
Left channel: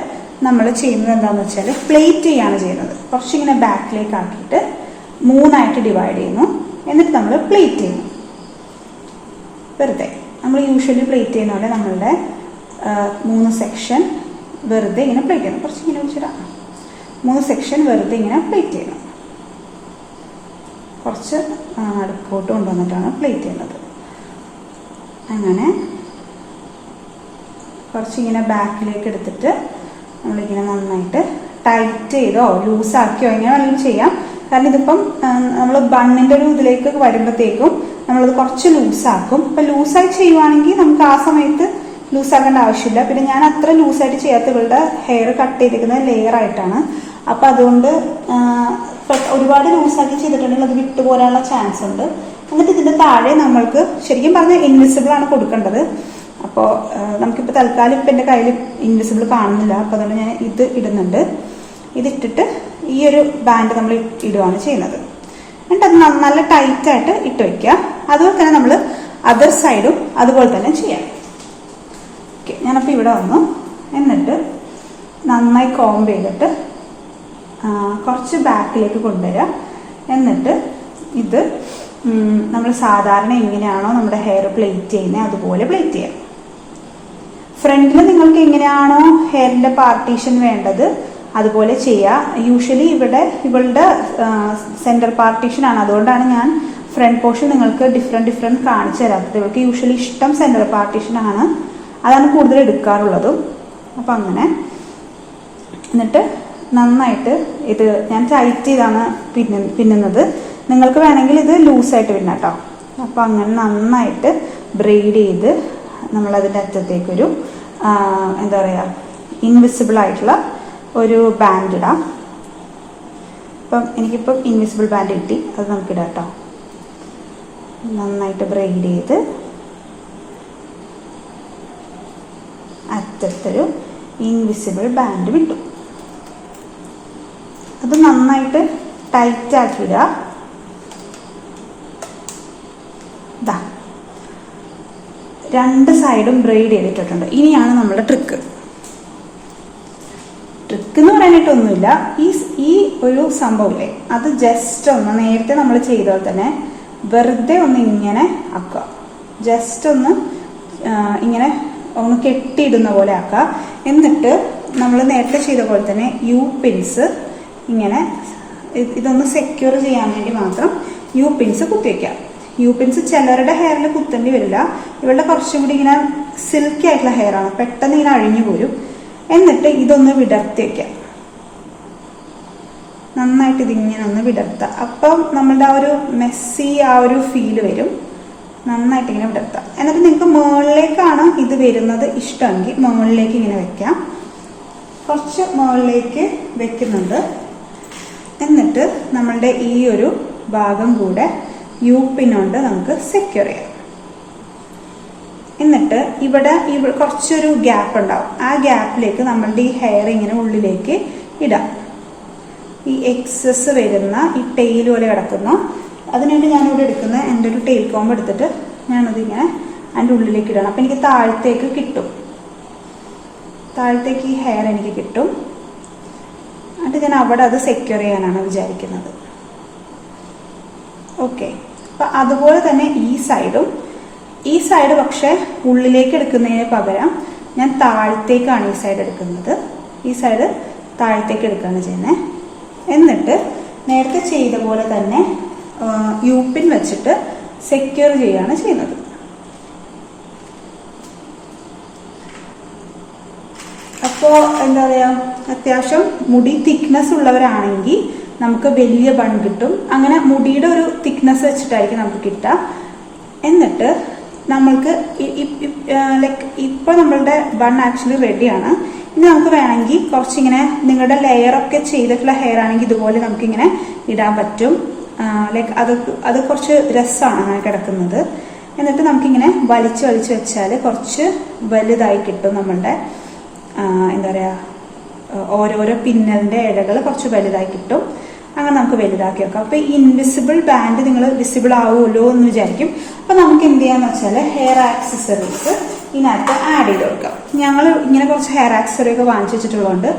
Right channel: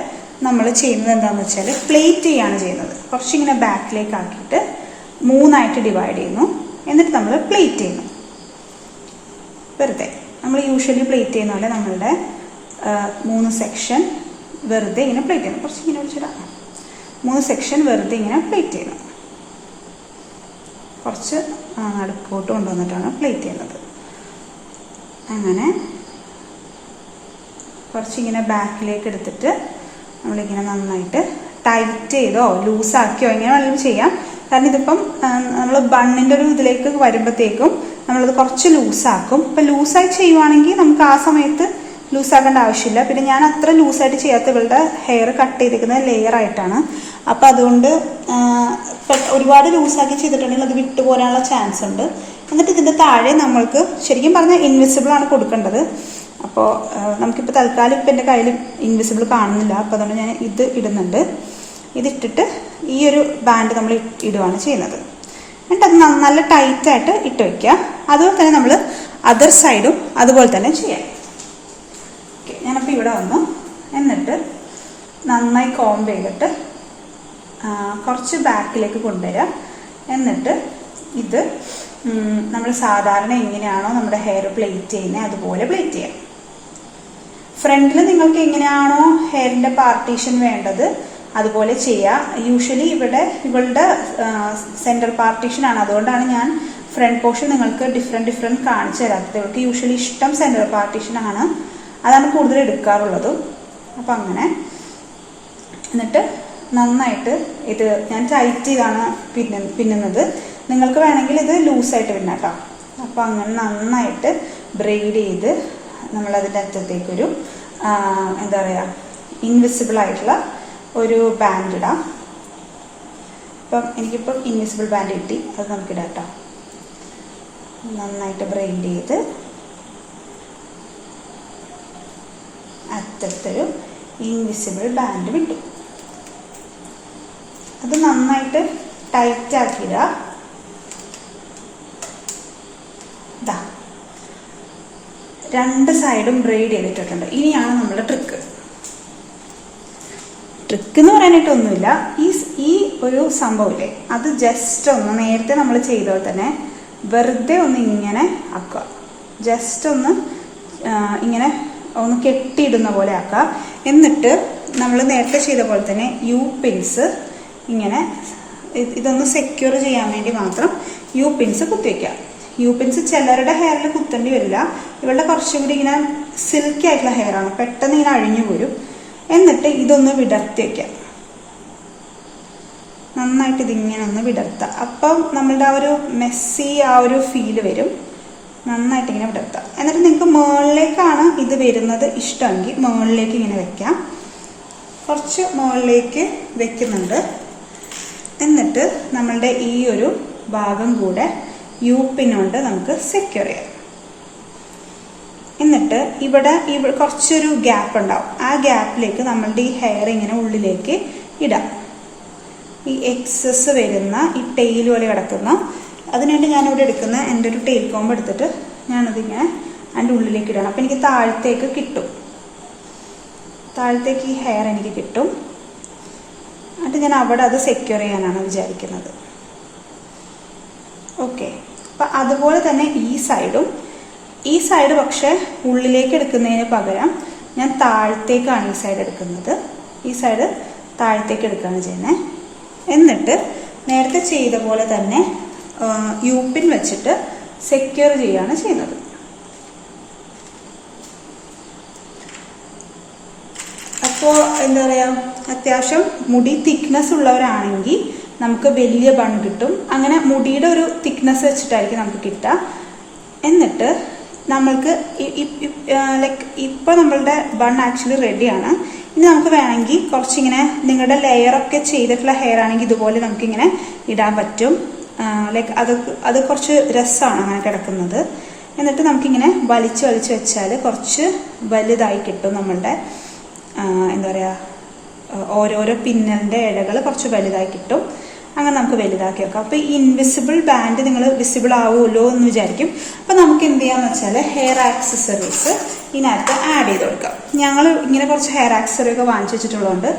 നമ്മൾ ചെയ്യുന്നത് എന്താണെന്ന് വെച്ചാൽ പ്ലേറ്റ് ചെയ്യാണ് ചെയ്യുന്നത്. കുറച്ചിങ്ങനെ ബാക്കിലേക്ക് ആക്കിയിട്ട് 3ആയിട്ട് ഡിവൈഡ് ചെയ്യുന്നു. എന്നിട്ട് നമ്മൾ പ്ലേറ്റ് ചെയ്യുന്നു. വെറുതെ നമ്മൾ യൂഷ്വലി പ്ലേറ്റ് ചെയ്യുന്ന പോലെ നമ്മളുടെ 3 സെക്ഷൻ വെറുതെ ഇങ്ങനെ പ്ലേറ്റ് ചെയ്യുന്നു. കുറച്ചിങ്ങനെ വെച്ചിടാം. 3 സെക്ഷൻ വെറുതെ ഇങ്ങനെ പ്ലേറ്റ് ചെയ്യുന്നു. കുറച്ച് നടുക്കോട്ട് കൊണ്ടുവന്നിട്ടാണ് പ്ലേറ്റ് ചെയ്യുന്നത്. അങ്ങനെ കുറച്ചിങ്ങനെ ബാക്കിലേക്ക് എടുത്തിട്ട് നമ്മളിങ്ങനെ നന്നായിട്ട് ടൈറ്റ് ചെയ്തോ ലൂസാക്കിയോ എങ്ങനെ വേണമെങ്കിലും ചെയ്യാം. കാരണം ഇതിപ്പം നമ്മൾ ബണ്ണിന്റെ ഒരു ഇതിലേക്ക് വരുമ്പോഴത്തേക്കും നമ്മളത് കുറച്ച് ലൂസാക്കും. ഇപ്പൊ ലൂസായി ചെയ്യുവാണെങ്കിൽ നമുക്ക് ആ സമയത്ത് ലൂസാക്കേണ്ട ആവശ്യമില്ല. പിന്നെ ഞാൻ അത്ര ലൂസായിട്ട് ചെയ്യാത്ത ഇവളുടെ ഹെയർ കട്ട് ചെയ്തിരിക്കുന്നത് ലെയർ ആയിട്ടാണ്. അപ്പൊ അതുകൊണ്ട് ഒരുപാട് ലൂസാക്കി ചെയ്തിട്ടുണ്ടെങ്കിൽ അത് വിട്ടുപോരാനുള്ള ചാൻസ് ഉണ്ട്. എന്നിട്ട് ഇതിന്റെ താഴെ നമ്മൾക്ക് ശരിക്കും പറഞ്ഞാൽ ഇൻവിസിബിൾ ആണ് കൊടുക്കേണ്ടത്. അപ്പോൾ നമുക്കിപ്പോൾ തൽക്കാലം ഇപ്പം എൻ്റെ കയ്യിൽ ഇൻവിസിബിൾ കാണുന്നില്ല. അപ്പോൾ അതുകൊണ്ട് ഞാൻ ഇത് ഇടുന്നുണ്ട്. ഇതിട്ടിട്ട് ഈ ഒരു ബാൻഡ് നമ്മൾ ഇടുകയാണ് ചെയ്യുന്നത്. എന്നിട്ട് അത് നല്ല ടൈറ്റായിട്ട് ഇട്ട് വയ്ക്കുക. അതുപോലെ തന്നെ നമ്മൾ അതർ സൈഡും അതുപോലെ തന്നെ ചെയ്യാം. ഓക്കെ, ഞാനപ്പോൾ ഇവിടെ വന്നു. എന്നിട്ട് നന്നായി കോംബ് ചെയ്തിട്ട് കുറച്ച് ബാക്കിലേക്ക് കൊണ്ടുവരിക. എന്നിട്ട് ഇത് നമ്മൾ സാധാരണ എങ്ങനെയാണോ നമ്മുടെ ഹെയർ പ്ലേറ്റ് ചെയ്യുന്നത് അതുപോലെ പ്ലേറ്റ് ചെയ്യാം. ഫ്രണ്ടിൽ നിങ്ങൾക്ക് എങ്ങനെയാണോ ഹെയറിന്റെ പാർട്ടീഷൻ വേണ്ടത് അതുപോലെ ചെയ്യാം. യൂഷ്വലി ഇവളുടെ സെന്റർ പാർട്ടീഷൻ ആണ്. അതുകൊണ്ടാണ് ഞാൻ ഫ്രണ്ട് പോർഷൻ നിങ്ങൾക്ക് ഡിഫറെന്റ് കാണിച്ചു തരാത്തത്. ഇവൾക്ക് യൂഷ്വലി ഇഷ്ടം സെന്റർ പാർട്ടീഷൻ ആണ്. അതാണ് കൂടുതൽ എടുക്കാറുള്ളതും. അപ്പൊ അങ്ങനെ എന്നിട്ട് നന്നായിട്ട് ഇത് ഞാൻ ടൈറ്റ് ചെയ്താണ് പിന്നുന്നത്. നിങ്ങൾക്ക് വേണമെങ്കിൽ ഇത് ലൂസായിട്ട് പിന്നാം കേട്ടോ. അപ്പൊ അങ്ങനെ നന്നായിട്ട് ബ്രെയ്ഡ് ചെയ്ത് നമ്മളതിൻ്റെ അറ്റത്തേക്കൊരു എന്താ പറയുക ഇൻവിസിബിൾ ആയിട്ടുള്ള ഒരു ബാൻഡ് ഇടാം. അപ്പം എനിക്കിപ്പം ഇൻവിസിബിൾ ബാൻഡ് കിട്ടി, അത് നമുക്കിടാം കേട്ടോ. നന്നായിട്ട് ബ്രെയ്ഡ് ചെയ്ത് അറ്റത്തൊരു ഇൻവിസിബിൾ ബാൻഡ് വിട്ടു. അത് നന്നായിട്ട് ടൈറ്റ് ആക്കിയിടുക. ഇതാ 2 സൈഡും ബ്രെയ്ഡ് ചെയ്തിട്ടുണ്ട്. ഇനിയാണ് നമ്മുടെ ട്രിക്ക് എന്ന് പറയാനായിട്ടൊന്നുമില്ല. ഈ ഒരു സംഭവമില്ലേ, അത് ജസ്റ്റ് ഒന്ന് നേരത്തെ നമ്മൾ ചെയ്ത പോലെ തന്നെ വെറുതെ ഒന്ന് ഇങ്ങനെ ആക്കുക. ജസ്റ്റ് ഒന്ന് ഇങ്ങനെ ഒന്ന് കെട്ടിയിടുന്ന പോലെ ആക്കുക. എന്നിട്ട് നമ്മൾ നേരത്തെ ചെയ്ത പോലെ തന്നെ യു പിൻസ് ഇങ്ങനെ ഇതൊന്ന് സെക്യൂർ ചെയ്യാൻ വേണ്ടി മാത്രം യു പിൻസ് കുത്തിവെക്കാം. യു പിൻസ് ചിലരുടെ ഹെയറിൽ കുത്തേണ്ടി വരില്ല. ഇവളുടെ കുറച്ചും കൂടി ഇങ്ങനെ സിൽക്കി ആയിട്ടുള്ള ഹെയർ ആണ്, പെട്ടെന്ന് ഇങ്ങനെ അഴിഞ്ഞു പോരും. എന്നിട്ട് ഇതൊന്ന് വിടർത്തി വെക്കാം. നന്നായിട്ട് ഇതിങ്ങനെ ഒന്ന് വിടർത്താം. അപ്പം നമ്മളുടെ ആ ഒരു മെസ്സി ആ ഒരു ഫീല് വരും. നന്നായിട്ട് ഇങ്ങനെ വിടർത്താം. എന്നിട്ട് നിങ്ങൾക്ക് മുകളിലേക്കാണ് ഇത് വരുന്നത് ഇഷ്ടമെങ്കിൽ മുകളിലേക്ക് ഇങ്ങനെ വെക്കാം. കുറച്ച് മുകളിലേക്ക് വെക്കുന്നുണ്ട്. എന്നിട്ട് നമ്മളുടെ ഈ ഒരു ഭാഗം കൂടെ യു പിന്നോണ്ട് നമുക്ക് സെക്യൂർ ചെയ്യാം. എന്നിട്ട് ഇവിടെ കുറച്ചൊരു ഗ്യാപ്പ് ഉണ്ടാവും. ആ ഗ്യാപ്പിലേക്ക് നമ്മളുടെ ഈ ഹെയർ ഇങ്ങനെ ഉള്ളിലേക്ക് ഇടാം. ഈ എക്സസ് വരുന്ന ഈ ടെയിൽ പോലെ കിടക്കുന്ന, അതിനുവേണ്ടി ഞാനിവിടെ എടുക്കുന്ന എൻ്റെ ഒരു ടെയിൽ കോമ്പ് എടുത്തിട്ട് ഞാനതിങ്ങനെ അതിൻ്റെ ഉള്ളിലേക്ക് ഇടണം. അപ്പം എനിക്ക് താഴത്തേക്ക് കിട്ടും. താഴത്തേക്ക് ഈ ഹെയർ എനിക്ക് കിട്ടും. എന്നിട്ട് ഞാൻ അവിടെ അത് സെക്യൂർ ചെയ്യാനാണ് വിചാരിക്കുന്നത്. ഓക്കെ. അപ്പം അതുപോലെ തന്നെ ഈ സൈഡ് പക്ഷെ ഉള്ളിലേക്ക് എടുക്കുന്നതിന് പകരം ഞാൻ താഴത്തേക്കാണ് ഈ സൈഡ് എടുക്കുന്നത്. ഈ സൈഡ് താഴത്തേക്ക് എടുക്കുകയാണ് ചെയ്യുന്നത്. എന്നിട്ട് നേരത്തെ ചെയ്ത പോലെ തന്നെ യു പിൻ വെച്ചിട്ട് സെക്യൂർ ചെയ്യുകയാണ് ചെയ്യുന്നത്. അപ്പോൾ എന്താ പറയുക, അത്യാവശ്യം മുടി തിക്നെസ് ഉള്ളവരാണെങ്കിൽ നമുക്ക് വലിയ ബൺ കിട്ടും. അങ്ങനെ മുടിയുടെ ഒരു തിക്നെസ് വെച്ചിട്ടായിരിക്കും നമുക്ക് കിട്ടുക. എന്നിട്ട് നമ്മൾക്ക് ലൈക്ക് ഇപ്പോൾ നമ്മളുടെ ബൺ ആക്ച്വലി റെഡിയാണ്. ഇനി നമുക്ക് വേണമെങ്കിൽ കുറച്ചിങ്ങനെ നിങ്ങളുടെ ലെയറൊക്കെ ചെയ്തിട്ടുള്ള ഹെയർ ആണെങ്കിൽ ഇതുപോലെ നമുക്കിങ്ങനെ ഇടാൻ പറ്റും. ലൈക്ക് അത് കുറച്ച് രസമാണ് അങ്ങനെ കിടക്കുന്നത്. എന്നിട്ട് നമുക്കിങ്ങനെ വലിച്ച് വെച്ചാൽ കുറച്ച് വലുതായി കിട്ടും. നമ്മളുടെ എന്താ പറയുക, ഓരോരോ പിന്നലിൻ്റെ ഇഴകൾ കുറച്ച് വലുതായി കിട്ടും. അങ്ങനെ നമുക്ക് വലുതാക്കി വെക്കാം. അപ്പോൾ ഈ ഇൻവിസിബിൾ ബാൻഡ് നിങ്ങൾ വിസിബിൾ ആവുമല്ലോ എന്ന് വിചാരിക്കും. അപ്പം നമുക്ക് എന്ത് ചെയ്യാന്ന് വെച്ചാൽ ഹെയർ ആക്സസറീസ് ഇതിനകത്ത് ആഡ് ചെയ്ത് കൊടുക്കാം. ഞങ്ങൾ ഇങ്ങനെ കുറച്ച് ഹെയർ ആക്സസറി ഒക്കെ വാങ്ങിച്ചു വെച്ചിട്ടുള്ളതുകൊണ്ട്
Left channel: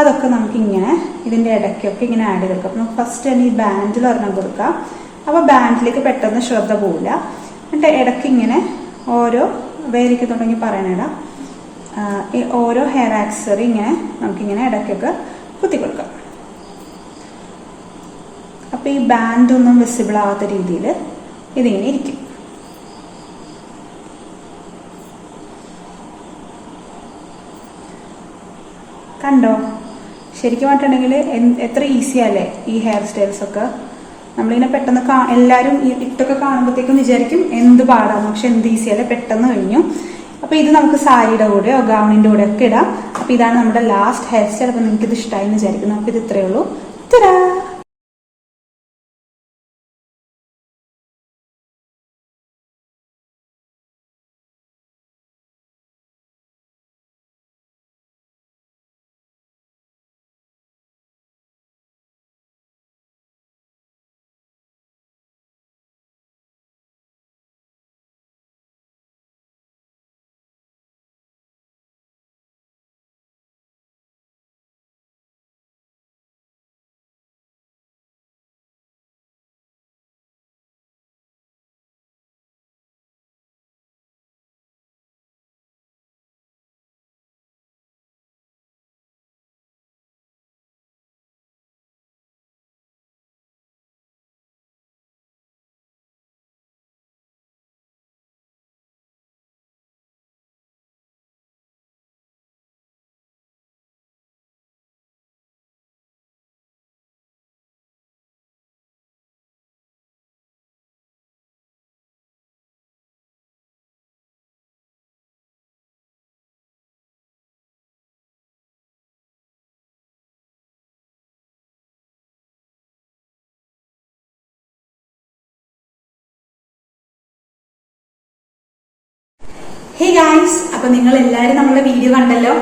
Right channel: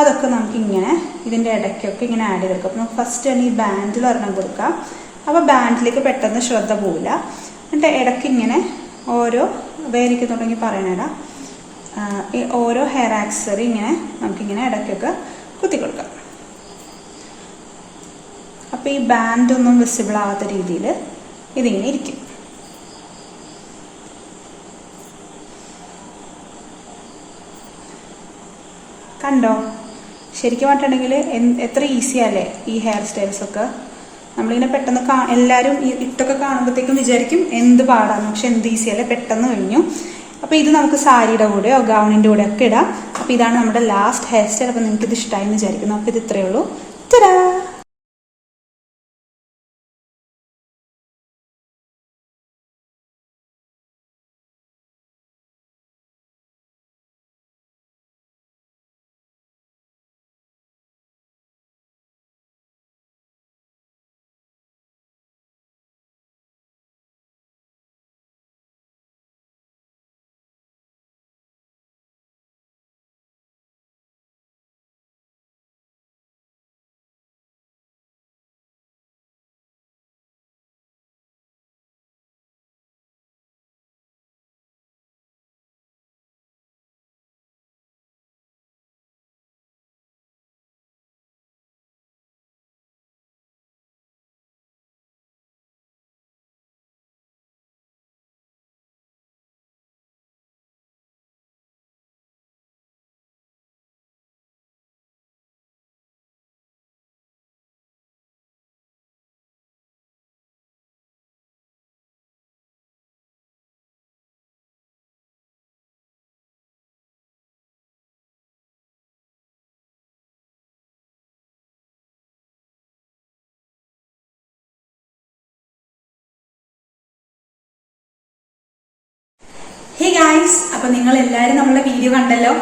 അതൊക്കെ നമുക്ക് ഇങ്ങനെ ഇതിൻ്റെ ഇടയ്ക്കൊക്കെ ഇങ്ങനെ ആഡ് ചെയ്ത് കൊടുക്കാം. നമുക്ക് ഫസ്റ്റ് തന്നെ ഈ ബാൻഡിൽ ഒരെണ്ണം കൊടുക്കാം. അപ്പോൾ ബാൻഡിലേക്ക് പെട്ടെന്ന് ശ്രദ്ധ പോവില്ല. എന്നിട്ട് ഇടയ്ക്ക് ഇങ്ങനെ ഓരോ വേരിക്കുന്നുണ്ടെങ്കിൽ പറയാനിടാം. ഈ ഓരോ ഹെയർ ആക്സസറി ഇങ്ങനെ നമുക്കിങ്ങനെ ഇടയ്ക്കൊക്കെ കുത്തി കൊടുക്കാം. അപ്പോൾ ഈ ബാൻഡ് ഒന്നും വിസിബിൾ ആവാത്ത രീതിയിൽ ഇതിങ്ങനെ ഇരിക്കും. കണ്ടോ? ശരിക്കും പറഞ്ഞിട്ടുണ്ടെങ്കിൽ എത്ര ഈസിയല്ലേ ഈ ഹെയർ സ്റ്റൈൽസ് ഒക്കെ. നമ്മളിങ്ങനെ പെട്ടെന്ന് എല്ലാവരും ഇട്ടൊക്കെ കാണുമ്പോഴത്തേക്കും വിചാരിക്കും എന്ത് പാടാണ്, പക്ഷെ എന്ത് ഈസിയല്ലേ, പെട്ടെന്ന് കഴിഞ്ഞു. അപ്പോൾ ഇത് നമുക്ക് സാരിയുടെ കൂടെയോ ഗൗണിൻ്റെ കൂടെ ഒക്കെ ഇടാം. അപ്പോൾ ഇതാണ് നമ്മുടെ ലാസ്റ്റ് ഹെയർ സ്റ്റൈൽ. അപ്പോൾ നിങ്ങൾക്ക് ഇത് ഇഷ്ടമായി എന്ന് വിചാരിക്കുന്നു. അപ്പോൾ ഇത് ഇത്രയേ ഉള്ളൂ. തരാ. ഹേ ഗായ്സ്, അപ്പൊ നിങ്ങൾ എല്ലാവരും നമ്മളുടെ വീഡിയോ കണ്ടല്ലോ.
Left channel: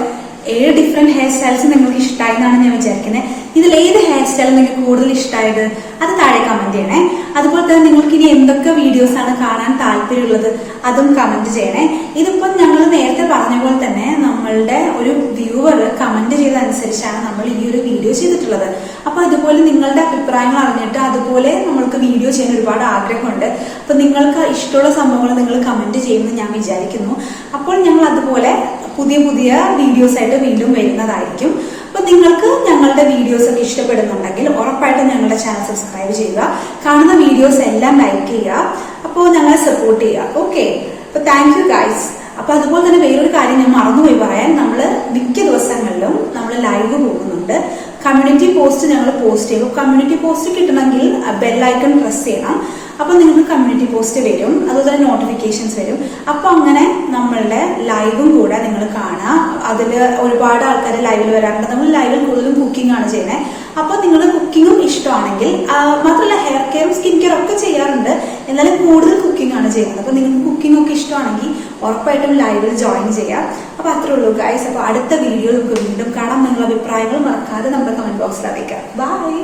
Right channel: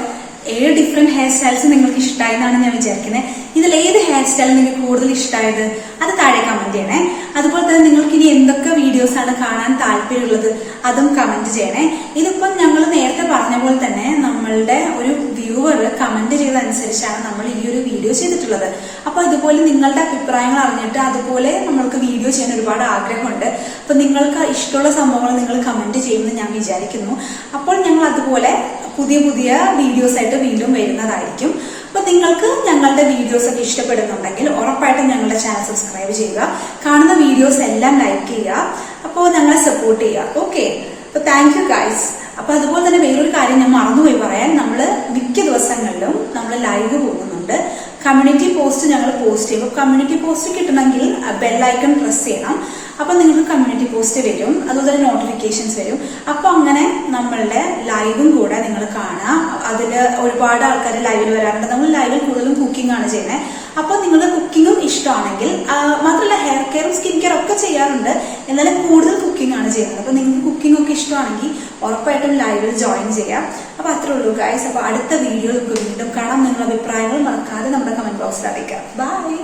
7 ഡിഫറെന്റ് ഹെയർ സ്റ്റൈൽസ് നിങ്ങൾക്ക് ഇഷ്ടമായി എന്നാണ് ഞാൻ വിചാരിക്കുന്നത്. ഇതിൽ ഏത് ഹെയർ സ്റ്റൈൽ നിങ്ങൾക്ക് കൂടുതൽ ഇഷ്ടമായത് അത് താഴെ കമന്റ് ചെയ്യണേ. അതുപോലെ തന്നെ നിങ്ങൾക്ക് ഇനി എന്തൊക്കെ വീഡിയോസ് ആണ് കാണാൻ താല്പര്യമുള്ളത് അതും കമന്റ് ചെയ്യണേ. ഇതിപ്പം ഞങ്ങൾ നേരത്തെ പറഞ്ഞ പോലെ തന്നെ നമ്മളുടെ ഒരു വ്യൂവർ കമന്റ് ചെയ്തതനുസരിച്ചാണ് നമ്മൾ ഈ ഒരു വീഡിയോ ചെയ്തിട്ടുള്ളത്. അപ്പൊ ഇതുപോലെ നിങ്ങളുടെ അഭിപ്രായങ്ങൾ അറിഞ്ഞിട്ട് അതുപോലെ നമ്മൾക്ക് വീഡിയോ ചെയ്യാൻ ഒരുപാട് ആഗ്രഹമുണ്ട്. അപ്പൊ നിങ്ങൾക്ക് ഇഷ്ടമുള്ള സംഭവങ്ങൾ നിങ്ങൾ കമന്റ് ചെയ്യുമെന്ന് ഞാൻ വിചാരിക്കുന്നു. അപ്പോൾ ഞങ്ങൾ അതുപോലെ പുതിയ വീഡിയോസ് ആയിട്ട് വീണ്ടും വരുന്നതായിരിക്കും. അപ്പൊ അപ്പൊ നിങ്ങൾക്ക് ഞങ്ങളുടെ വീഡിയോസ് ഒക്കെ ഇഷ്ടപ്പെടുന്നുണ്ടെങ്കിൽ ഉറപ്പായിട്ടും ഞങ്ങളുടെ ചാനൽ സബ്സ്ക്രൈബ് ചെയ്യുക, കാണുന്ന വീഡിയോസ് എല്ലാം ലൈക്ക് ചെയ്യുക, അപ്പോൾ ഞങ്ങളെ സപ്പോർട്ട് ചെയ്യുക. ഓക്കെ, അപ്പൊ താങ്ക് യു ഗൈസ്. അപ്പൊ അതുപോലെ തന്നെ വേറൊരു കാര്യം ഞാൻ മറന്നുപോയി പറയാൻ, നമ്മൾ മിക്ക ദിവസങ്ങളിലും നമ്മൾ ലൈവ് പോകുന്നുണ്ട്. കമ്മ്യൂണിറ്റി പോസ്റ്റ് ഞങ്ങൾ പോസ്റ്റ് ചെയ്യും. കമ്മ്യൂണിറ്റി പോസ്റ്റ് കിട്ടണമെങ്കിൽ ബെല്ലൈക്കൺ പ്രസ് ചെയ്യണം. അപ്പൊ നിങ്ങൾക്ക് കമ്മ്യൂണിറ്റി പോസ്റ്റ് വരും, അതുപോലെ തന്നെ നോട്ടിഫിക്കേഷൻസ് വരും. അപ്പൊ അങ്ങനെ നമ്മളുടെ ലൈവും കൂടെ നിങ്ങൾ കാണുക. അതിൽ ഒരുപാട് ആൾക്കാർ ലൈവിൽ വരാറുണ്ട്. നമ്മൾ ലൈവിൽ കൂടുതലും കുക്കിംഗ് ആണ് ചെയ്യുന്നത്. അപ്പൊ നിങ്ങൾക്ക് കുക്കിങ്ങും ഇഷ്ടമാണെങ്കിൽ, മാത്രമല്ല ഹെയർ കെയറും സ്കിൻ കെയർ ഒക്കെ ചെയ്യാറുണ്ട്, എന്നാലും കൂടുതൽ കുക്കിംഗ് ആണ് ചെയ്യുന്നത്. അപ്പൊ നിങ്ങൾക്ക് കുക്കിംഗ് ഒക്കെ ഇഷ്ടമാണെങ്കിൽ ഉറപ്പായിട്ടും ലൈവിൽ ജോയിൻ ചെയ്യാം. അപ്പൊ അത്രേ ഉള്ളൂ ഗൈസ്. അപ്പൊ അടുത്ത വീഡിയോ നമുക്ക് വീണ്ടും കാണാം. നിങ്ങളുടെ അഭിപ്രായങ്ങൾ മറക്കാതെ നമ്മുടെ കമന്റ് ബോക്സിൽ അറിയിക്കാം. ബൈ.